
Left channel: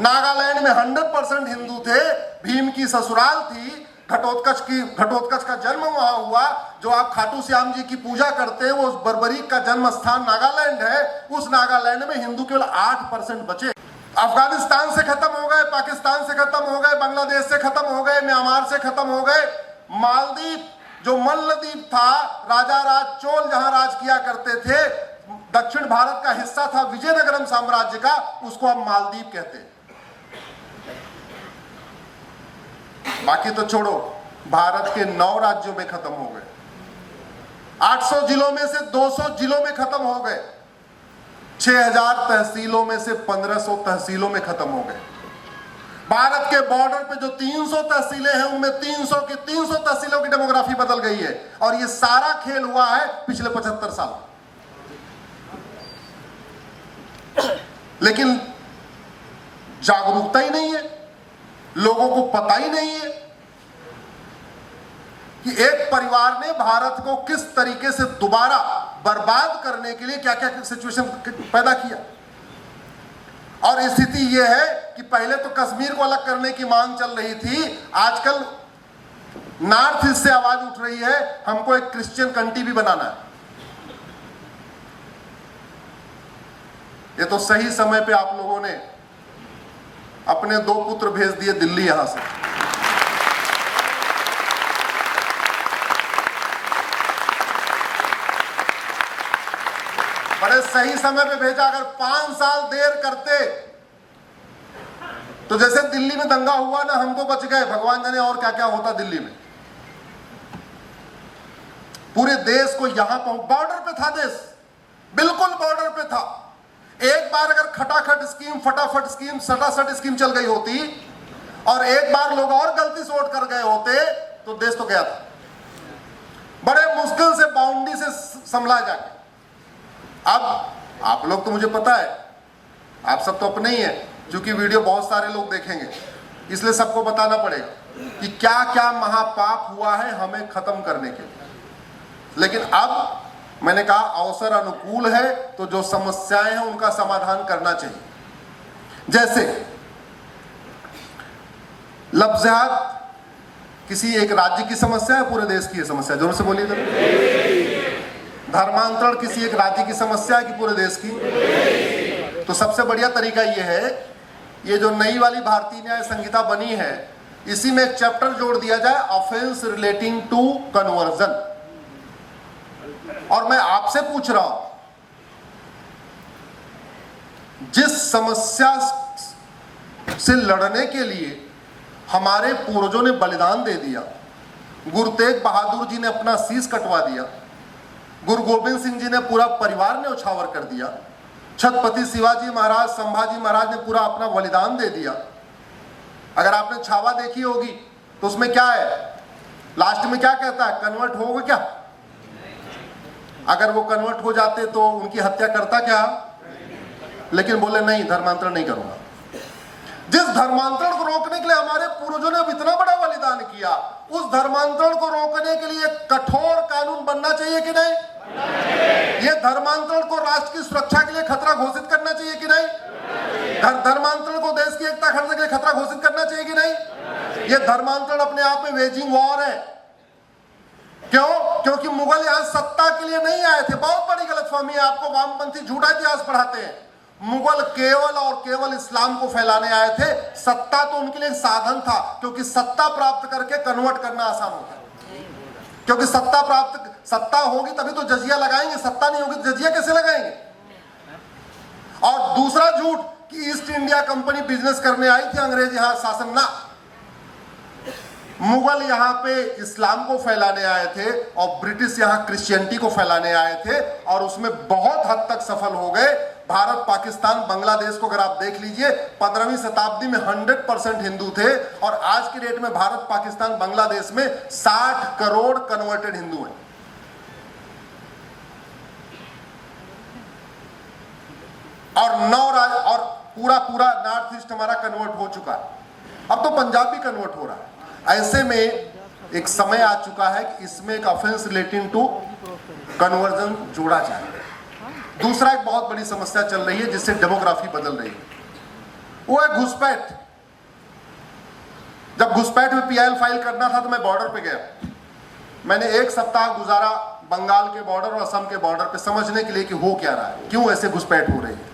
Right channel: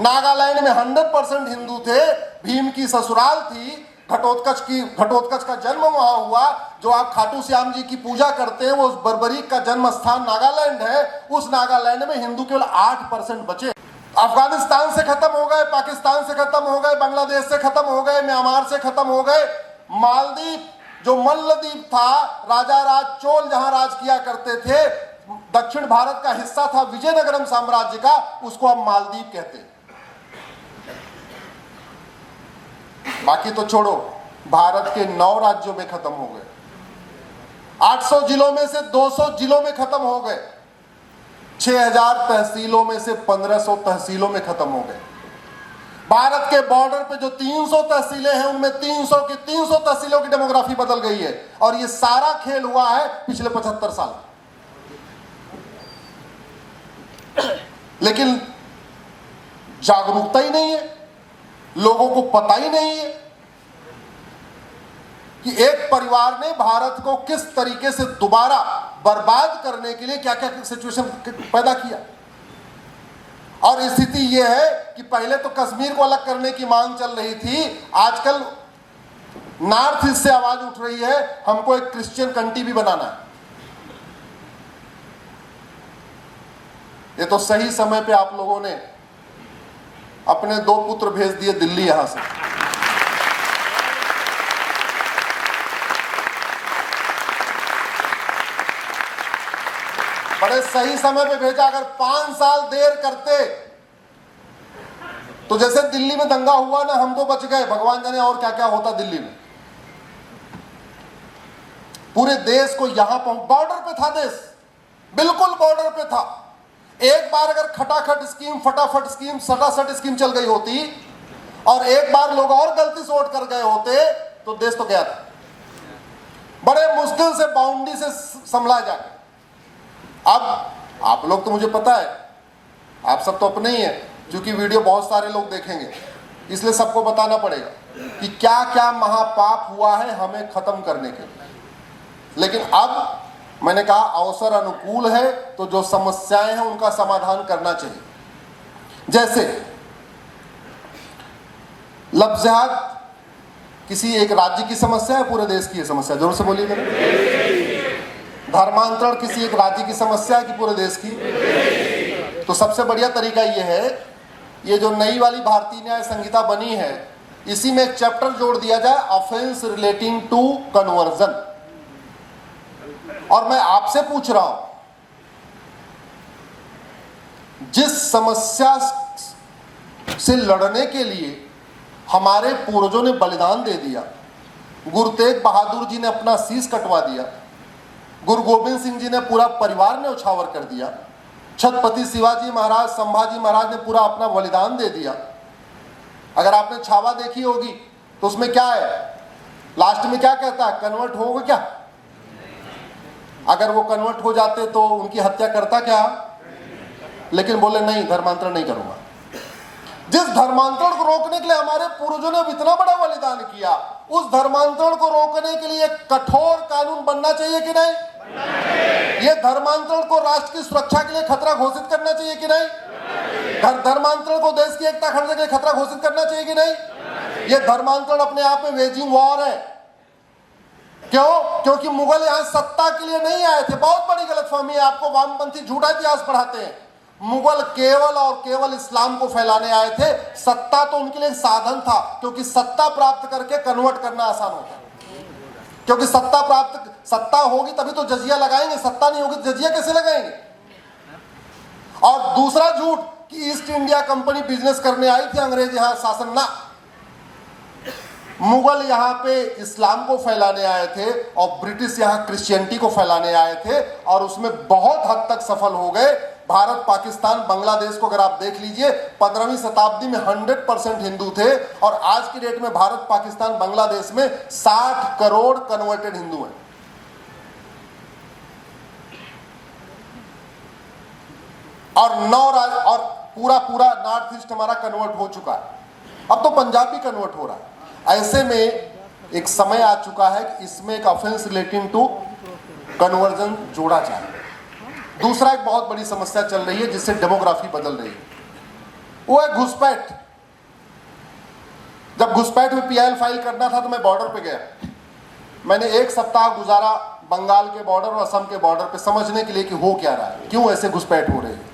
नागालैंड में 100% हिंदू थे, भीम की ससुराल थी, घटोत्कच का जन्म वहां हुआ। जो आप खाटू श्याम जी की पूजा करते हैं, वो बर्बरीक का जन्म स्थान नागालैंड है। उस नागालैंड में हिंदू केवल 8% बचे। अफगानिस्तान से खत्म हो गए, पाकिस्तान से खत्म हो गए, बांग्लादेश से खत्म हो गए, म्यांमार से खत्म हो गए। मालदीव जो मल्लदीप था, राजा राज चोल जहां राज किया करते थे, दक्षिण भारत का हिस्सा था विजयनगरम साम्राज्य का, उसको अब मालदीव कहते हैं। बाकी तो छोड़ो, भारत के 9 राज्यों में खत्म हो गए। 800 जिलों में से 200 जिलों में खत्म हो गए। 6000 तहसीलों में से 1500 तहसीलों में खत्म हो गए। भारत के बॉर्डर पे जो 300 तहसीलें हैं, उनमें 300 की 300 तहसीलों की डेमोग्राफी बदल गई है। और ये सारा खेल हुआ है पिछले 75 साल। लेकिन जागरूकता ही नहीं है, लोगों को पता ही नहीं है कि एक परिवार ने भारत को किस तरीके से दोबारा बर्बाद करने के लिए क्या क्या सिचुएशन पैदा किया। और स्थिति यह है कि पहले तो कश्मीर को अलग करने की मांग चल रही थी, आजकल नॉर्थ ईस्ट से आवाज उठ रही है, हमको एक क्रिश्चियन कंट्री भी बनाना है। ये तो सही समय पे आप लोगों ने अपने 2 पुत्र भेज दिए दिल्ली यहां से। बड़े सही समय पे भेजा। अगर 5 साल देर करते तो जैसे दिल्ली में दंगा हुआ ना, हम तो बच गए, भगवान जाने और क्या क्या होता दिल्ली में। पूरे देश को यहां बॉर्डर पे था देश, बिल्कुल बॉर्डर पे था। एक बार अगर खटाखट स्कीम, फटाफट स्कीम, सटासट स्कीम चल गई होती और एक बार लोग और गलती से वोट कर गए होते तो देश तो गया था। बड़े मुश्किल से बाउंड्री से संभला जाके। अब आप लोग तो मुझे पता है, आप सब तो अपने ही हैं, क्योंकि वीडियो बहुत सारे लोग देखेंगे, इसलिए सबको बताना पड़ेगा कि क्या क्या महापाप हुआ है हमें खत्म करने के लिए। लेकिन अब मैंने कहा अवसर अनुकूल है तो जो समस्याएं हैं उनका समाधान करना चाहिए। जैसे लफ्ज़ जिहाद किसी एक राज्य की समस्या है, पूरे देश की समस्या, जोर से बोलिए जरा। धर्मांतरण किसी एक राज्य की समस्या है कि पूरे देश की। तो सबसे बढ़िया तरीका यह है, ये जो नई वाली भारतीय न्याय संहिता बनी है, इसी में एक चैप्टर जोड़ दिया जाए, ऑफेंस रिलेटिंग टू कन्वर्जन। और मैं आपसे पूछ रहा हूं, जिस समस्या से लड़ने के लिए हमारे पूर्वजों ने बलिदान दे दिया, गुरु तेग बहादुर जी ने अपना शीश कटवा दिया, गुरु गोविंद सिंह जी ने पूरा परिवार ने उछावर कर दिया, छत्रपति शिवाजी महाराज, संभाजी महाराज ने पूरा अपना बलिदान दे दिया। अगर आपने छावा देखी होगी तो उसमें क्या है, लास्ट में क्या कहता है, कन्वर्ट होगा क्या? अगर वो कन्वर्ट हो जाते तो उनकी हत्या करता क्या? लेकिन बोले नहीं, धर्मांतरण नहीं करूंगा। जिस धर्मांतरण को रोकने के लिए हमारे पूर्वजों ने इतना बड़ा बलिदान किया, उस धर्मांतरण को रोकने के लिए कठोर कानून बनना चाहिए कि नहीं? ये धर्मांतरण को राष्ट्र की सुरक्षा के लिए खतरा घोषित करना चाहिए कि नहीं? धर्मांतरण को देश की एकता खतरे के लिए खतरा घोषित करना चाहिए कि नहीं? ये धर्मांतरण अपने आप में वेजिंग वॉर है। क्यों? क्योंकि मुगल यहां सत्ता के लिए नहीं आए थे। बहुत बड़ी गलतफहमी है, आपको वामपंथी झूठा इतिहास पढ़ाते हैं। मुगल केवल और केवल इस्लाम को फैलाने आए थे। सत्ता तो उनके लिए साधन था, क्योंकि सत्ता प्राप्त करके कन्वर्ट करना आसान होता है। क्योंकि सत्ता होगी तभी तो जजिया लगाएंगे, सत्ता नहीं होगी तो जजिया कैसे लगाएंगे? और दूसरा झूठ कि ईस्ट इंडिया कंपनी बिजनेस करने आई थी, अंग्रेज यहां शासन ना। मुगल यहां पे इस्लाम को फैलाने आए थे और ब्रिटिश यहां क्रिश्चियनिटी को फैलाने आए थे, और उसमें बहुत हद तक सफल हो गए। भारत, पाकिस्तान, बांग्लादेश को अगर आप देख लीजिए 15वीं शताब्दी में 100% हिंदू थे और आज की डेट में भारत, पाकिस्तान, बांग्लादेश में 60 करोड़ कन्वर्टेड हिंदू हैं। और और पूरा नॉर्थ ईस्ट हमारा कन्वर्ट हो चुका है, अब तो पंजाब भी कन्वर्ट हो रहा है। ऐसे में एक समय आ चुका है कि इसमें एक ऑफेंस रिलेटिंग टू कन्वर्जन जोड़ा जाए। दूसरा एक बहुत बड़ी समस्या चल रही है जिससे डेमोग्राफी बदल रही है, वो है घुसपैठ। जब घुसपैठ में पीआईएल फाइल करना था तो मैं बॉर्डर पे गया। मैंने एक सप्ताह गुजारा बंगाल के बॉर्डर और असम के बॉर्डर पे समझने के लिए कि हो क्या रहा है, क्यों ऐसे घुसपैठ हो रही है।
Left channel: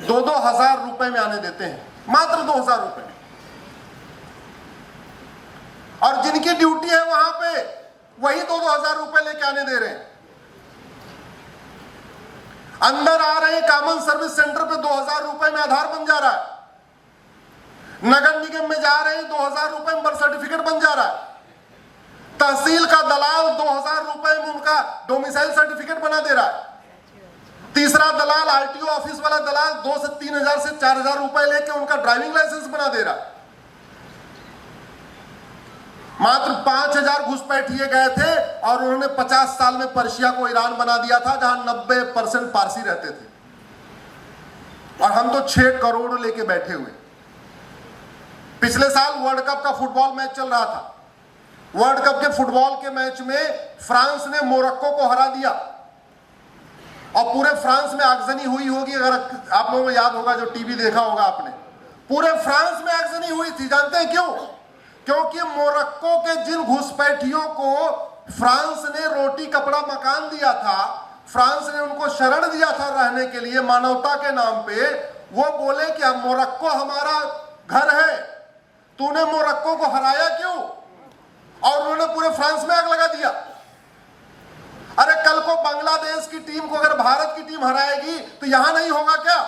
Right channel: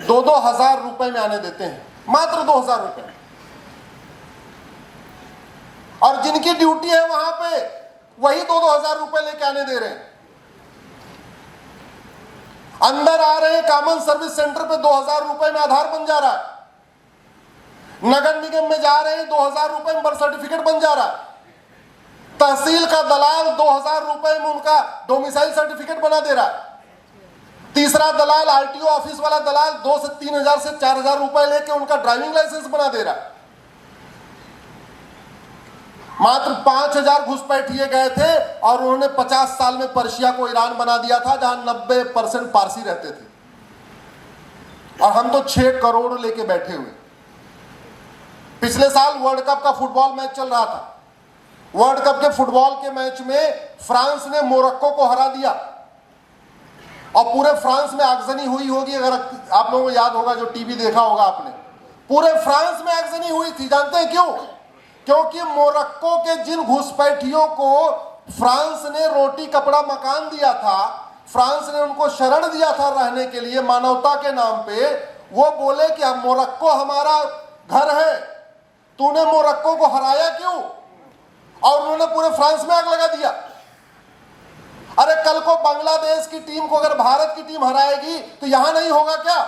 2-2 हजार रुपए में आने देते हैं, मात्र 2 हजार रुपए, और जिनकी ड्यूटी है वहां पे वही 2-2 हजार रुपए लेके आने दे रहे हैं। अंदर आ रहे हैं कॉमन सर्विस सेंटर पे 2000 रुपए में आधार बन जा रहा है। नगर निगम में जा रहे हैं 2000 रुपए में बर्थ सर्टिफिकेट बन जा रहा है। तहसील का दलाल 2000 रुपए में उनका डोमिसाइल सर्टिफिकेट बना दे रहा है। तीसरा दलाल, आरटीओ ऑफिस वाला दलाल 2 से 3000 से 4000 रुपए लेके उनका ड्राइविंग लाइसेंस बना दे रहा है। मात्र 5000 घुसपैठिए गए थे और उन्होंने 50 साल में पर्शिया को ईरान बना दिया था जहां 90% पारसी रहते थे, और हम तो 6 करोड़ लेके बैठे हुए। पिछले साल वर्ल्ड कप का फुटबॉल मैच चल रहा था। वर्ल्ड कप के फुटबॉल के मैच में फ्रांस ने मोरक्को को हरा दिया और पूरे फ्रांस में आगजनी हुई होगी। अगर आप लोगों को याद होगा, जो टीवी देखा होगा आपने, पूरे फ्रांस में आगजनी हुई थी। जानते हैं क्यों? क्योंकि मोरक्को के जिन घुसपैठियों को फ्रांस ने रोटी कपड़ा मकान दिया था, फ्रांस ने उनको शरण दिया था रहने के लिए मानवता के नाम पे, वो बोले कि अब मोरक्को हमारा घर है, तूने मोरक्को को हराया क्यों? और उन्होंने पूरे फ्रांस में आग लगा दिया। अरे कल को बांग्लादेश की टीम को अगर भारत की टीम हराएगी तो यहां नहीं होगा क्या?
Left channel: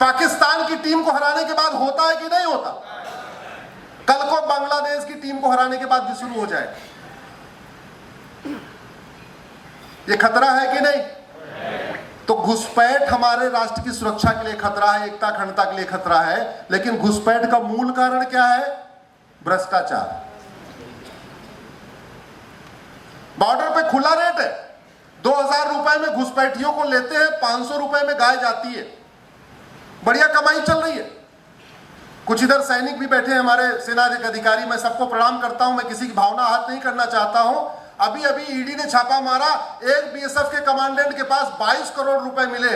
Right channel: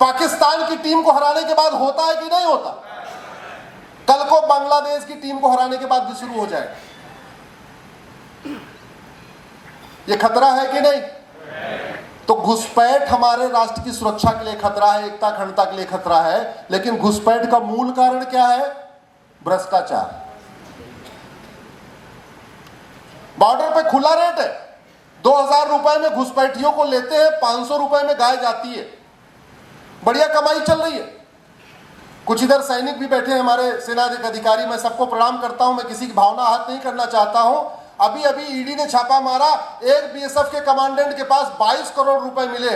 पाकिस्तान की टीम को हराने के बाद होता है कि नहीं होता? कल को बांग्लादेश की टीम को हराने के बाद भी शुरू हो जाएगा। ये खतरा है कि नहीं? तो घुसपैठ हमारे राष्ट्र की सुरक्षा के लिए खतरा है, एकता अखंडता के लिए खतरा है। लेकिन घुसपैठ का मूल कारण क्या है? भ्रष्टाचार। बॉर्डर पे खुला रेट है, 2000 रुपए में घुसपैठियों को लेते हैं, 500 रुपए में गाय जाती है। बढ़िया कमाई चल रही है। कुछ इधर सैनिक भी बैठे हैं हमारे सेना अधिकारी, मैं सबको प्रणाम करता हूं, मैं किसी की भावना आहत नहीं करना चाहता हूं। अभी अभी ईडी ने छापा मारा, एक बीएसएफ के कमांडेंट के पास 22 करोड़ रुपए मिले।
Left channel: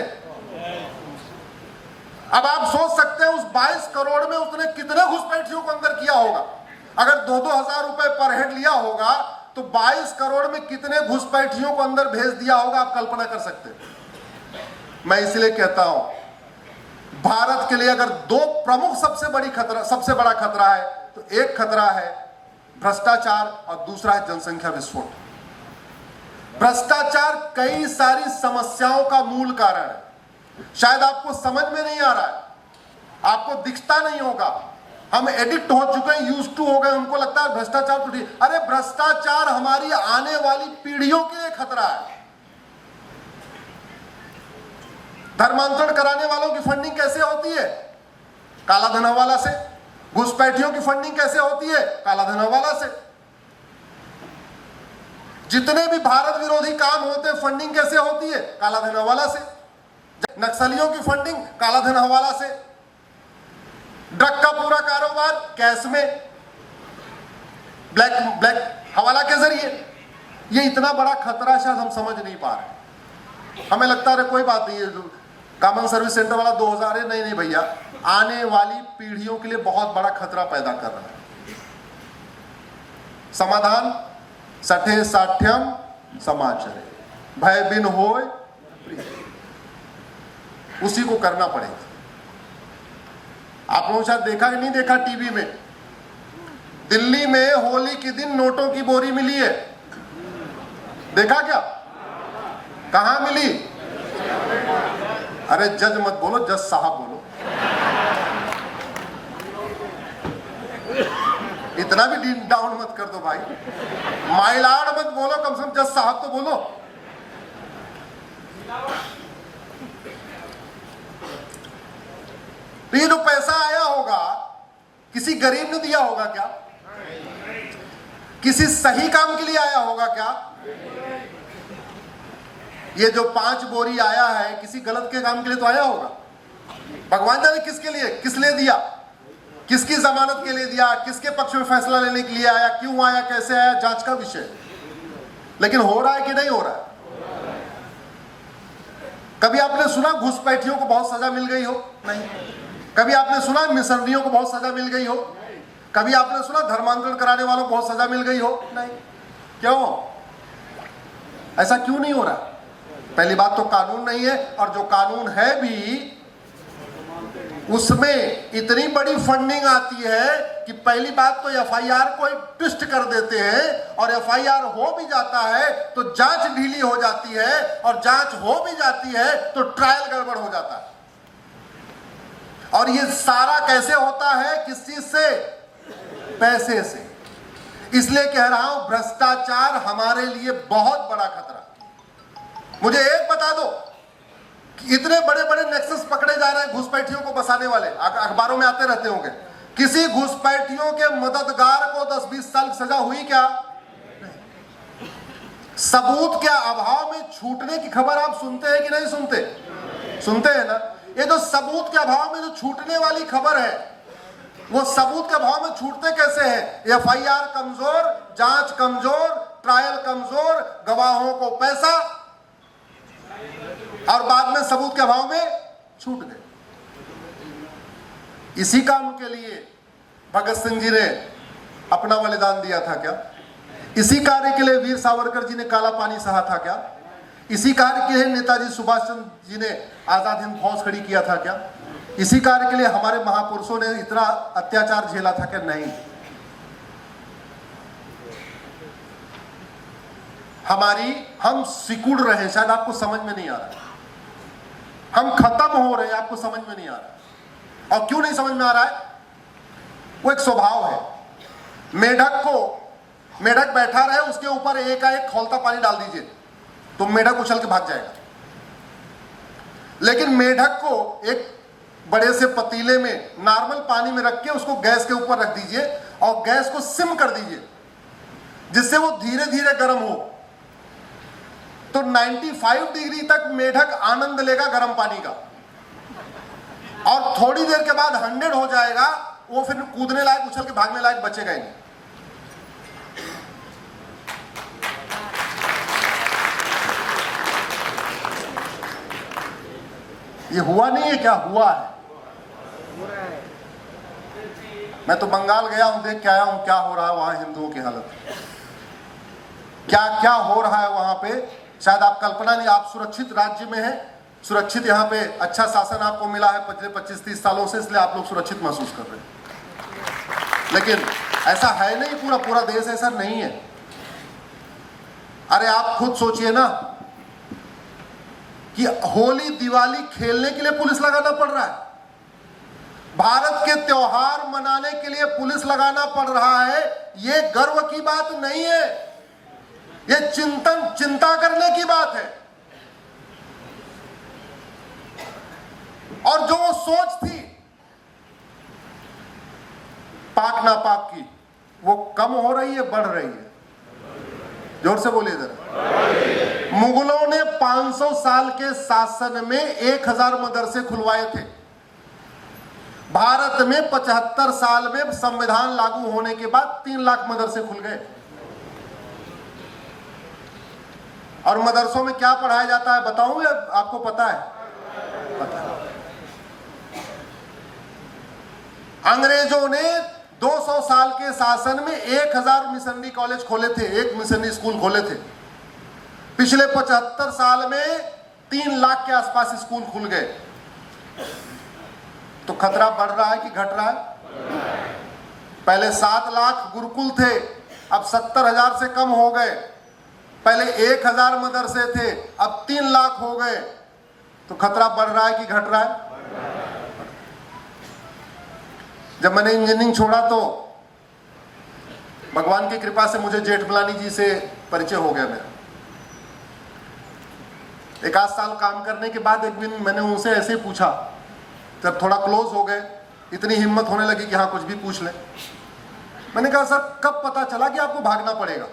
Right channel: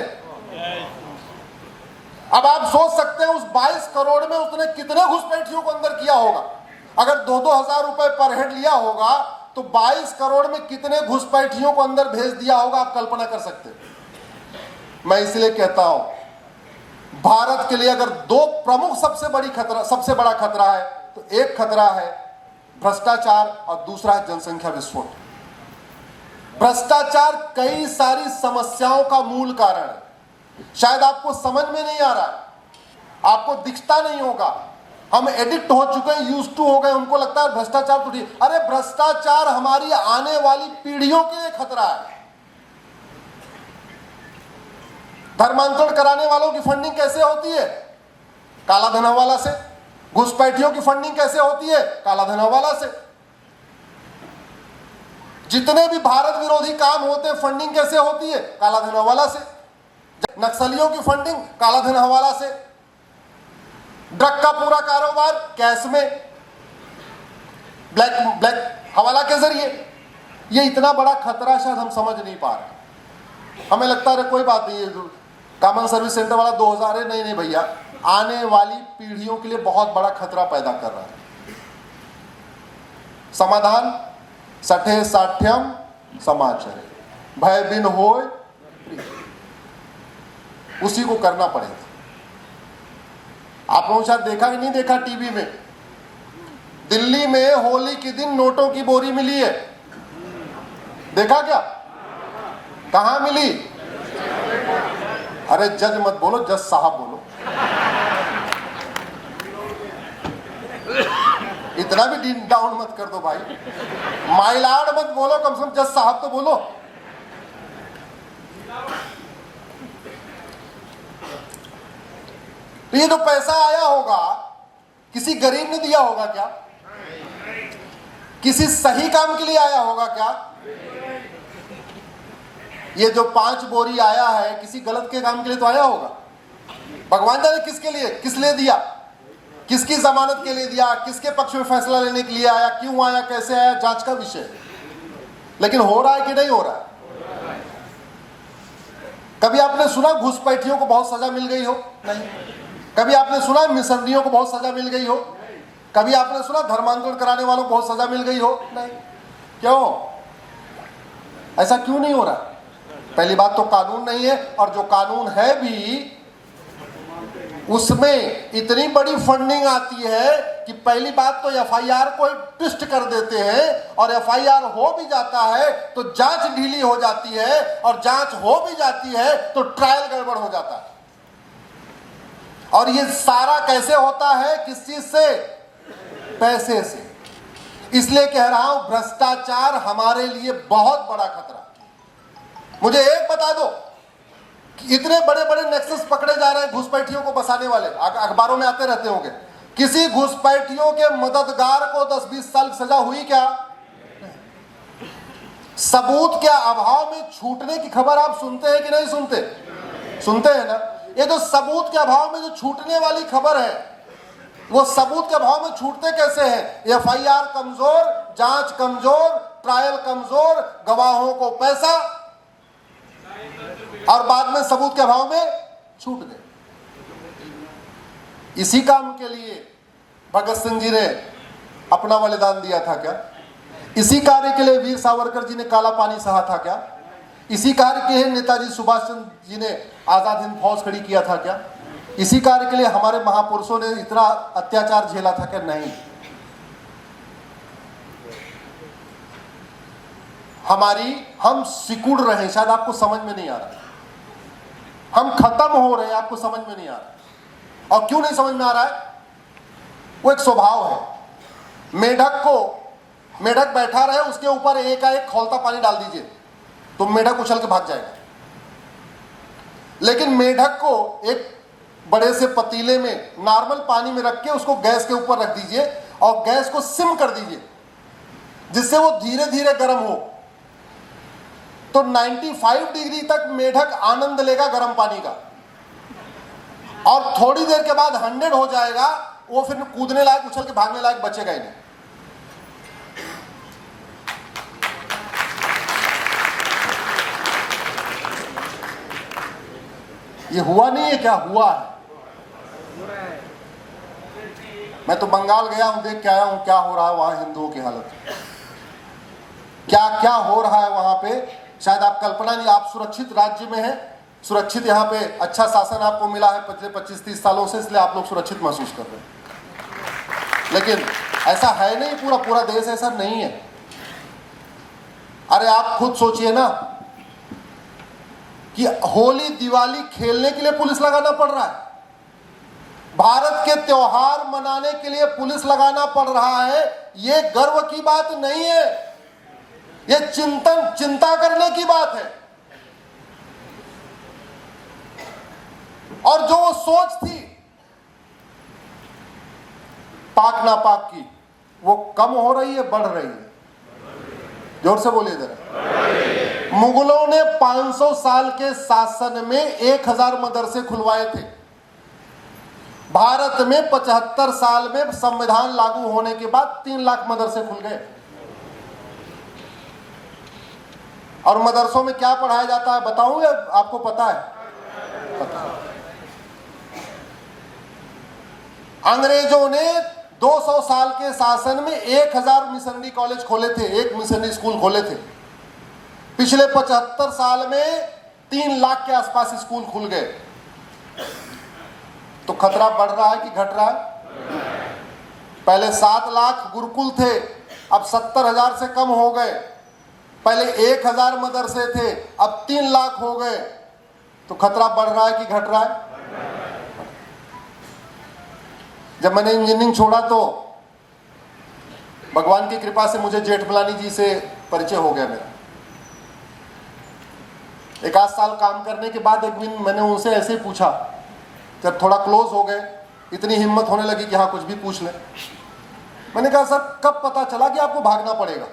अब आप सोच सकते हैं उस 22 करोड़ में उसने कितने घुसपैठियों को अंदर किया होगा। अगर 2-2 हजार रुपए पर हेड लिया होगा तो 22 करोड़ में कितने घुसपैठियों को अंदर भेज दिया होगा, आप कल्पना कर सकते हैं। मैं इसलिए कहता हूं, भारत के लिए अगर 2 प्रमुख सबसे बड़ा खतरा है तो एक खतरा है भ्रष्टाचार और दूसरा है जनसंख्या विस्फोट। भ्रष्टाचार कई सारी समस्याओं का मूल कारण है। शायद आपको समझ में नहीं आ रहा है, आपको दिखता नहीं होगा। हम एडिक्ट हो चुके हैं, यूज टू हो गए, हमको लगता है भ्रष्टाचार तो ठीक। अरे भ्रष्टाचार हमारी आने वाली पीढ़ियों के लिए खतरा है। धर्मांतरण कराने वालों की फंडिंग कैसे होती है? काला धन हवाला से। घुसपैठियों की फंडिंग कैसे होती है? काला धन हवाला से। जितने भी भारत विरोधी काम होते हैं, फंडिंग कैसे होती है? काला धन हवाला से। नक्सलियों की फंडिंग काला धन हवाला से। ड्रग का पूरा कारोबार कैश में, ब्लैक हवाला के जरिए। ये इतना बड़ा खतरा शायद हम समझ नहीं पा रहे। हमें लगता है कोई बात नहीं है, जो कॉमन सर्विस सेंटर वाला 2000 है, नहीं भैया, आने वाली पीढ़ियों के लिए बहुत बड़ा खतरा पैदा कर रहा है। समाधान सठे साठ्यम समाचरे, भय बिन होय प्रिय, उसी को करना पड़ेगा। आप लोगों ने शायद देखा कि नहीं देखा टीवी में, दिल्ली में होली के दिन नोटों की बोरी मिली है। देखा क्या? कहां मिली? अरे जज मत बोलो, जज साहब बोलो। इतना भी डाउन मत कर दो भाई, माइलाड मत बोलो, कम से कम जज साहब तो बोलो। तो ये जो पैसा आया होगा किसी गरीब ने दिया होगा क्या? किसी सही काम के लिए आया होगा क्या? ये जो 5 बोरी आया है किसी गलत के काम के लिए तो आया होगा। भगवान जाने किसके लिए, किस लिए दिया, किसकी जमानत के लिए दिया, किसके पक्ष में फैसला लेने के लिए आया, क्यों आया, कैसे आया, जांच का विषय। लेकिन हो रहा है कि नहीं हो रहा है? कभी आपने सुना घुसपैठियों को बहुत सजा मिल गई हो? नहीं। कभी आपने सुना मिसरनियों को बहुत सजा मिल गई हो? कभी आपने सुना धर्मांतरण कराने वालों को बहुत सजा मिल गई हो? नहीं। क्यों? ऐसा क्यों नहीं हो रहा? पहली बात तो कानून नहीं है, और जो कानून है भी उसमें इतनी बड़ी फंडिंग आती है कि पहली बात तो एफआईआर को ट्विस्ट कर देते हैं, और एफआईआर हो भी जाता है तो जांच ढीली हो जाती है, और जांच हो भी जाती है तो ट्रायल गड़बड़ हो जाता है। और ये सारा कैसे होता है? किस चीज से? पैसे से। इसलिए कह रहा हूं भ्रष्टाचार हमारे लिए बहुत बड़ा खतरा। मुझे एक बता दो कि इतने बड़े बड़े नेक्सस पकड़े जा रहे हैं घुसपैठियों को बसाने वाले, अखबारों में आते रहते होंगे। किसी घुसपैठियों के मददगार को 10-20 साल की सजा हुई क्या? सबूत के अभाव में छूटने की खबर आप सुनते हैं कि नहीं सुनते? सुनते हैं ना। ये जो सबूत के अभाव में जो छूटने वाली खबर है, वो सबूत के अभाव में छूटते कैसे हैं? एफआईआर कमजोर, जांच कमजोर, ट्रायल कमजोर, गवाहों को पैसा, और बाद में सबूत के अभाव में छूट गए। इसी काम के लिए भगत सिंह जी ने अपना बलिदान दिया था क्या? इसी कार्य के लिए वीर सावरकर जी ने काला पानी सहा था क्या? इसी कार्य के लिए नेताजी सुभाष चंद्र जी ने आजाद हिंद फौज खड़ी किया था क्या? इसी कार्य के लिए हमारे महापुरुषों ने इतना अत्याचार झेला था क्या? नहीं। हम सिकुड़ रहे हैं, शायद आपको समझ में नहीं आ रहा। हम खत्म हो रहे हैं, आपको समझ में नहीं आ रहा। और क्यों नहीं समझ में आ रहा है? वो एक स्वभाव है। मेढक बैठा रहे, उसके ऊपर एकाएक खौलता पानी डाल दीजिए तो मेढक उछल के भाग जाएगा। लेकिन मेढक को एक बड़े से पतीले में नॉर्मल पानी में रख के उसको गैस के ऊपर रख दीजिए और गैस को सिम कर दीजिए, जिससे वो धीरे धीरे गर्म हो, तो 95 डिग्री तक मेढक आनंद लेगा गर्म पानी का, और थोड़ी देर के बाद 100 हो जाएगा, वो फिर कूदने लायक, उछल के भागने लायक बचेगा ही नहीं। ये हुआ नहीं है क्या? हुआ है। मैं तो बंगाल गया हूं, देख के आया हूं क्या हो रहा है वहां हिंदुओं की हालत, क्या क्या हो रहा है वहां पे। शायद आप कल्पना नहीं, आप सुरक्षित राज्य में हैं, सुरक्षित यहाँ पे अच्छा शासन आपको मिला है पिछले 25-30 सालों से, इसलिए आप लोग सुरक्षित महसूस कर रहे हैं। लेकिन ऐसा है नहीं, पूरा देश ऐसा नहीं है। अरे आप खुद सोचिए ना कि होली दिवाली खेलने के लिए पुलिस लगाना पड़ रहा है, भारत के त्योहार मनाने के लिए पुलिस लगाना पड़ रहा है। ये गर्व की बात नहीं है, ये चिंता करने की बात है। और जो वो सोच थी पाक ना पाक की, वो कम हो रही है, बढ़ रही है। जोर से बोलिए जरा। मुगलों ने 500 साल के शासन में 1000 मदरसे खुलवाए थे। भारत में 75 साल में संविधान लागू होने के बाद 3 लाख मदरसे खुल गए। और मदरसों में क्या पढ़ाया जाता है बताऊं या आपको पता है? अंग्रेजों ने 200 साल के शासन में 1000 मिशनरी कॉलेज खोले थे, एक मिशनरी स्कूल खोले थे। पिछले 75 साल में 3 लाख के आसपास स्कूल खुल गए। तो खतरा बढ़ रहा है कि घट रहा है? पहले 7 लाख गुरुकुल थे, अब 70,000 से कम हो गए। पहले 1000 मदरसे थे, अब 3 लाख हो गए। तो खतरा बढ़ रहा है कि घट रहा है? जब मैंने इंजीनियरिंग छोड़ा तो भगवान की कृपा से मुझे जेठमलानी जी से परिचय हो गया मेरा। 1 आध साल काम करने के बाद एक दिन मैंने उनसे ऐसे पूछा, जब थोड़ा क्लोज हो गए, इतनी हिम्मत होने लगी कि हाँ कुछ भी पूछ ले। मैंने कहा सर कब पता चला कि आपको भागना पड़ेगा?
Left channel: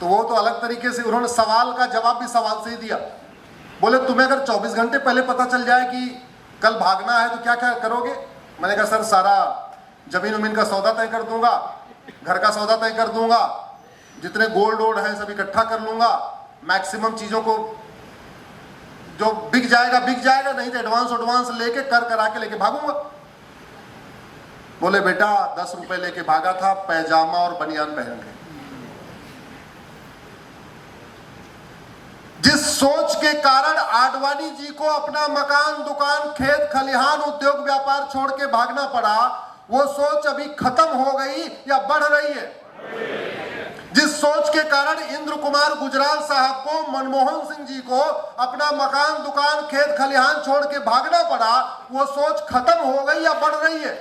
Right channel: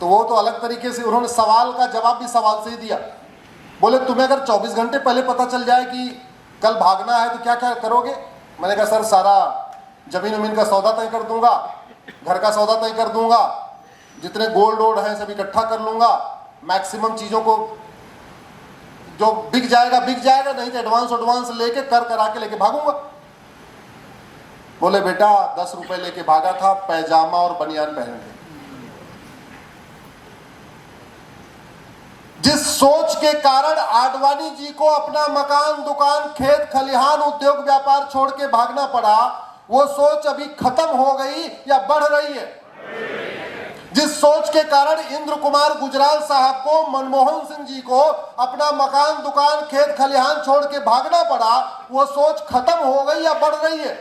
तो वो तो अलग तरीके से उन्होंने सवाल का जवाब भी सवाल से ही दिया। बोले तुम्हें अगर 24 घंटे पहले पता चल जाए कि कल भागना है तो क्या क्या करोगे? मैंने कहा सर सारा जमीन उमीन का सौदा तय कर दूंगा, घर का सौदा तय कर दूंगा, जितने गोल्ड वोल्ड है सब इकट्ठा कर लूंगा, मैक्सिमम चीजों को जो बिक जाएगा, नहीं तो एडवांस लेके कर करा के लेके भागूंगा। बोले बेटा 10 रुपए लेके भागा था पैजामा और बनियान पहन के। जिस सोच के कारण आडवाणी जी को अपना मकान, दुकान, खेत खलिहान, उद्योग व्यापार छोड़ के भागना पड़ा, वो सोच अभी खत्म हो गई या बढ़ रही है? जिस सोच के कारण इंद्र कुमार गुजराल साहब को, मनमोहन सिंह जी को अपना मकान, दुकान, खेत खलिहान छोड़ के भागना पड़ा, वो सोच खत्म हो गई या बढ़ रही है?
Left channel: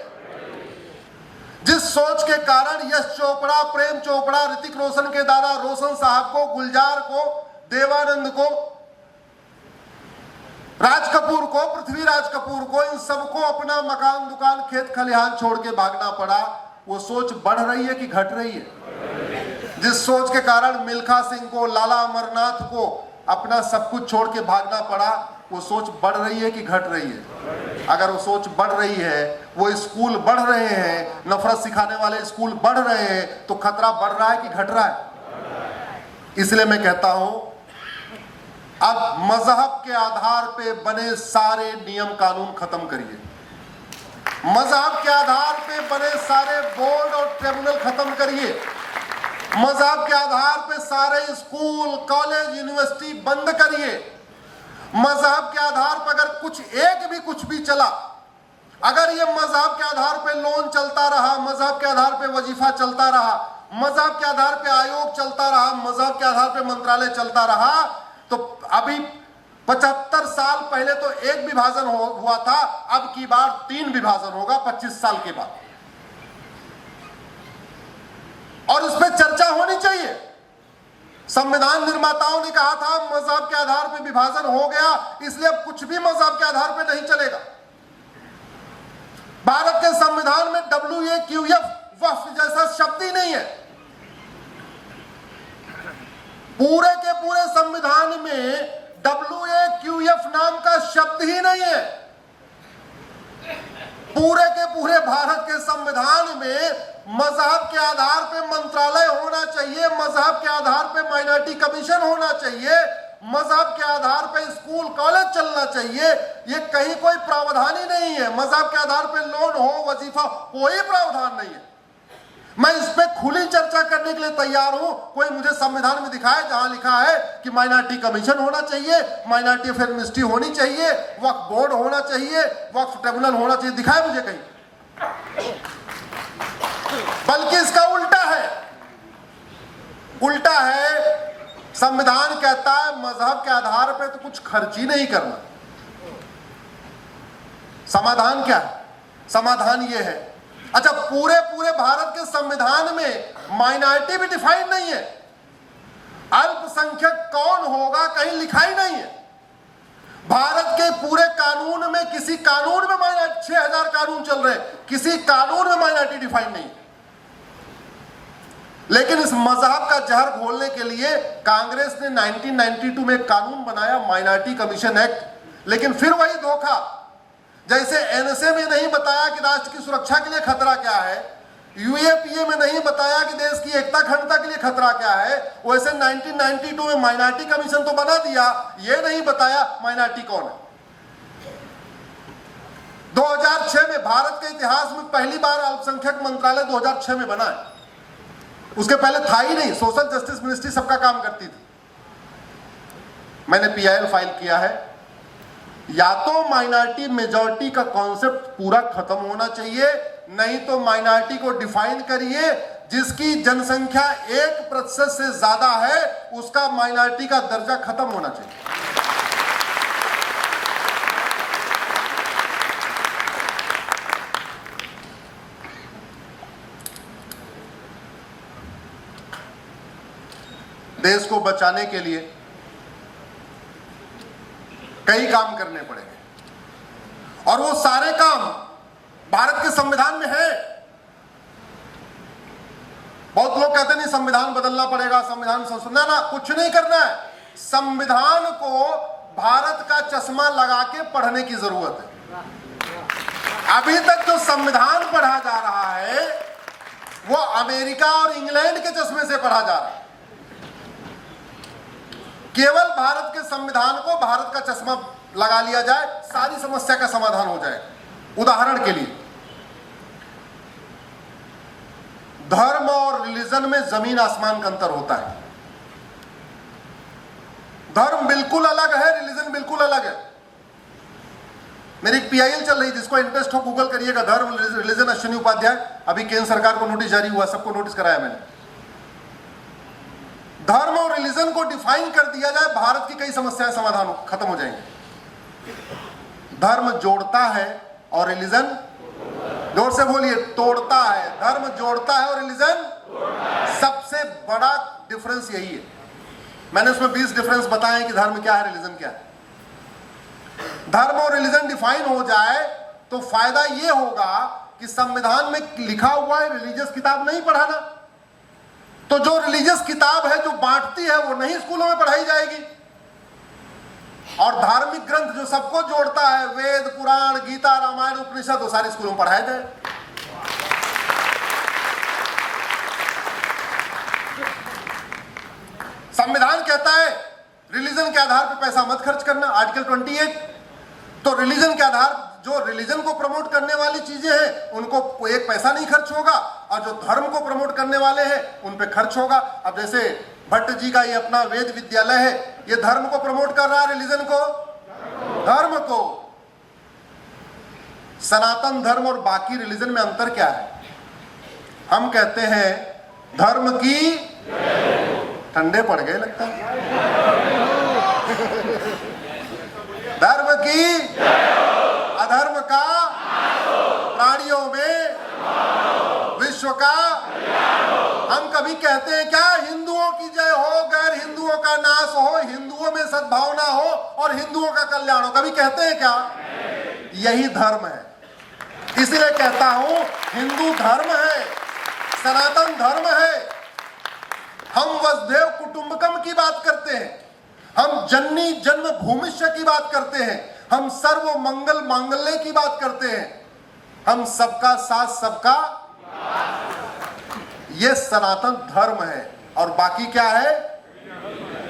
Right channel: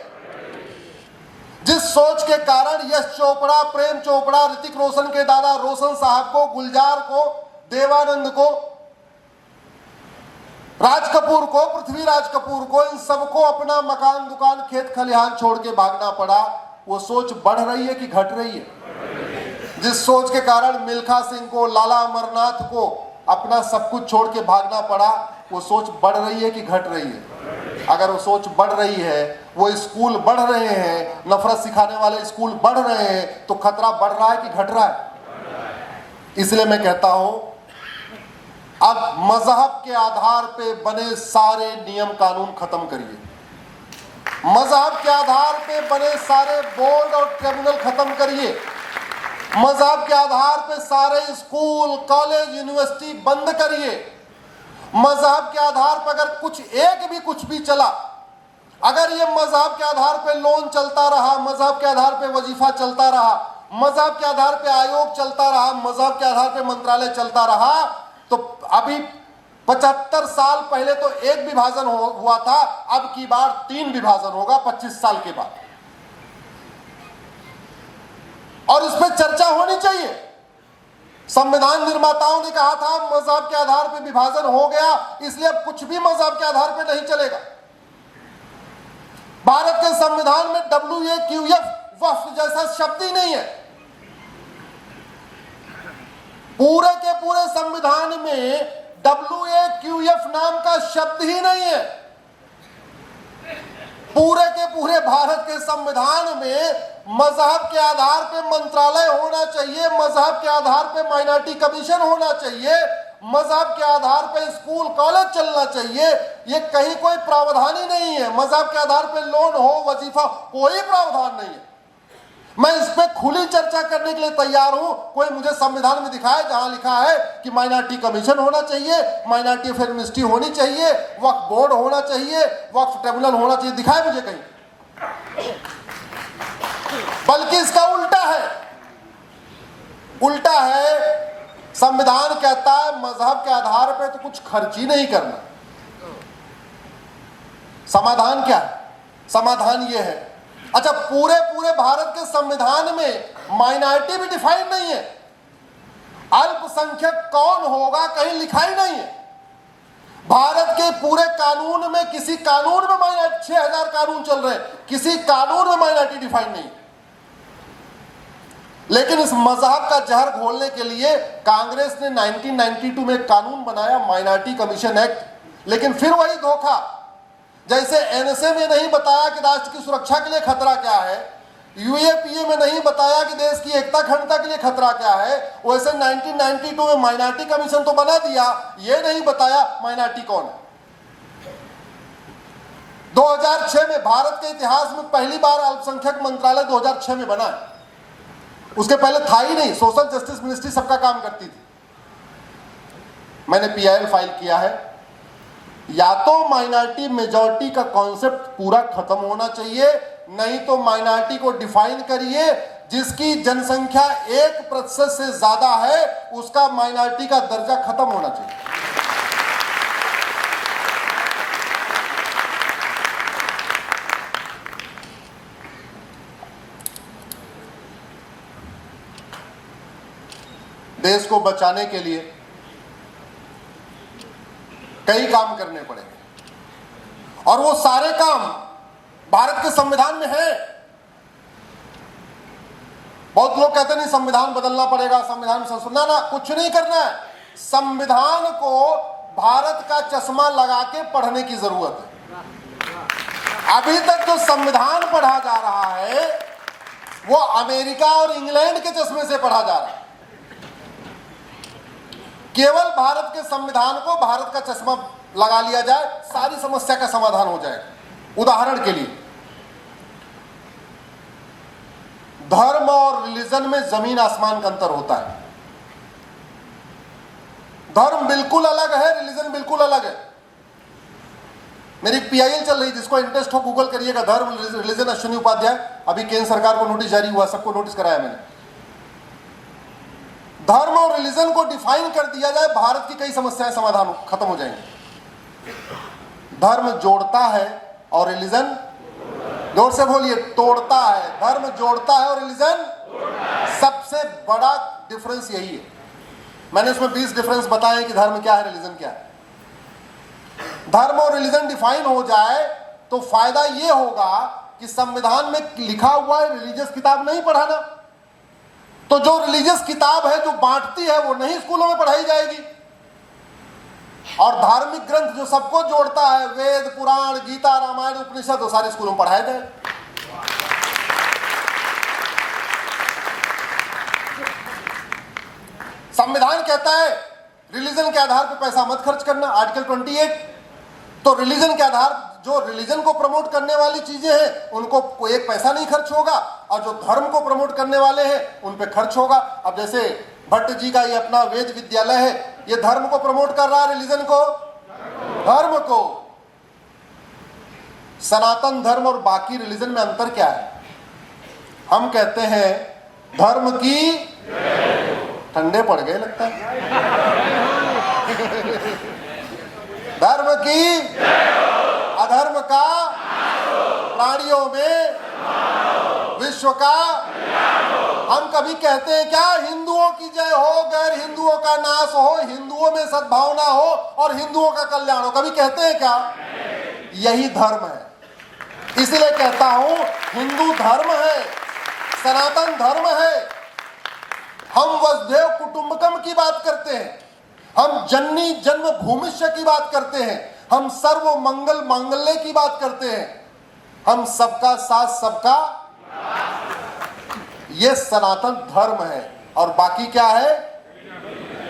जिस सोच के कारण यश चोपड़ा, प्रेम चोपड़ा, ऋतिक रोशन के दादा रोशन साहब को, गुलजार को, देवानंद को, राज कपूर को, पृथ्वीराज कपूर को, इन सबको अपना मकान, दुकान, खेत खलिहान छोड़ के भागना पड़ा, वो सोच बढ़ रही है कि घट रही है? जिस सोच के कारण मिल्खा सिंह को, लाला अमरनाथ को अपना सब कुछ छोड़ के भागना पड़ा, वो सोच बढ़ रही है कि घट रही है? अगर वो सोच बढ़ रही है, वो स्कूल बढ़ रहे हैं, नफरत सिखाने वाले स्कूल बढ़ रहे हैं, तो खतरा बढ़ रहा है कि घट रहा है? इसलिए मैं कहता हूं अब मजहब के आधार पे बने सारे नियम कानून खत्म करिए। मजहब के आधार पे बने सारे बोर्ड और ट्रिब्यूनल खत्म करिए। मजहब के आधार पे सारे स्कूल, कॉलेज, यूनिवर्सिटी बंद करिए। मजहब के आधार पर अगर कुछ भी चला, अगर ये मजहब के आधार पे लोन चलता रहा, मजहब के आधार पे वजीफा चलता रहा, मजहब के आधार पे आयोग चलता रहा, मजहब के आधार पे मंत्रालय चलता रहा, तो अभी 75 साल पहले तो एक विभाजन हुआ था, अब की बार 3 विभाजन होगा 25 साल के बाद। और इस पे चर्चा होनी चाहिए। संविधान निर्माताओं ने कहा था मजहब के आधार पे विभाजन हो गया, इसलिए अब कुछ भी मजहब के आधार पे नहीं चलेगा। भारत के संविधान में WAQF वक्फ जैसा शब्द ही नहीं है। पूरे के पूरे संविधान में WAQF नाम का शब्द ही नहीं है। पूरे के पूरे भारत के संविधान में मजहब के आधार पे मंत्रालय होना चाहिए, मजहब के आधार पे माइनॉरिटी कमीशन होना चाहिए, मजहब के आधार पे स्कूल कॉलेज चलना चाहिए। ये कहीं कोई प्रावधान ही नहीं है। मजहब के आधार पे लोन हो, वजीफा, कोई प्रावधान नहीं है। मैं इस पे खुली चर्चा करने के लिए तैयार हूं। कोई मुझे संविधान में दिखाए जहां लिखा है कि माइनॉरिटी कमीशन होना चाहिए, माइनॉरिटी अफेयर मिनिस्ट्री होनी चाहिए, वक्फ बोर्ड होना चाहिए, वक्फ ट्रिब्यूनल होना चाहिए, दिखाए मुझे कहीं। बल्कि इसका उल्टा है। उल्टा है, संविधान कहता है मजहब के आधार पर तो कुछ खर्च ही नहीं करना। समाधान क्या है? समाधान यह है, अच्छा पूरे पूरे भारत के संविधान में माइनॉरिटी भी डिफाइन नहीं है। अल्पसंख्यक कौन होगा कहीं लिखा ही नहीं है। भारत के पूरे कानून में, किसी कानून में माइनॉरिटी, 6000 कानून चल रहे हैं, किसी कानून में माइनॉरिटी डिफाइन नहीं। लेकिन इस मजहब का जहर घोलने के लिए कांग्रेस ने 1992 में एक कानून बनाया, माइनॉरिटी कमीशन एक्ट। लेकिन फिर वही धोखा, जैसे एनएसए में नहीं बताया कि राष्ट्र की सुरक्षा के लिए खतरा क्या है, यूएपीए में नहीं बताया कि देश की एकता अखंडता के लिए खतरा क्या है, वैसे 1992 में माइनॉरिटी कमीशन तो बना दिया, ये नहीं बताया माइनॉरिटी कौन है। 2006 में भारत के इतिहास में पहली बार अल्पसंख्यक मंत्रालय 2006 में बना है। उसके पहले था ही नहीं। सोशल जस्टिस मिनिस्ट्री सबका काम करती थी। मैंने PIL फाइल किया है। या तो माइनॉरिटी मेजॉरिटी का कॉन्सेप्ट पूरा खत्म होना चाहिए, नहीं तो माइनॉरिटी को डिफाइन करिए। जिसकी जनसंख्या 1% से ज्यादा है उसका माइनॉरिटी का दर्जा खत्म होना चाहिए। देश को बचाने के लिए कई काम करने पड़ेंगे। और वो सारे काम भारत के संविधान में है। बहुत लोग कहते नहीं संविधान बदलना पड़ेगा, संविधान संशोधन, ना, कुछ नहीं करना है। संविधान को भारत का चश्मा लगा के पढ़ने की जरूरत है। अभी तक जो संविधान पढ़ा जा रहा है वो अमेरिका और इंग्लैंड के चश्मे से पढ़ा जा रहा है। केवल भारत के संविधान को भारत का चश्मा लगा लिया जाए, सारी समस्या का समाधान हो जाएगा। उदाहरण के लिए, धर्म और रिलीजन में जमीन आसमान का अंतर होता है। धर्म बिल्कुल अलग है, रिलीजन बिल्कुल अलग है। मेरी पीआईएल चल रही, जिसको इंटरेस्ट हो गूगल करिएगा, धर्म रिलीजन अश्विनी उपाध्याय। अभी केंद्र सरकार को नोटिस जारी हुआ, सबको नोटिस कराया मैंने। धर्म और रिलीजन को डिफाइन कर दिया जाए, भारत की कई समस्याएं समाधान खत्म हो जाएंगे। धर्म जोड़ता है और रिलीजन, जोर से बोलिए, तोड़ता है। धर्म जोड़ता है और रिलीजन, सबसे बड़ा डिफरेंस यही है। मैंने उसमें 20 डिफरेंस बताए कि धर्म क्या है, रिलीजन क्या है। धर्म और रिलीजन डिफाइन हो जाए तो फायदा यह होगा कि संविधान में लिखा हुआ है रिलीजियस किताब नहीं पढ़ाना, तो जो रिलीजियस किताब है जो बांटती है वो नहीं स्कूलों में पढ़ाई जाएगी। और धार्मिक ग्रंथ जो सबको जोड़ता है, वेद, पुराण, गीता, रामायण, उपनिषद, वो सारे स्कूलों में पढ़ाए जाए। संविधान कहता है रिलीजन के आधार पर पैसा मत खर्च करना, आर्टिकल 28। तो रिलीजन के आधार, जो रिलीजन को प्रमोट करने वाली चीजें हैं उनको एक पैसा नहीं खर्च होगा, और जो धर्म को प्रमोट करने वाले हैं उन पे खर्च होगा। अब जैसे भट्ट जी का ये अपना वेद विद्यालय है, ये धर्म को प्रमोट कर रहा है, रिलीजन को, धर्म को। सनातन धर्म और बाकी रिलीजन में अंतर क्या है? हम कहते हैं धर्म की, ठंडे पड़ गए लगता है, धर्म की, अधर्म का, प्राणियों में, विश्व का। हम कभी कहते हैं क्या हिंदुओं की जय हो, गैर हिंदुओं का नाश हो, हिंदुओं में सद्भावना हो और हिंदुओं का कल्याण हो? कभी कहते हैं क्या? यही धर्म है। इसलिए कहता हूं हिंदू धर्म है, सनातन धर्म है। हम वसुधैव कुटुंबकम की बात करते हैं, हम जननी जन्म भूमिष्य की बात करते हैं, हम सर्व मंगल मांगल्य की बात करते हैं, हम सबका साथ सबका, ये सनातन धर्म है। और बाकी क्या है?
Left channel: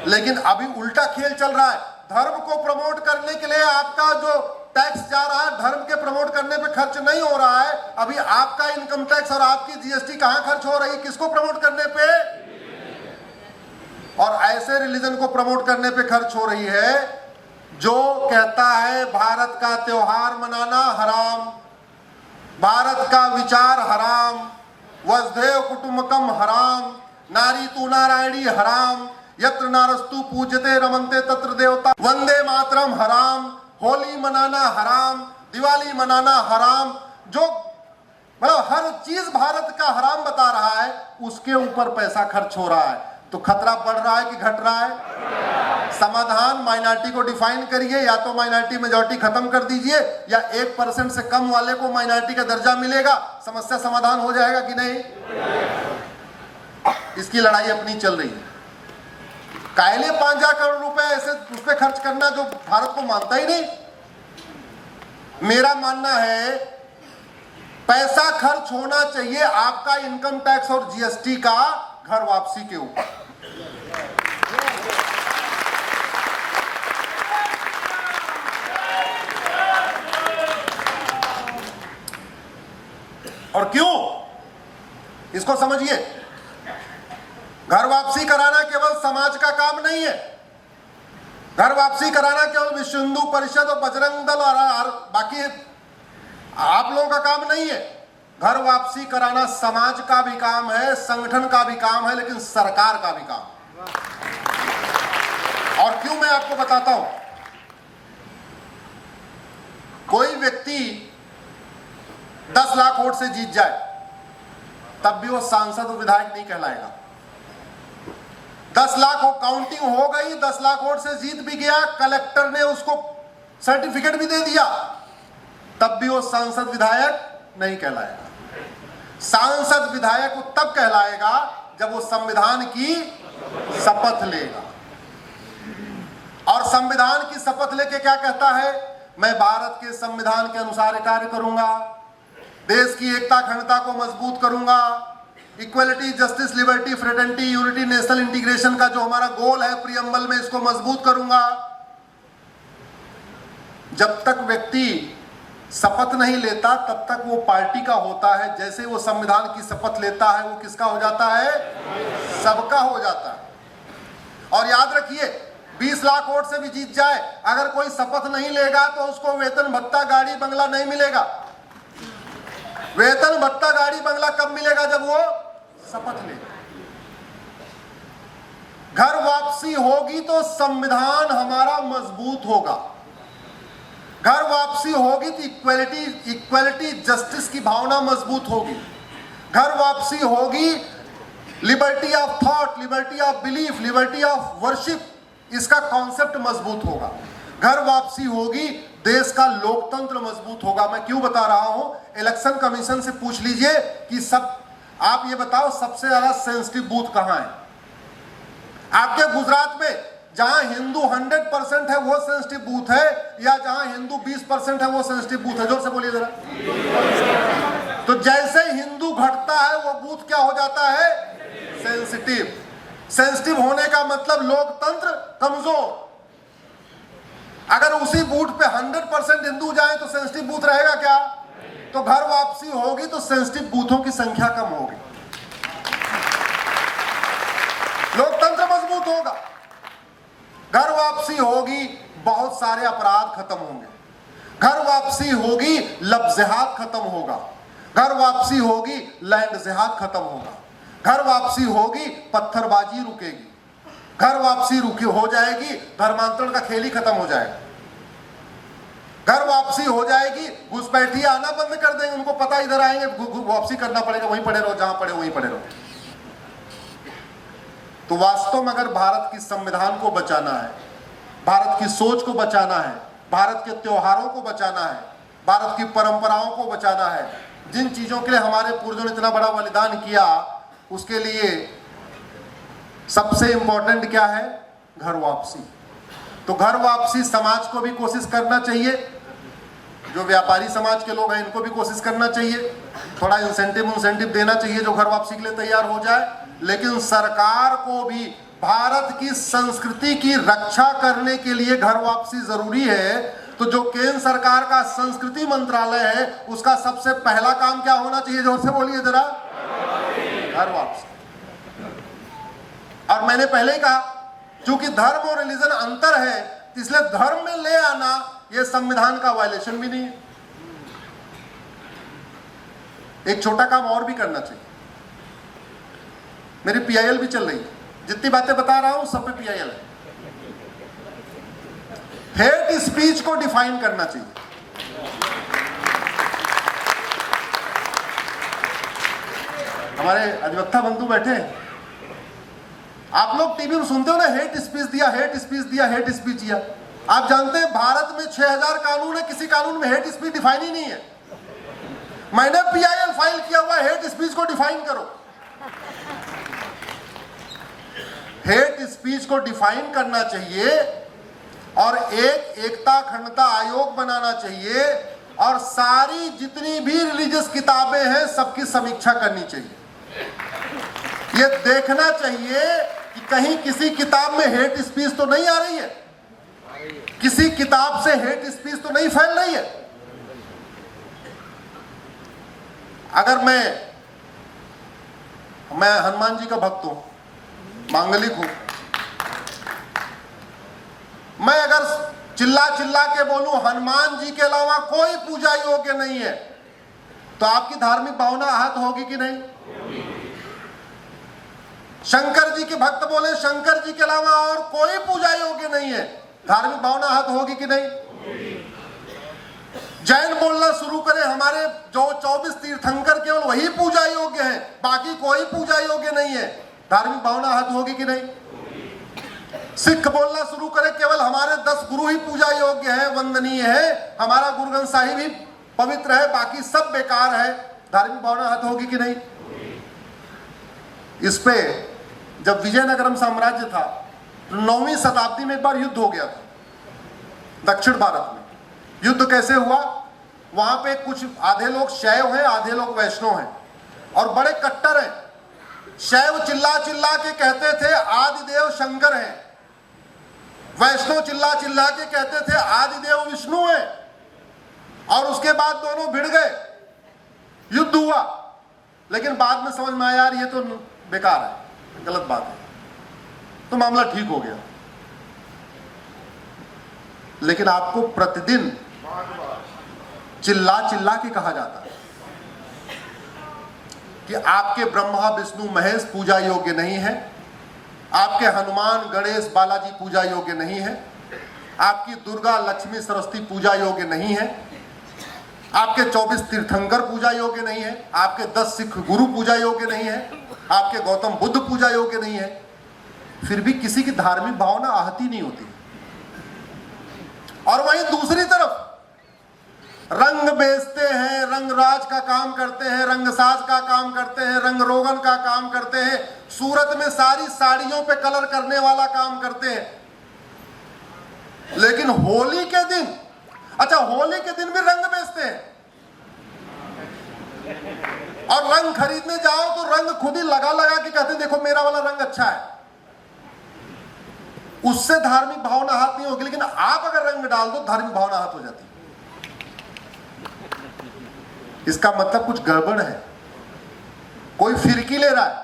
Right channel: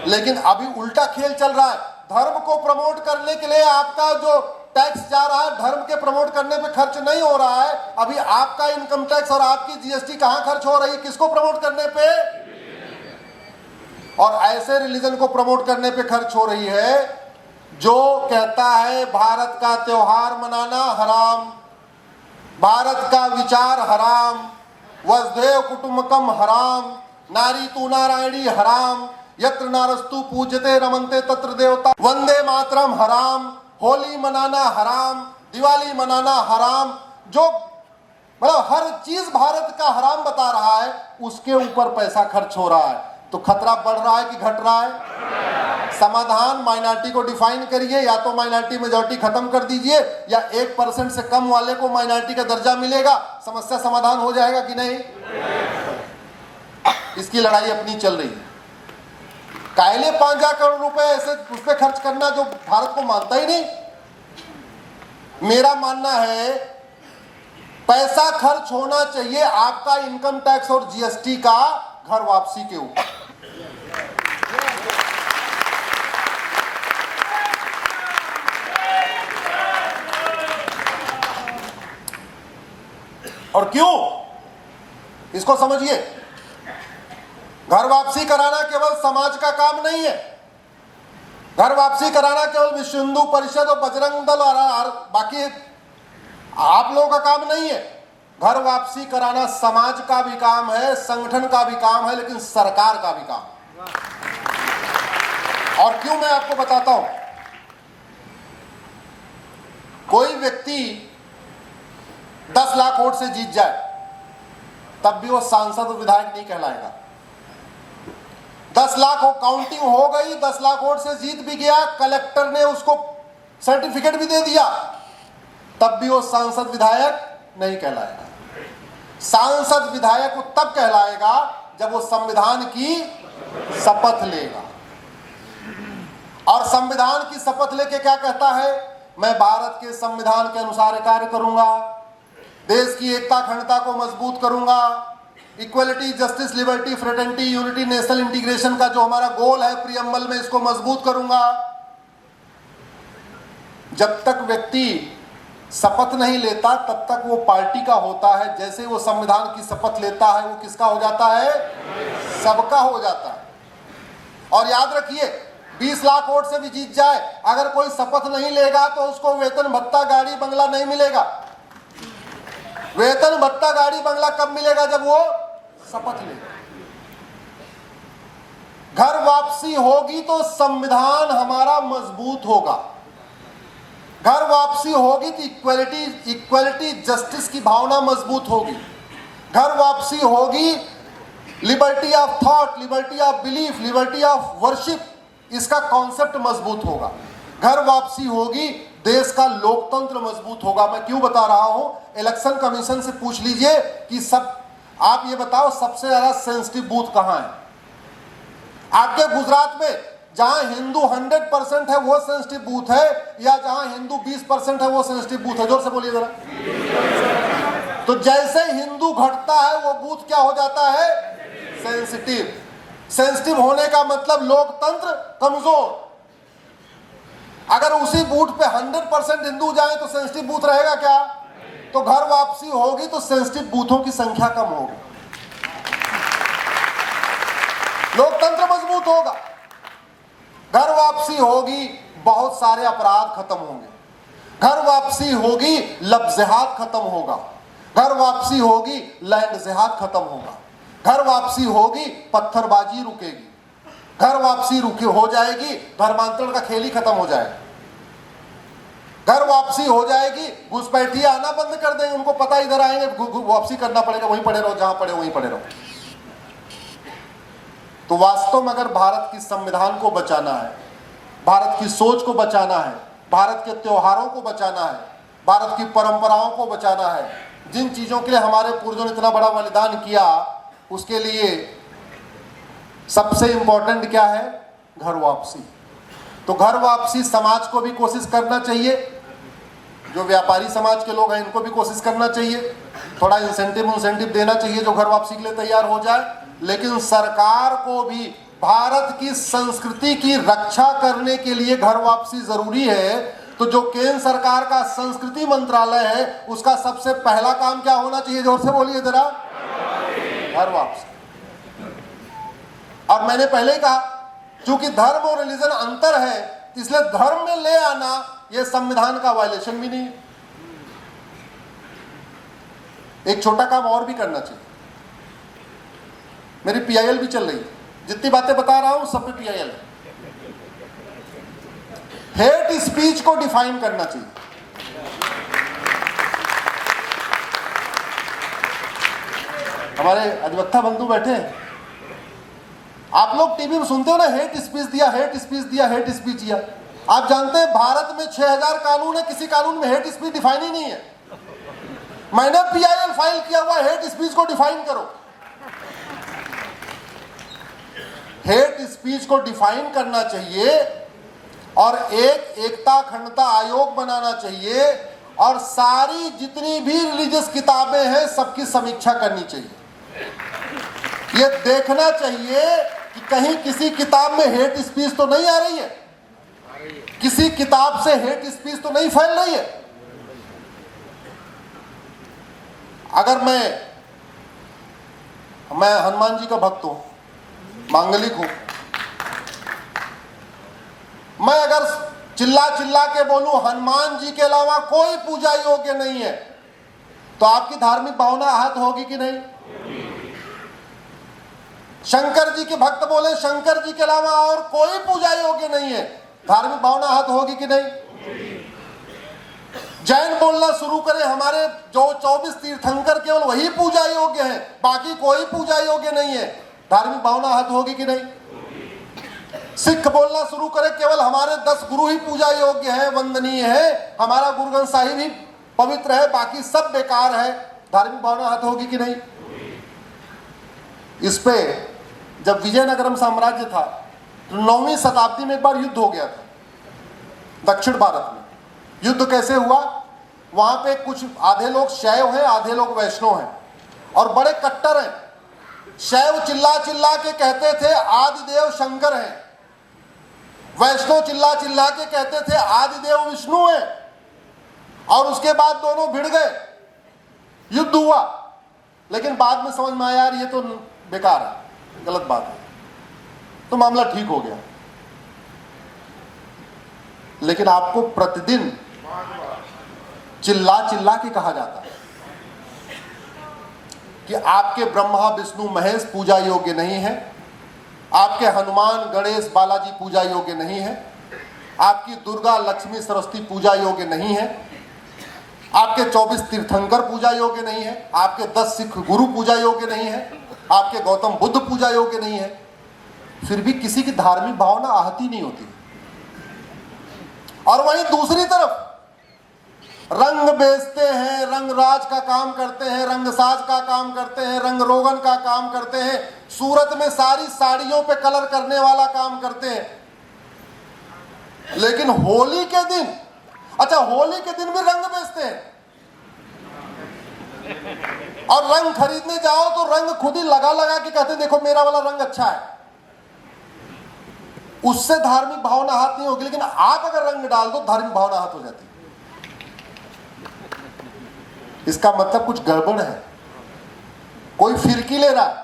लेकिन अभी उल्टा खेल चल रहा है। धर्म को प्रमोट करने के लिए आपका जो टैक्स जा रहा है, धर्म के प्रमोट करने पे खर्च नहीं हो रहा है। अभी आपका इनकम टैक्स और आपकी जीएसटी कहां खर्च हो रही है? किसको प्रमोट करने पे? और ऐसे रिलीजन को प्रमोट करने पे खर्च हो रही है जो कहता है भारत का त्योहार मनाना हराम, भारत का विचार हराम, वसुधैव कुटुंबकम हराम, नारी तू नारायणी हराम, यत्र नारस्तु पूज्यते रमन्ते तत्र देवता, वंदे मातरम हराम, होली मनाना हराम, दिवाली मनाना हराम। जो मतलब हर चीज भारत का हराम बता रहा है, उसके ऊपर पैसा खर्च हो रहा है। तो खतरा बढ़ रहा है कि घट रहा है? समाधान माइनॉरिटी को डिफाइन करिए, या तो माइनॉरिटी मेजॉरिटी खत्म कर दीजिए, या 1% से कम वाले को माइनॉरिटी का दर्जा मिलेगा, समस्या समाधान हो जाएगा कि नहीं? इसकी लड़ाई अपनी चल रही है। कायले 5,000 करोड़ रुपए ऐसे उस पर खर्च करना जो भारत को मानता ही नहीं। मेरा मानना है पैसा खर्च होना चाहिए आपका इनकम टैक्स और जीएसटी का घर वापसी के ऊपर। और क्यों? इसको समझिए। घर वापसी कराना केवल समाज का काम नहीं है। घर वापसी कराना केवल विश्व हिंदू परिषद और बजरंग दल और बाकी आप लोगों का काम नहीं है। घर वापसी कराना समाज का भी काम है, संगठन का भी काम है, लेकिन सरकार का भी काम है। और क्यों, मैं आपको बताता हूं। कोई व्यक्ति 10 लाख वोट से जीत जाए तब भी वो सांसद और विधायक नहीं कहलाएगा। 10 लाख वो काउंटिंग हो गई, 10 लाख वोट से जीत भी गया, कलेक्टर ने उसको सर्टिफिकेट भी दे दिया, तब भी वो सांसद विधायक नहीं कहलाएगा। सांसद विधायक वो तब कहलाएगा जब वो संविधान की शपथ लेगा। और संविधान की शपथ लेके क्या कहता है? मैं भारत के संविधान के अनुसार कार्य करूंगा, देश की एकता अखंडता को मजबूत करूंगा, equality, justice, liberty, fraternity, unity, national integration का जो हमारा गोल है प्रियम्बल में, इसको मजबूत करूंगा। जब तक व्यक्ति शपथ नहीं लेता तब तक वो पार्टी का होता है। जैसे वो संविधान की शपथ लेता है वो किसका हो जाता है? सबका हो जाता है। और याद रखिए, 20 लाख वोट से भी जीत जाए, अगर कोई शपथ नहीं लेगा तो उसको वेतन भत्ता, गाड़ी बंगला नहीं मिलेगा। वेतन भत्ता, गाड़ी बंगला कब मिलेगा? जब वो शपथ लेगा। घर वापसी होगी तो संविधान हमारा मजबूत होगा। घर वापसी होगी तो इक्वलिटी जस्टिस की भावना मजबूत होगी। घर वापसी होगी, liberty of thought, liberty of belief, liberty of worship, इसका कॉन्सेप्ट मजबूत होगा। घर वापसी होगी, देश का लोकतंत्र मजबूत होगा। मैं क्यों बता रहा हूं? इलेक्शन कमीशन से पूछ लीजिए कि आप ये बताओ सबसे ज्यादा सेंसिटिव बूथ कहां है? आपके गुजरात में जहां हिंदू 100% है वो सेंसिटिव बूथ है, या जहां हिंदू 20% है वो सेंसिटिव बूथ है? जोर से बोलिए जरा। तो जैसे हिंदू घटता है वो बूथ क्या हो जाता है? सेंसिटिव। सेंसिटिव होने का मतलब लोकतंत्र कमजोर। अगर उसी बूथ पे 100% हिंदू जाए तो सेंसिटिव बूथ रहेगा क्या? तो घर वापसी होगी तो सेंसिटिव बूथों की संख्या कम होगी, लोकतंत्र मजबूत होगा। घर वापसी होगी, बहुत सारे अपराध खत्म होंगे। घर वापसी होगी, लफ्ज़हात खत्म होगा। घर वापसी होगी, लैंड जिहाद खत्म होगा। घर वापसी होगी, पत्थरबाजी रुकेगी। घर वापसी हो जाएगी, धर्मांतरण का खेल ही खत्म हो जाएगा। घर वापसी हो जाएगी, घुसपैठिए आना बंद कर देंगे, उनको पता इधर आएंगे वापसी करना पड़ेगा, वहीं पड़े रहो, जहां पड़े वहीं पड़े रहो। तो वास्तव में अगर भारत की संविधान को बचाना है, भारत की सोच को बचाना है, भारत के त्योहारों को बचाना है, भारत की परंपराओं को बचाना है, जिन चीजों के लिए हमारे पूर्वजों ने इतना बड़ा बलिदान किया, उसके लिए सबसे इंपॉर्टेंट क्या है? घर वापसी। तो घर वापसी समाज को भी कोशिश करना चाहिए, जो व्यापारी समाज के लोग हैं इनको भी कोशिश करना चाहिए, थोड़ा इंसेंटिव देना चाहिए जो घर वापसी के लिए तैयार हो जाए। लेकिन सरकार को भी भारत की संस्कृति की रक्षा करने के लिए घर वापसी जरूरी है। तो जो केंद्र सरकार का संस्कृति मंत्रालय है उसका सबसे पहला काम क्या होना चाहिए? जोर से बोलिए जरा। घर वापसी। और मैंने पहले ही कहा, चूंकि धर्म और रिलीजन अंतर है, इसलिए धर्म में ले आना यह संविधान का वायलेशन भी नहीं है। एक छोटा काम और भी करना चाहिए। मेरी पीआईएल भी चल रही है, जितनी बातें बता रहा हूं सब पे पीआईएल है। हेट स्पीच को डिफाइन करना चाहिए। हमारे अधिवक्ता बंधु बैठे हैं, आप लोग टीवी में सुनते हो ना, हेट स्पीच दिया, हेट स्पीच दिया, हेट स्पीच दिया। आप जानते हैं भारत में 6000 कानून है, किसी कानून में हेट स्पीच डिफाइन ही नहीं है। मैंने पीआईएल फाइल किया हुआ, हेट स्पीच को डिफाइन करो। हेट स्पीच को डिफाइन करना चाहिए और एक एकता अखंडता आयोग बनाना चाहिए और सारी जितनी भी रिलीजियस किताबें हैं सबकी समीक्षा करनी चाहिए। यह देखना चाहिए कि कहीं किसी किताब में हेट स्पीच तो नहीं आ रही है, किसी किताब से हेट स्पीच तो नहीं फैल रही है। अगर मैं हनुमान जी का भक्त हूं, मांगलिक हूं, मैं अगर चिल्ला चिल्ला के बोलूं हनुमान जी के अलावा कोई पूजा योग्य नहीं है, तो आपकी धार्मिक भावना आहत होगी कि नहीं? शंकर जी के भक्त बोले शंकर जी के अलावा और कोई पूजा योग्य नहीं है, धार्मिक भावना आहत होगी कि नहीं? जैन बोलना शुरू करें हमारे जो 24 तीर्थंकर केवल वही पूजा योग्य है, बाकी कोई पूजा योग्य नहीं है, धार्मिक भावना आहत होगी कि नहीं? सिख बोलना शुरू करे केवल हमारे 10 गुरु ही पूजा योग्य है, वंदनीय है, हमारा गुरु ग्रंथ साहिब ही पवित्र है, बाकी सब बेकार है, धार्मिक भावना हत होगी कि नहीं? इस पे जब विजयनगरम साम्राज्य था तो 9वीं शताब्दी में एक बार युद्ध हो गया था दक्षिण भारत में। युद्ध कैसे हुआ? वहां पे कुछ आधे लोग शैव हैं, आधे लोग वैष्णव हैं और बड़े कट्टर हैं। शैव चिल्ला चिल्ला के कहते थे आदिदेव शंकर हैं, वैष्णव चिल्ला चिल्ला के कहते थे आदिदेव विष्णु हैं, और उसके बाद दोनों भिड़ गए, युद्ध हुआ। लेकिन बाद में समझ में आया यार ये तो बेकार है, गलत बात है, तो मामला ठीक हो गया। लेकिन आपको प्रतिदिन चिल्ला चिल्ला के कहा जाता है कि आपके ब्रह्मा विष्णु महेश पूजा योग्य नहीं है, आपके हनुमान गणेश बालाजी पूजा योग्य नहीं है, आपकी दुर्गा लक्ष्मी सरस्वती पूजा योग्य नहीं है, आपके 24 तीर्थंकर पूजा योग्य नहीं है, आपके 10 सिख गुरु पूजा योग्य नहीं है, आपके गौतम बुद्ध पूजा योग्य नहीं है। फिर भी किसी की धार्मिक भावना आहति नहीं होती। और वहीं दूसरी तरफ रंग बेचते हैं, रंग राज का काम करते हैं, रंग साज का काम करते हैं, रंग रोगन का काम करते हैं, सूरत में सारी साड़ियों पे कलर करने वाला काम करते हैं। लेकिन होली के दिन, अच्छा होली के दिन भी रंग बेचते हैं, और रंग खरीदने जाओ तो रंग खुद ही लगा लगा के कहते हैं देखो मेरा वाला रंग अच्छा है। उससे धार्मिक भावना हाथ नहीं होगी, लेकिन आप अगर रंग डाल दो धार्मिक भावना हाथ हो जाती है। इसका मतलब कुछ गड़बड़ है। कोई फिरकी ले रहा है,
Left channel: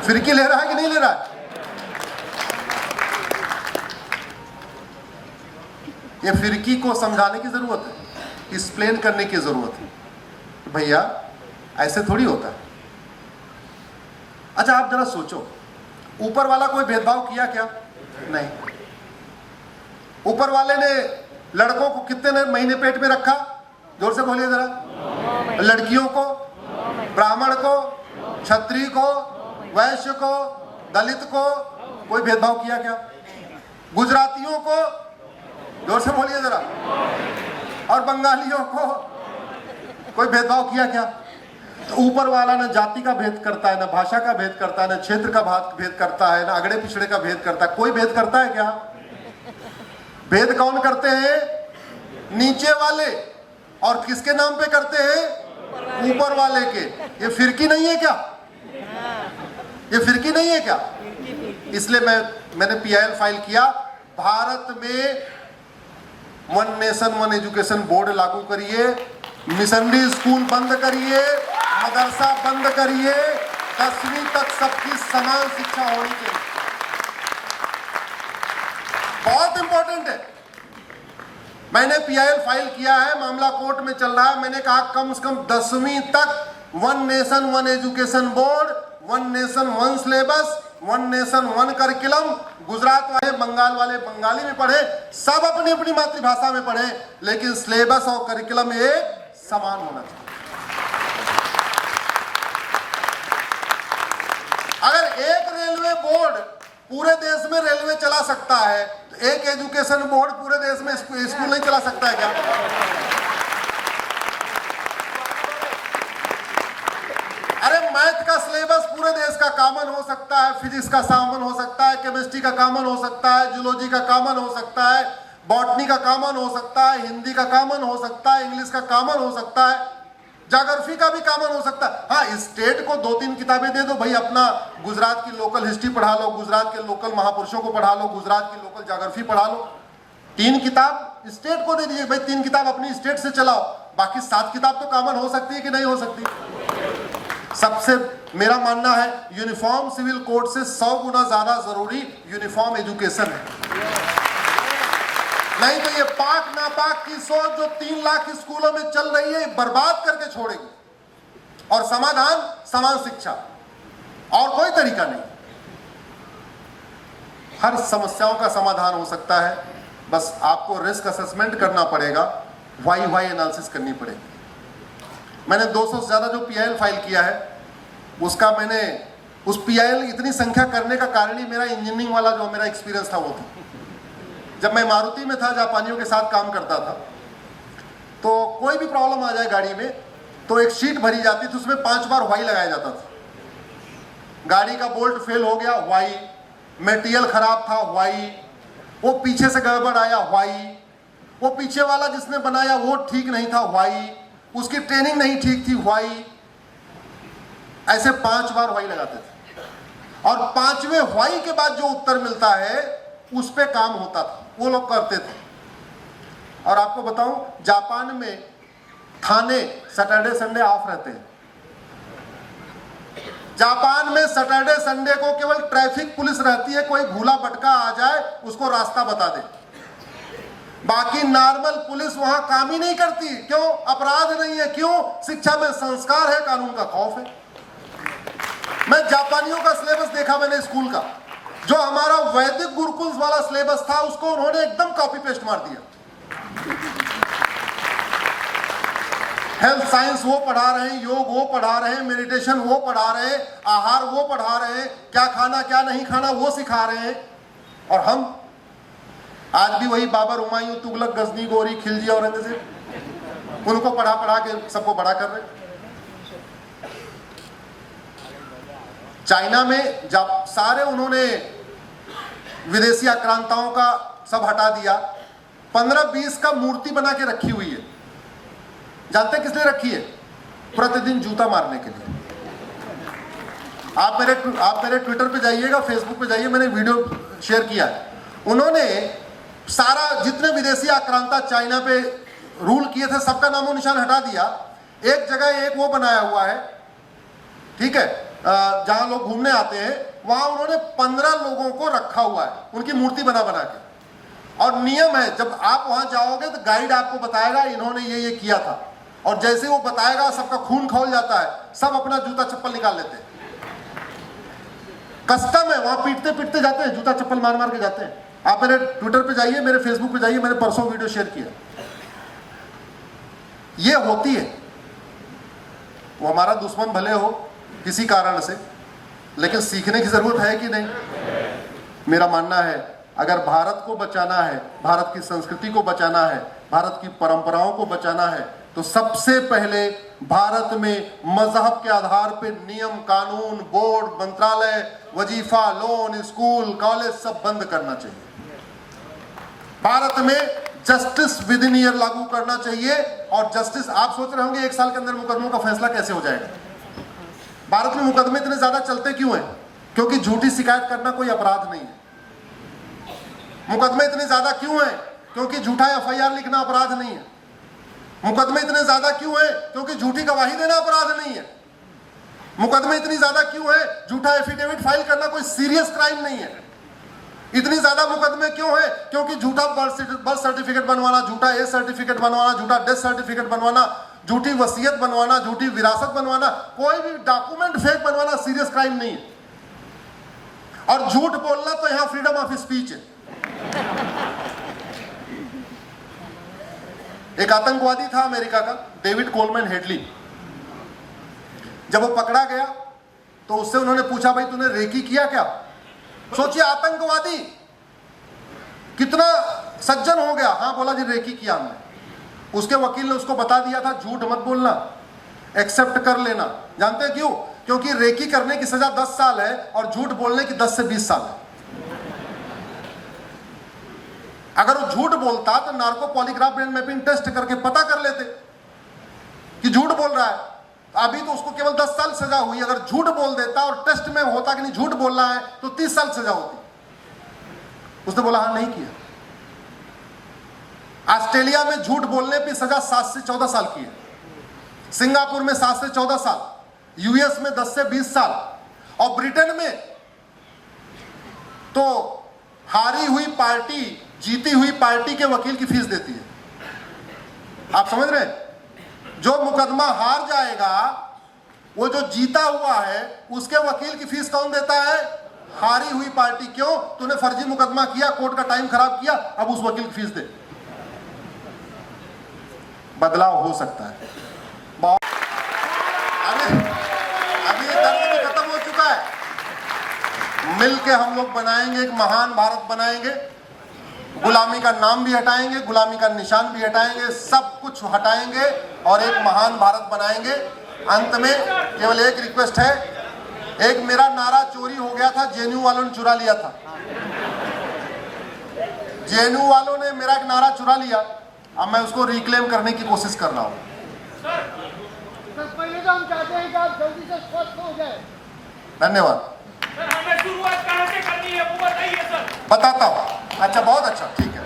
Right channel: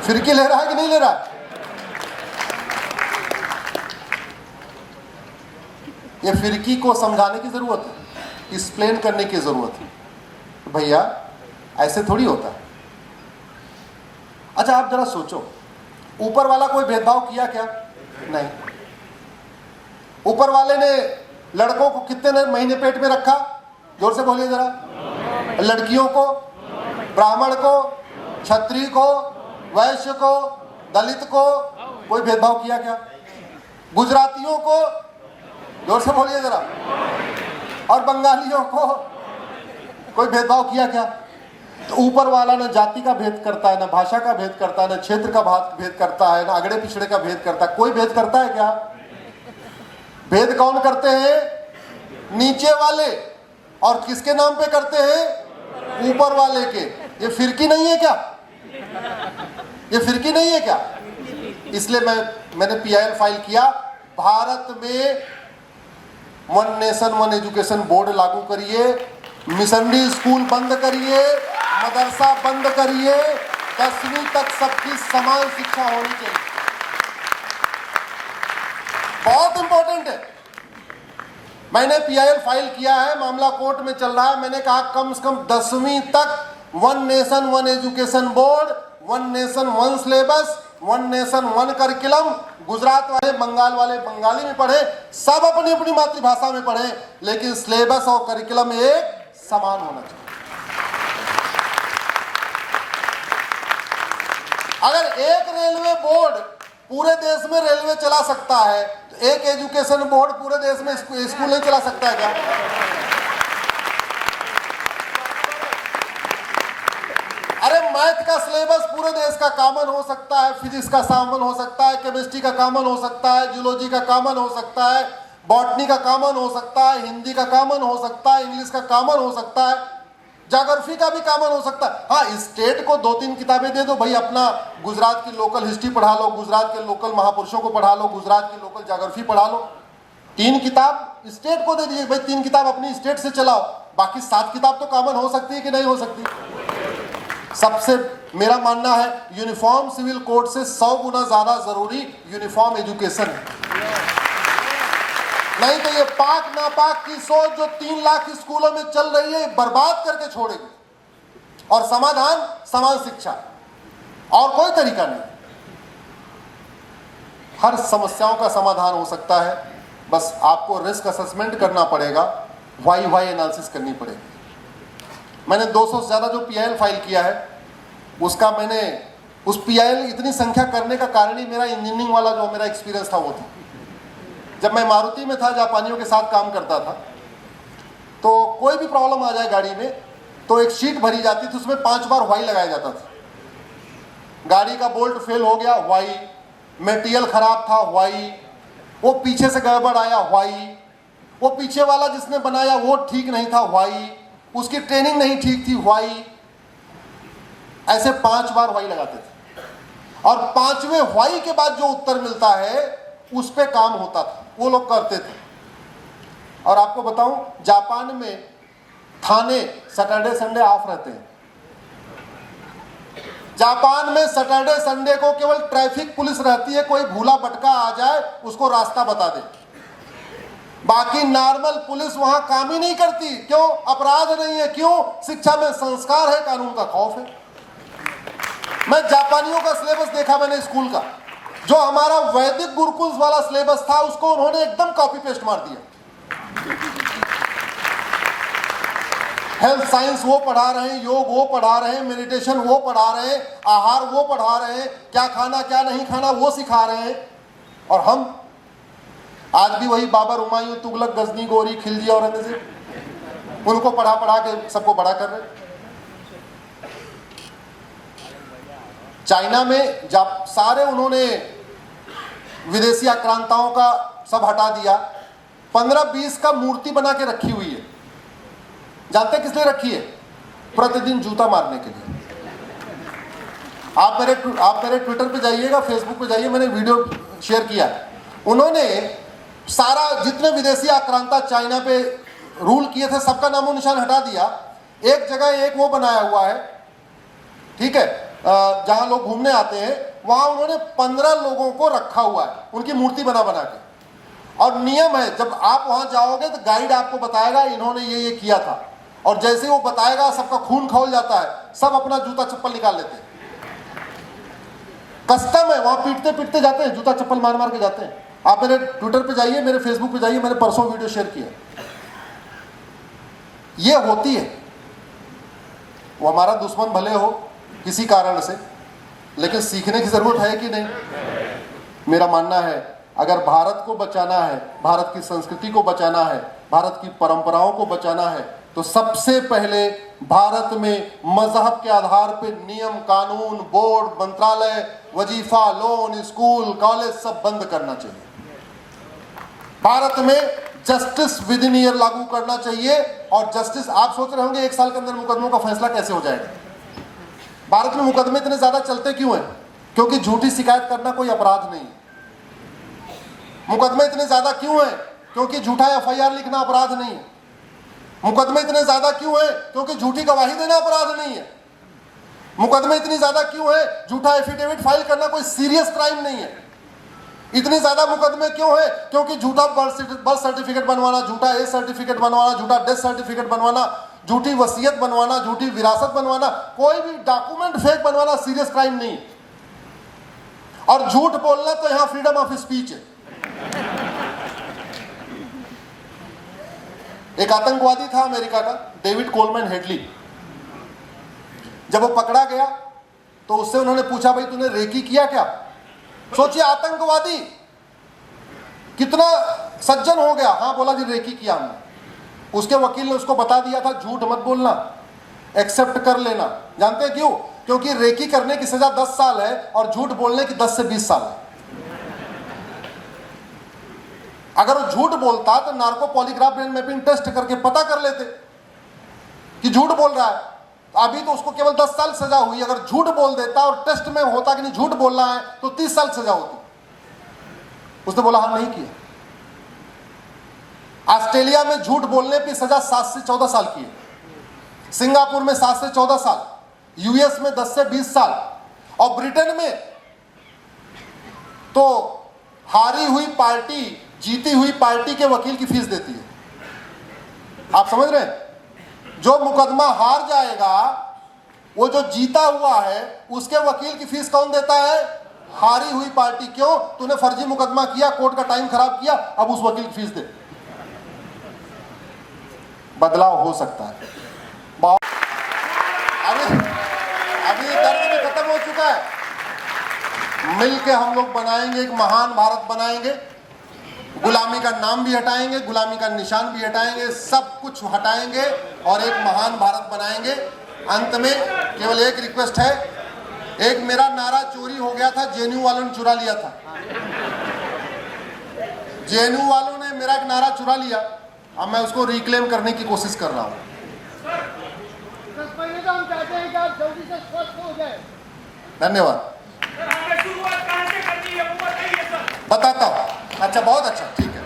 फिरकी ले रहा है कि नहीं ले रहा है? ये फिरकी को समझाने की जरूरत है, एक्सप्लेन करने की जरूरत है। भैया ऐसे थोड़ी होता है। अच्छा आप जरा सोचो, ऊपर वाला कोई भेदभाव किया क्या? नहीं। ऊपर वाले ने लड़कों को कितने महीने पेट में रखा? जोर से बोलिए जरा। लड़कियों को, ब्राह्मण को, क्षत्रिय को, वैश्य को, दलित को कोई भेदभाव किया क्या? गुजरातियों को, जोर से बोलिए जरा, और बंगालियों को कोई भेदभाव किया क्या? तो ऊपर वाला न जाति का भेद करता है, न भाषा का भेद करता है, न क्षेत्र का भेद करता है, न अगड़े पिछड़े का भेद करता है। कोई भेद करता है क्या? भेद कौन करते हैं? नीचे वाले। और किसके नाम पे करते हैं? ऊपर वाले के। ये फिरकी नहीं है क्या? ये फिरकी नहीं है क्या? इसलिए मैंने PIL फाइल किया। भारत में 1 नेशन 1 एजुकेशन बोर्ड लागू करिए, मिशनरी स्कूल बंद करिए, मदरसा बंद करिए, 10वीं तक सबकी समान शिक्षा होनी चाहिए। बहुत इंपॉर्टेंट है। मैंने PIL फाइल किया है, मामला कोर्ट में चल रहा है। मैंने कहा कम से कम 10वीं तक 1 nation 1 education board, 1 nation 1 syllabus, 1 nation 1 curriculum. Gujarat वाले, बंगाल वाले बंगाली में पढ़े, सब अपनी अपनी मातृभाषा में पढ़े, लेकिन सिलेबस और करिकुलम एक समान होना चाहिए। अगर एक रेलवे बोर्ड पूरे देश में रेलवे चला सकता है तो एक एजुकेशन बोर्ड पूरे देश में स्कूल नहीं चला सकता है क्या? अरे मैथ का सिलेबस पूरे देश का कॉमन हो सकता है, फिजिक्स का कॉमन हो सकता है, केमिस्ट्री का कॉमन हो सकता है, जूलॉजी का कॉमन हो सकता है, बॉटनी का कॉमन हो सकता है, हिंदी का कॉमन हो सकता है, इंग्लिश का कॉमन हो सकता है, ज्योग्राफी का भी कॉमन हो सकता है। हाँ, स्टेट को 2-3 किताबें दे दो भाई, अपना गुजरात की लोकल हिस्ट्री पढ़ा लो, गुजरात के लोकल महापुरुषों को पढ़ा लो, गुजरात की लोकल ज्योग्राफी पढ़ा लो। 3 किताब स्टेट को दे दीजिए भाई, 3 किताब अपनी स्टेट से चलाओ, बाकी 7 किताब तो कॉमन हो सकती है कि नहीं हो सकती? सबसे मेरा मानना है यूनिफॉर्म सिविल कोड से 100 गुना ज्यादा जरूरी यूनिफॉर्म एजुकेशन है। नहीं तो ये पाक नापाक की सोच जो 3 लाख स्कूलों में चल रही है, बर्बाद करके छोड़ेगी। और समाधान समान शिक्षा, और कोई तरीका नहीं। हर समस्याओं का समाधान हो सकता है, बस आपको रिस्क असेसमेंट करना पड़ेगा, वाई एनालिसिस करनी पड़ेगी। मैंने 200 से ज्यादा जो PIL फाइल किया है, उसका मैंने उस PIL इतनी संख्या करने का कारण ही मेरा इंजीनियरिंग वाला जो मेरा एक्सपीरियंस था वो था। जब मैं मारुति में था, जापानियों के साथ काम करता था, तो कोई भी प्रॉब्लम आ जाए गाड़ी में तो एक शीट भरी जाती थी, उसमें 5 बार वाई लगाया जाता था। गाड़ी का बोल्ट फेल हो गया, वाई, मेटेरियल खराब था, वाई, वो पीछे से गड़बड़ आया, वाई, वो पीछे वाला जिसने बनाया वो ठीक नहीं था, वाई, उसकी ट्रेनिंग नहीं ठीक थी, वाई। ऐसे 5 बार वाई लगाते थे और 5वें वाई के बाद जो उत्तर मिलता है उस पे काम होता था, वो लोग करते थे। और आपको बताऊं, जापान में थाने सैटरडे संडे ऑफ रहते हैं। जापान में सैटरडे संडे को केवल ट्रैफिक पुलिस रहती है, कोई भूला भटका आ जाए उसको रास्ता बता दे। बाकी नॉर्मल पुलिस वहां काम ही नहीं करती। क्यों? अपराध नहीं है। क्यों? शिक्षा में संस्कार है, कानून का खौफ है। मैं जापानियों का सिलेबस देखा मैंने स्कूल का, जो हमारा वैदिक गुरुकुल वाला सिलेबस था उसको उन्होंने एकदम कॉपी पेस्ट मार दिया। हेल्थ साइंस वो पढ़ा रहे हैं, योग वो पढ़ा रहे हैं, मेडिटेशन वो पढ़ा रहे हैं, आहार वो पढ़ा रहे हैं, क्या खाना क्या नहीं खाना वो सिखा रहे हैं। और हम आज भी वही बाबर, हुमायूं, तुगलक, गजनी, गोरी, खिलजी और औरंगजेब, उनको पढ़ा पढ़ा के सबको बड़ा कर रहे हैं। चाइना में जब सारे उन्होंने विदेशी आक्रांताओं का सब हटा दिया, 15-20 का मूर्ति बना के रखी हुई है। जानते किस लिए रखी है? प्रतिदिन जूता मारने के लिए। आप मेरे ट्विटर पे जाइएगा, फेसबुक पे जाइए, मैंने वीडियो शेयर किया है। उन्होंने सारा जितने विदेशी आक्रांता चाइना पे रूल किए थे सबका नामो निशान हटा दिया। एक जगह एक वो बनाया हुआ है, ठीक है, जहां लोग घूमने आते हैं, वहां उन्होंने 15 लोगों को रखा हुआ है, उनकी मूर्ति बना बना के। और नियम है, जब आप वहां जाओगे तो गाइड आपको बताएगा इन्होंने ये किया था, और जैसे वो बताएगा सबका खून खौल जाता है, सब अपना जूता चप्पल निकाल लेते हैं। कस्टम है, वहां पीटते पीटते जाते हैं, जूता चप्पल मार मार के जाते हैं। आप मेरे ट्विटर पे जाइए, मेरे फेसबुक पे जाइए, मैंने परसों वीडियो शेयर किया। ये होती है, वो हमारा दुश्मन भले हो किसी कारण से, लेकिन सीखने की जरूरत है कि नहीं? मेरा मानना है, अगर भारत को बचाना है, भारत की संस्कृति को बचाना है, भारत की परंपराओं को बचाना है, तो सबसे पहले भारत में मजहब के आधार पर नियम, कानून, बोर्ड, मंत्रालय, वजीफा, लोन, स्कूल, कॉलेज सब बंद करना चाहिए। भारत में जस्टिस विद इन ईयर लागू करना चाहिए। और जस्टिस, आप सोच रहे होंगे 1 साल के अंदर मुकदमों का फैसला कैसे हो जाएगा? भारत में मुकदमे इतने ज्यादा चलते क्यों हैं? क्योंकि झूठी शिकायत करना कोई अपराध नहीं है। मुकदमे इतने ज्यादा क्यों हैं? क्योंकि झूठा एफआईआर लिखना अपराध नहीं है। मुकदमे इतने ज्यादा क्यों हैं? क्योंकि झूठी गवाही देना अपराध नहीं है। मुकदमे इतनी ज्यादा क्यों है? झूठा एफिडेविट फाइल करना कोई सीरियस क्राइम नहीं है। इतनी ज्यादा मुकदमे क्यों है? क्योंकि झूठा बर्थ सर्टिफिकेट बनवाना, झूठा एज सर्टिफिकेट बनवाना, झूठा डेथ सर्टिफिकेट बनवाना, झूठी वसीयत बनवाना, झूठी विरासत बनवाना, कोई भी डॉक्यूमेंट फेक बनवाना सीरियस क्राइम नहीं है। और झूठ बोलना तो यहां फ्रीडम ऑफ स्पीच है। एक आतंकवादी था अमेरिका का, डेविड कोलमैन हेडली। जब वो पकड़ा गया तो उससे उन्होंने पूछा, भाई तूने रेकी किया क्या? सोचिए, आतंकवादी कितना सज्जन हो गया। हाँ बोला जी, रेकी किया हमने। उसके वकील ने उसको बता दिया था, झूठ मत बोलना, एक्सेप्ट कर लेना। जानते हैं क्यों? क्योंकि रेकी करने की सजा 10 साल है और झूठ बोलने की 10 से 20 साल है। अगर वो झूठ बोलता तो narco polygraph brain mapping test करके पता कर लेते कि झूठ बोल रहा है। अभी तो उसको केवल 10 साल सजा हुई। अगर झूठ बोल देता और टेस्ट में होता कि नहीं झूठ बोल रहा है तो 30 साल सजा होती। उसने बोला हाँ, नहीं किया। ऑस्ट्रेलिया में झूठ बोलने की सजा 7 से 14 साल की है। सिंगापुर में 7 से 14 साल, यूएस में 10 से 20 साल, और ब्रिटेन में तो हारी हुई पार्टी जीती हुई पार्टी के वकील की फीस देती है। आप समझ रहे हैं? जो मुकदमा हार जाएगा, वो जो जीता हुआ है उसके वकील की फीस कौन देता है? हारी हुई पार्टी। क्यों? तूने फर्जी मुकदमा किया, कोर्ट का टाइम खराब किया, अब उस वकील की फीस दे। बदलाव हो सकता है। अभी दर्द में खत्म हो चुका है। मिलके हम लोग बनाएंगे, एक महान भारत बनाएंगे। गुलामी का नाम भी हटाएंगे, गुलामी का निशान भी हटाएंगे, सब कुछ हटाएंगे और एक महान भारत बनाएंगे। अंत में केवल एक रिक्वेस्ट है, एक मेरा नारा चोरी हो गया था, जेएनयू वालों ने चुरा लिया था। जेएनयू वालों ने मेरा एक नारा चुरा लिया, अब मैं उसको रिक्लेम करने की कोशिश कर रहा हूं। पहले तो हम चाहते हैं कि आप जल्दी से स्वस्थ हो जाए। धन्यवाद। बताता हूं। अच्छा, बहुत अच्छा, ठीक है।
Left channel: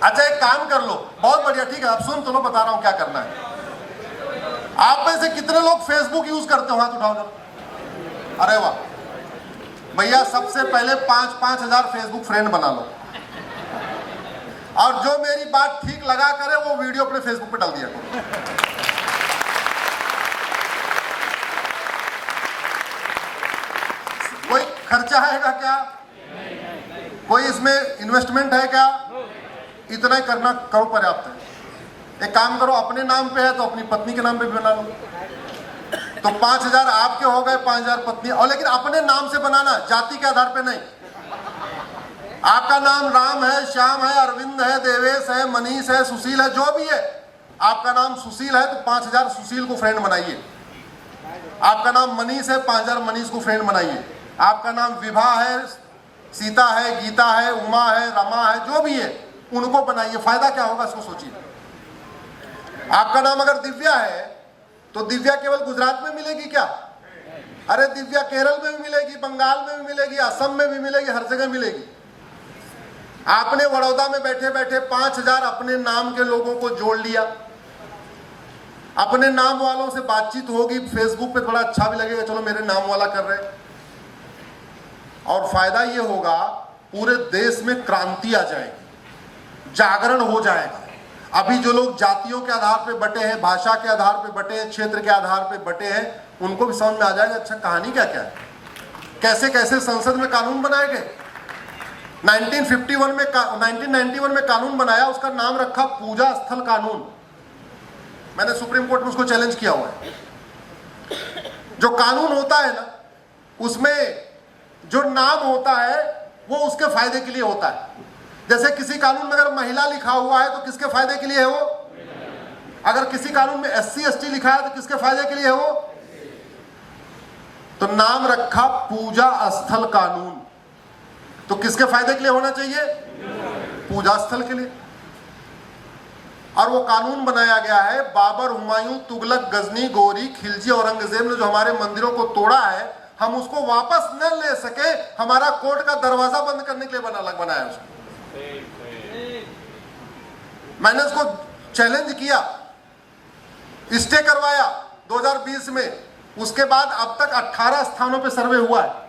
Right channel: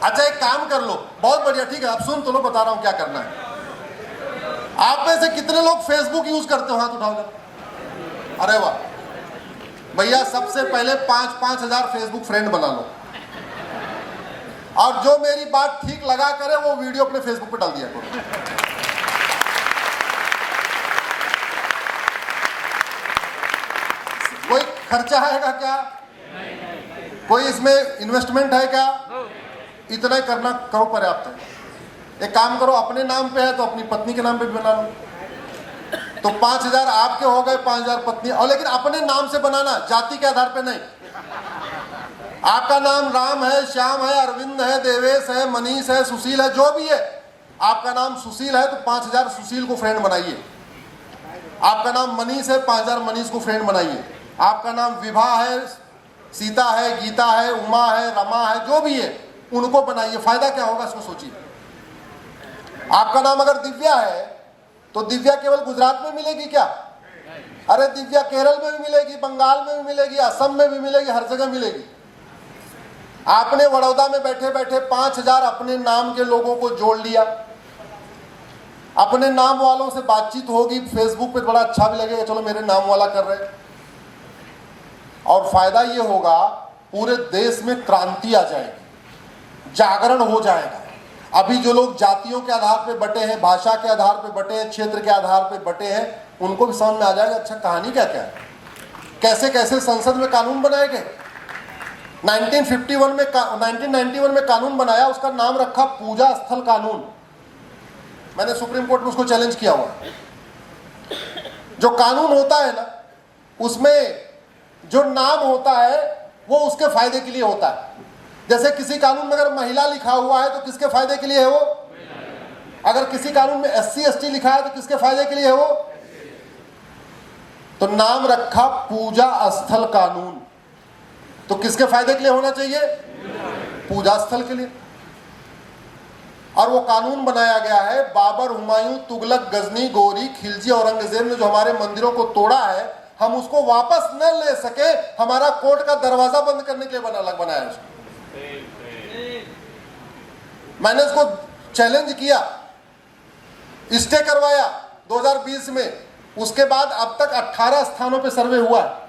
अच्छा, एक काम कर लो, बहुत बढ़िया, ठीक है, आप सुन तो लो, बता रहा हूं क्या करना है। आप में से कितने लोग फेसबुक यूज करते हो? हाथ उठाओ ना। अरे वाह भैया, सबसे पहले 5-5 हजार फेसबुक फ्रेंड बना लो, और जो मेरी बात ठीक लगा करे वो वीडियो अपने फेसबुक पे डाल दिया करो। कोई खर्चा आएगा क्या? कोई इसमें इन्वेस्टमेंट है क्या? इतना ही करना करो, पर्याप्त है। एक काम करो, अपने नाम पे है तो अपनी पत्नी के नाम पे भी बना लो, तो 5,000 आपके हो गए, 5,000 पत्नी। और लेकिन अपने नाम से बनाना, जाति के आधार पे नहीं। आपका नाम राम है, श्याम है, अरविंद है, देवेश है, मनीष है, सुशील है, जो भी है, आपका नाम सुशील है तो 5,000 सुशील को फ्रेंड बनाइए। आपका नाम मनीष है, 5,000 मनीष को फ्रेंड बनाइए। आपका नाम विभा है, सीता है, गीता है, उमा है, रमा है, जो भी है उनको बनाइए। फायदा क्या होगा इसको सोचिए। आपका नाम अगर दिव्या है तो दिव्या केवल गुजरात में मिलेगी क्या? अरे दिव्या केरल में भी मिलेगी, बंगाल में भी मिलेगी, असम में भी मिलेगी, हर जगह मिलेगी। आपने बड़ौदा में बैठे बैठे 5,000 अपने नाम के लोगों को जोड़ लिया, अपने नाम वालों से बातचीत होगी, फेसबुक पे थोड़ा अच्छा भी लगेगा, चलो मेरे नाम वाला कर रहे हैं। और फायदा ये होगा, पूरे देश में क्रांति आ जाएगी, जागरण हो जाएगा। अभी जो लोग जातियों के आधार पे बटे हैं, भाषा के आधार पे बटे हैं, क्षेत्र के आधार पे बटे हैं, उनको भी समझ में आ जाएगा अच्छा कहानी क्या क्या है, कैसे कैसे संसद में कानून बनाए गए। 1991 में कानून बनाया, उसका नाम रखा पूजा स्थल कानून। मैंने सुप्रीम कोर्ट में उसको चैलेंज किया हुआ है। जो कानून होता है ना, उसमें जो नाम होता है वो उसके फायदे के लिए होता है। जैसे किसी कानून में अगर महिला लिखा हुआ है तो किसके फायदे के लिए है वो? अगर किसी कानून में SC ST लिखा है तो किसके फायदे के लिए है वो? तो नाम रखा पूजा स्थल कानून, तो किसके फायदे के लिए होना चाहिए? पूजा स्थल के लिए। और वो कानून बनाया गया है, बाबर, हुमायूं, तुगलक, गजनी, गोरी, खिलजी, औरंगजेब ने जो हमारे मंदिरों को तोड़ा है, हम उसको वापस न ले सके, हमारा कोर्ट का दरवाजा बंद करने के लिए बनाया उसको। मैंने उसको चैलेंज किया, स्टे करवाया 2020 में, उसके बाद अब तक 18 स्थानों पे सर्वे हुआ है।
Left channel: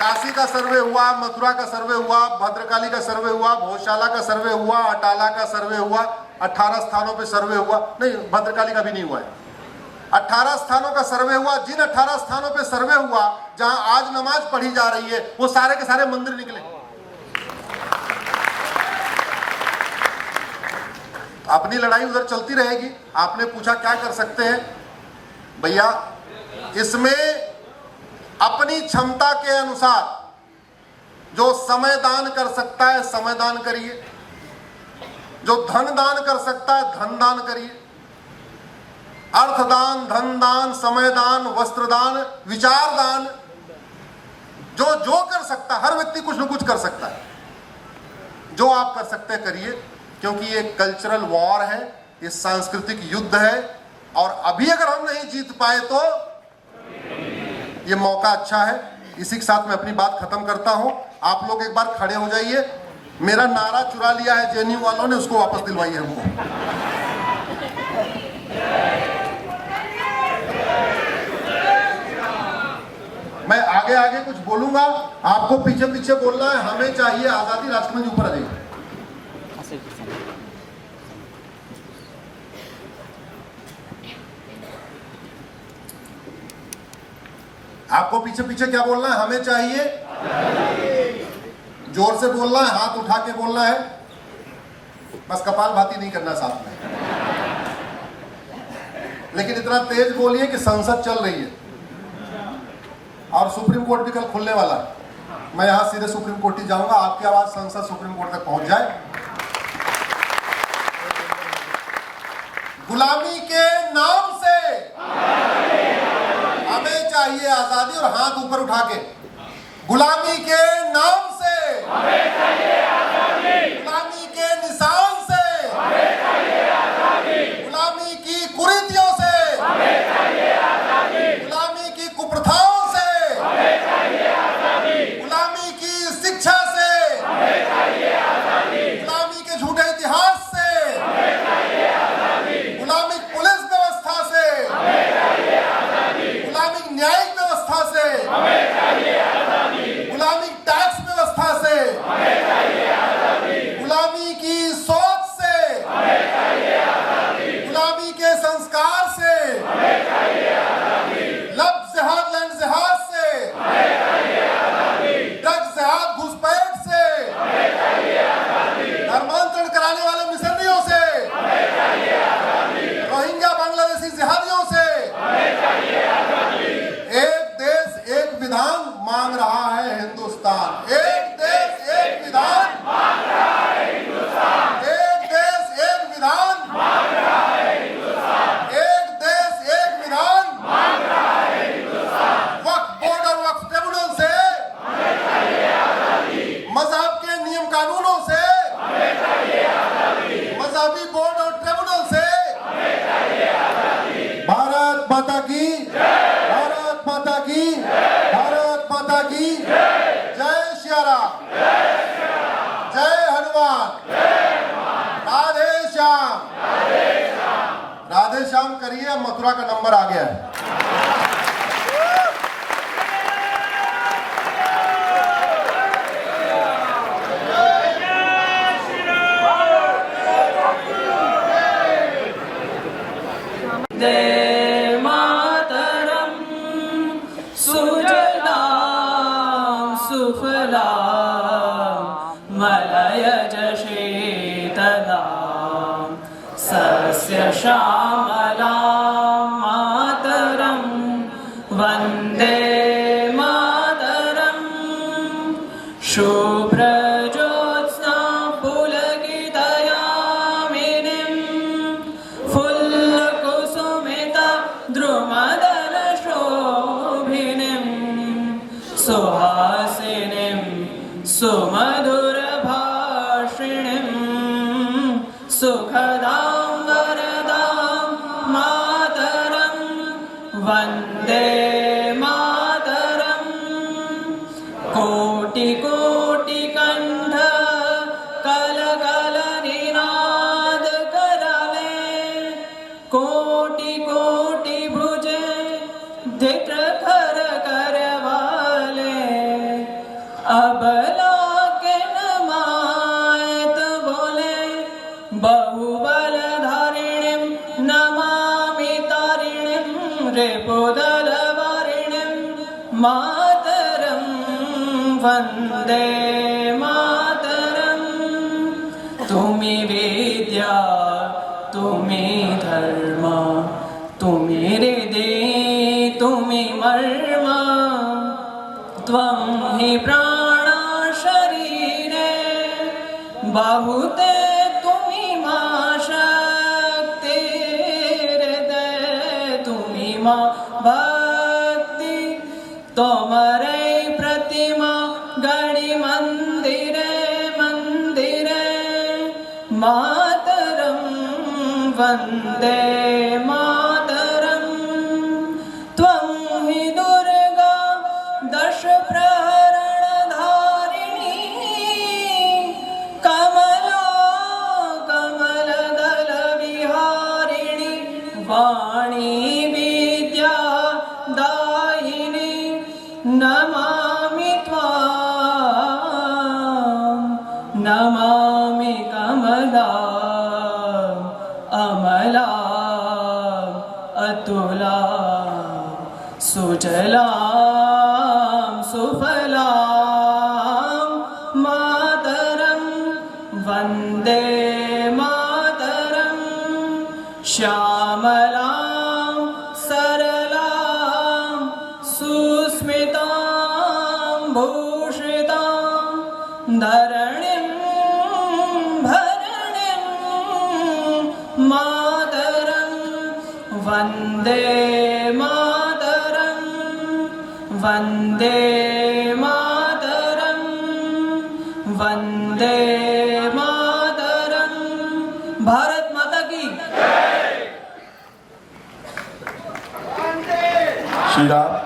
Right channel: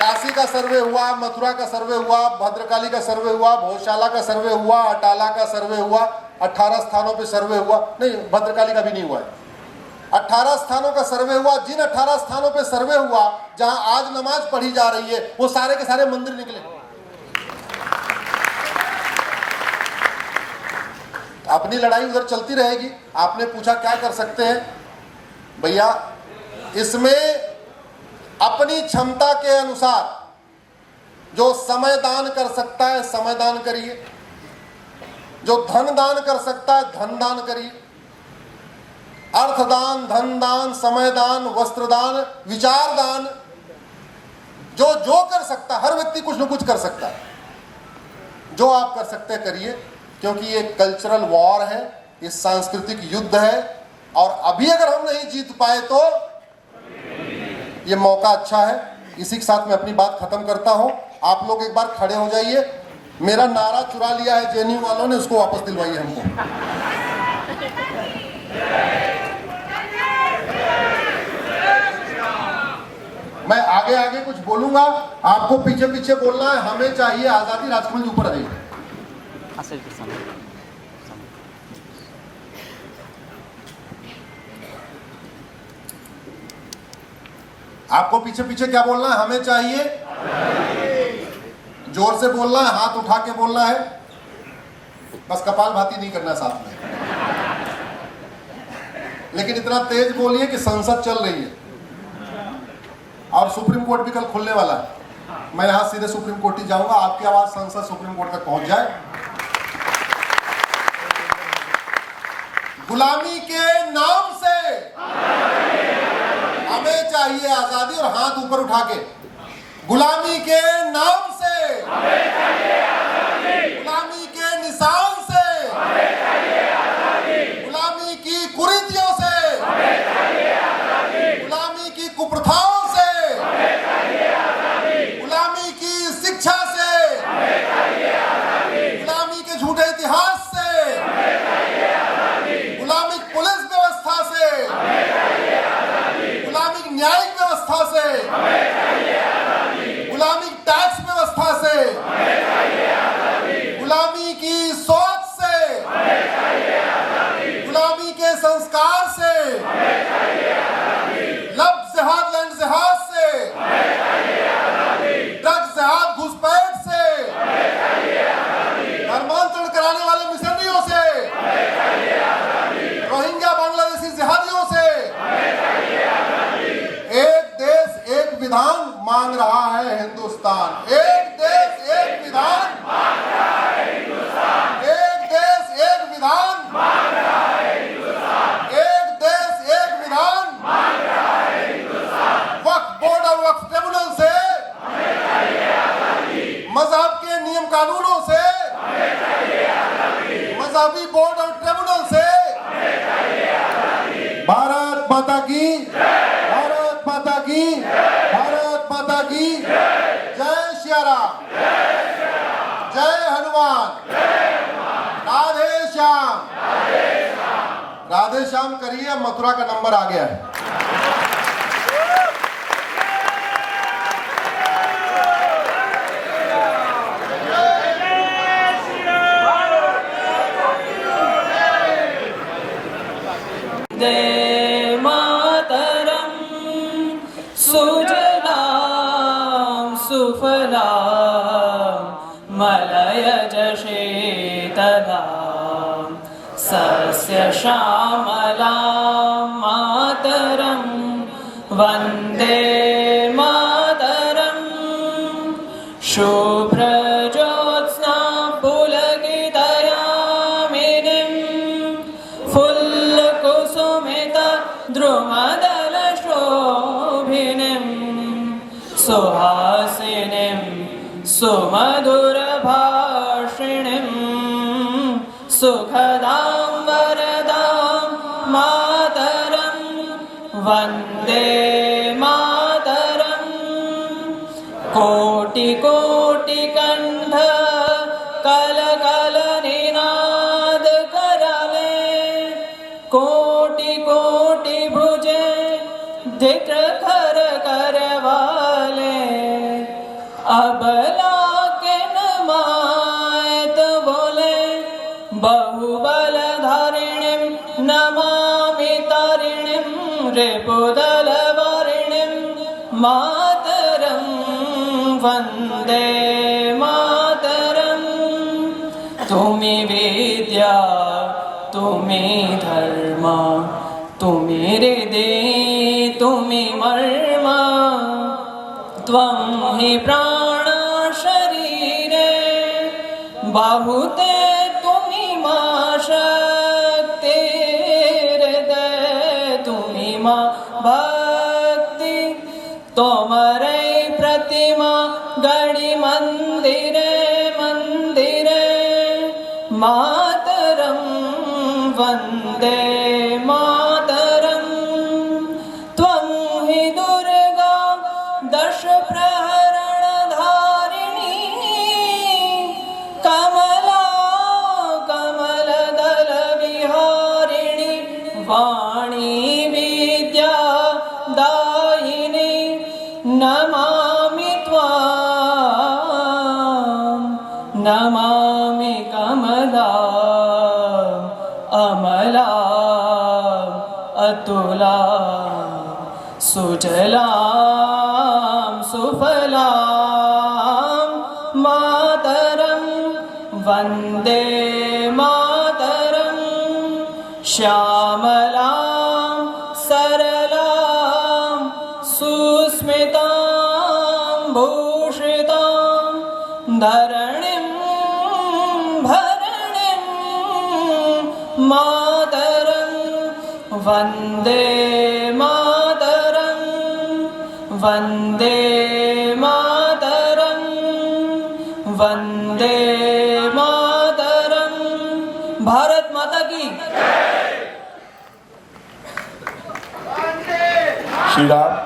काशी का सर्वे हुआ, मथुरा का सर्वे हुआ, भद्रकाली का सर्वे हुआ, भोजशाला का सर्वे हुआ, अटाला का सर्वे हुआ, 18 स्थानों पे सर्वे हुआ। नहीं, भद्रकाली का भी नहीं हुआ है। 18 स्थानों का सर्वे हुआ। जिन 18 स्थानों पे सर्वे हुआ जहां आज नमाज पढ़ी जा रही है, वो सारे के सारे मंदिर निकले। अपनी लड़ाई उधर चलती रहेगी। आपने पूछा क्या कर सकते हैं? भैया, इसमें अपनी क्षमता के अनुसार जो समय दान कर सकता है समय दान करिए, जो धन दान कर सकता है धन दान करिए। अर्थदान, धन दान, समय दान, वस्त्र दान, विचार दान, जो जो कर सकता है, हर व्यक्ति कुछ न कुछ कर सकता है। जो आप कर सकते हैं करिए, क्योंकि ये कल्चरल वॉर है, ये सांस्कृतिक युद्ध है, और अभी अगर हम नहीं जीत पाए तो ये मौका अच्छा है। इसी के साथ मैं अपनी बात खत्म करता हूं। आप लोग एक बार खड़े हो जाइए। मेरा नारा चुरा लिया है जेएनयू वालों ने, उसको वापस दिलवाइए हमको। मैं आगे आगे कुछ बोलूंगा, आपको पीछे पीछे बोलना है। हमें चाहिए आजादी। राजकमल जी ऊपर आ जाइए। आपको पीछे पीछे क्या बोलना है? हमें चाहिए। जोर से बोलना है, हाथ उठा के बोलना है, बस कपाल भाती नहीं करना साथ में। लेकिन इतना तेज बोलिए कि संसद चल रही है। और सुप्रीम कोर्ट भी कल खुलने वाला है। मैं यहाँ सीधे सुप्रीम कोर्ट ही जाऊंगा, आपकी आवाज संसद सुप्रीम कोर्ट तक पहुंच जाए। गुलामी के नाम से हमें चाहिए आजादी, और हाथ ऊपर उठा के, गुलामी के नाम से, गुलामी के निशान से, गुलामी की कुरीतियों से, गुलामी की कुप्रथाओं से, गुलामी की शिक्षा से, गुलामी के झूठे इतिहास से, गुलामी पुलिस व्यवस्था से, गुलामी न्यायिक व्यवस्था से, गुलामी टैक्स व्यवस्था से, गुलामी की सोच से, गुलामी के संस्कार से, लब जिहाद लैंड जिहाद से, ड्रग्स जिहाद घुसपैठ से, धर्मांतरण कराने वाले मिशनरियों से, रोहिंग्या बांग्लादेशी जिहादियों से, एक देश एक विधान मांग रहा है हिंदुस्तान। एक देश एक विधान मांग रहा है हिंदुस्तान। एक देश एक विधान मांग रहा है हिंदुस्तान। एक देश एक विधान मांग रहा है हिंदुस्तान। वक्फ बोर्ड और वक्फ ट्रिब्यूनल से, मजहब के नियम कानूनों से, मजहबी बोर्ड और ट्रिब्यूनल से, भारत माता की, भारत माता की, भारत माता की जय श्री राम, जय हनुमान, राधे श्याम, राधे श्याम करिए। मथुरा का नंबर आ गया है। वन्दे मातरं सुजलां सुफलां मलयज शीतलां सस्यश्यामलां मातरं वन्दे मातरं शुभ्रज्योत्स्ना पुलकितयामिनीं द्रुमदलशोभिनीं सुहासिनीं सुमधुरभाषिणीं सुखदां वरदां मातरं वन्दे मातरं कोटिकोटिकण्ठ कलकलनिनाद करले कोटि कोटि भुजे धिक्र कर करवाले अबला के नमायत बोले बहुबल धारिणीं नमामि तारिणीं रिपुदल वारिणीं मातरं वन्दे मातरं तुमि विद्या तुमि धर्म तुमि हृदि तुमि मर्म त्वं हि प्राण शरीरे बाहुते तुमि मा शक्तिर्हृदये तुमि मा भक्ति तोमरे प्रतिमा गणि मंदिरे मंदिरे मातरं वन्दे मातरं त्वं हि दुर्गा दश प्रहरणधारिणी कमला कमलदल विहारिणी वाणी विद्या दायिनी नमामि त्वां नमामि कमला अमला अतुला सुजलां सुफलां मातरं वन्दे मातरं श्यामलां सरलां सुस्मितां वन्दे मातरं वन्दे मातरं वन्दे मातरं भारत माता की श्री राम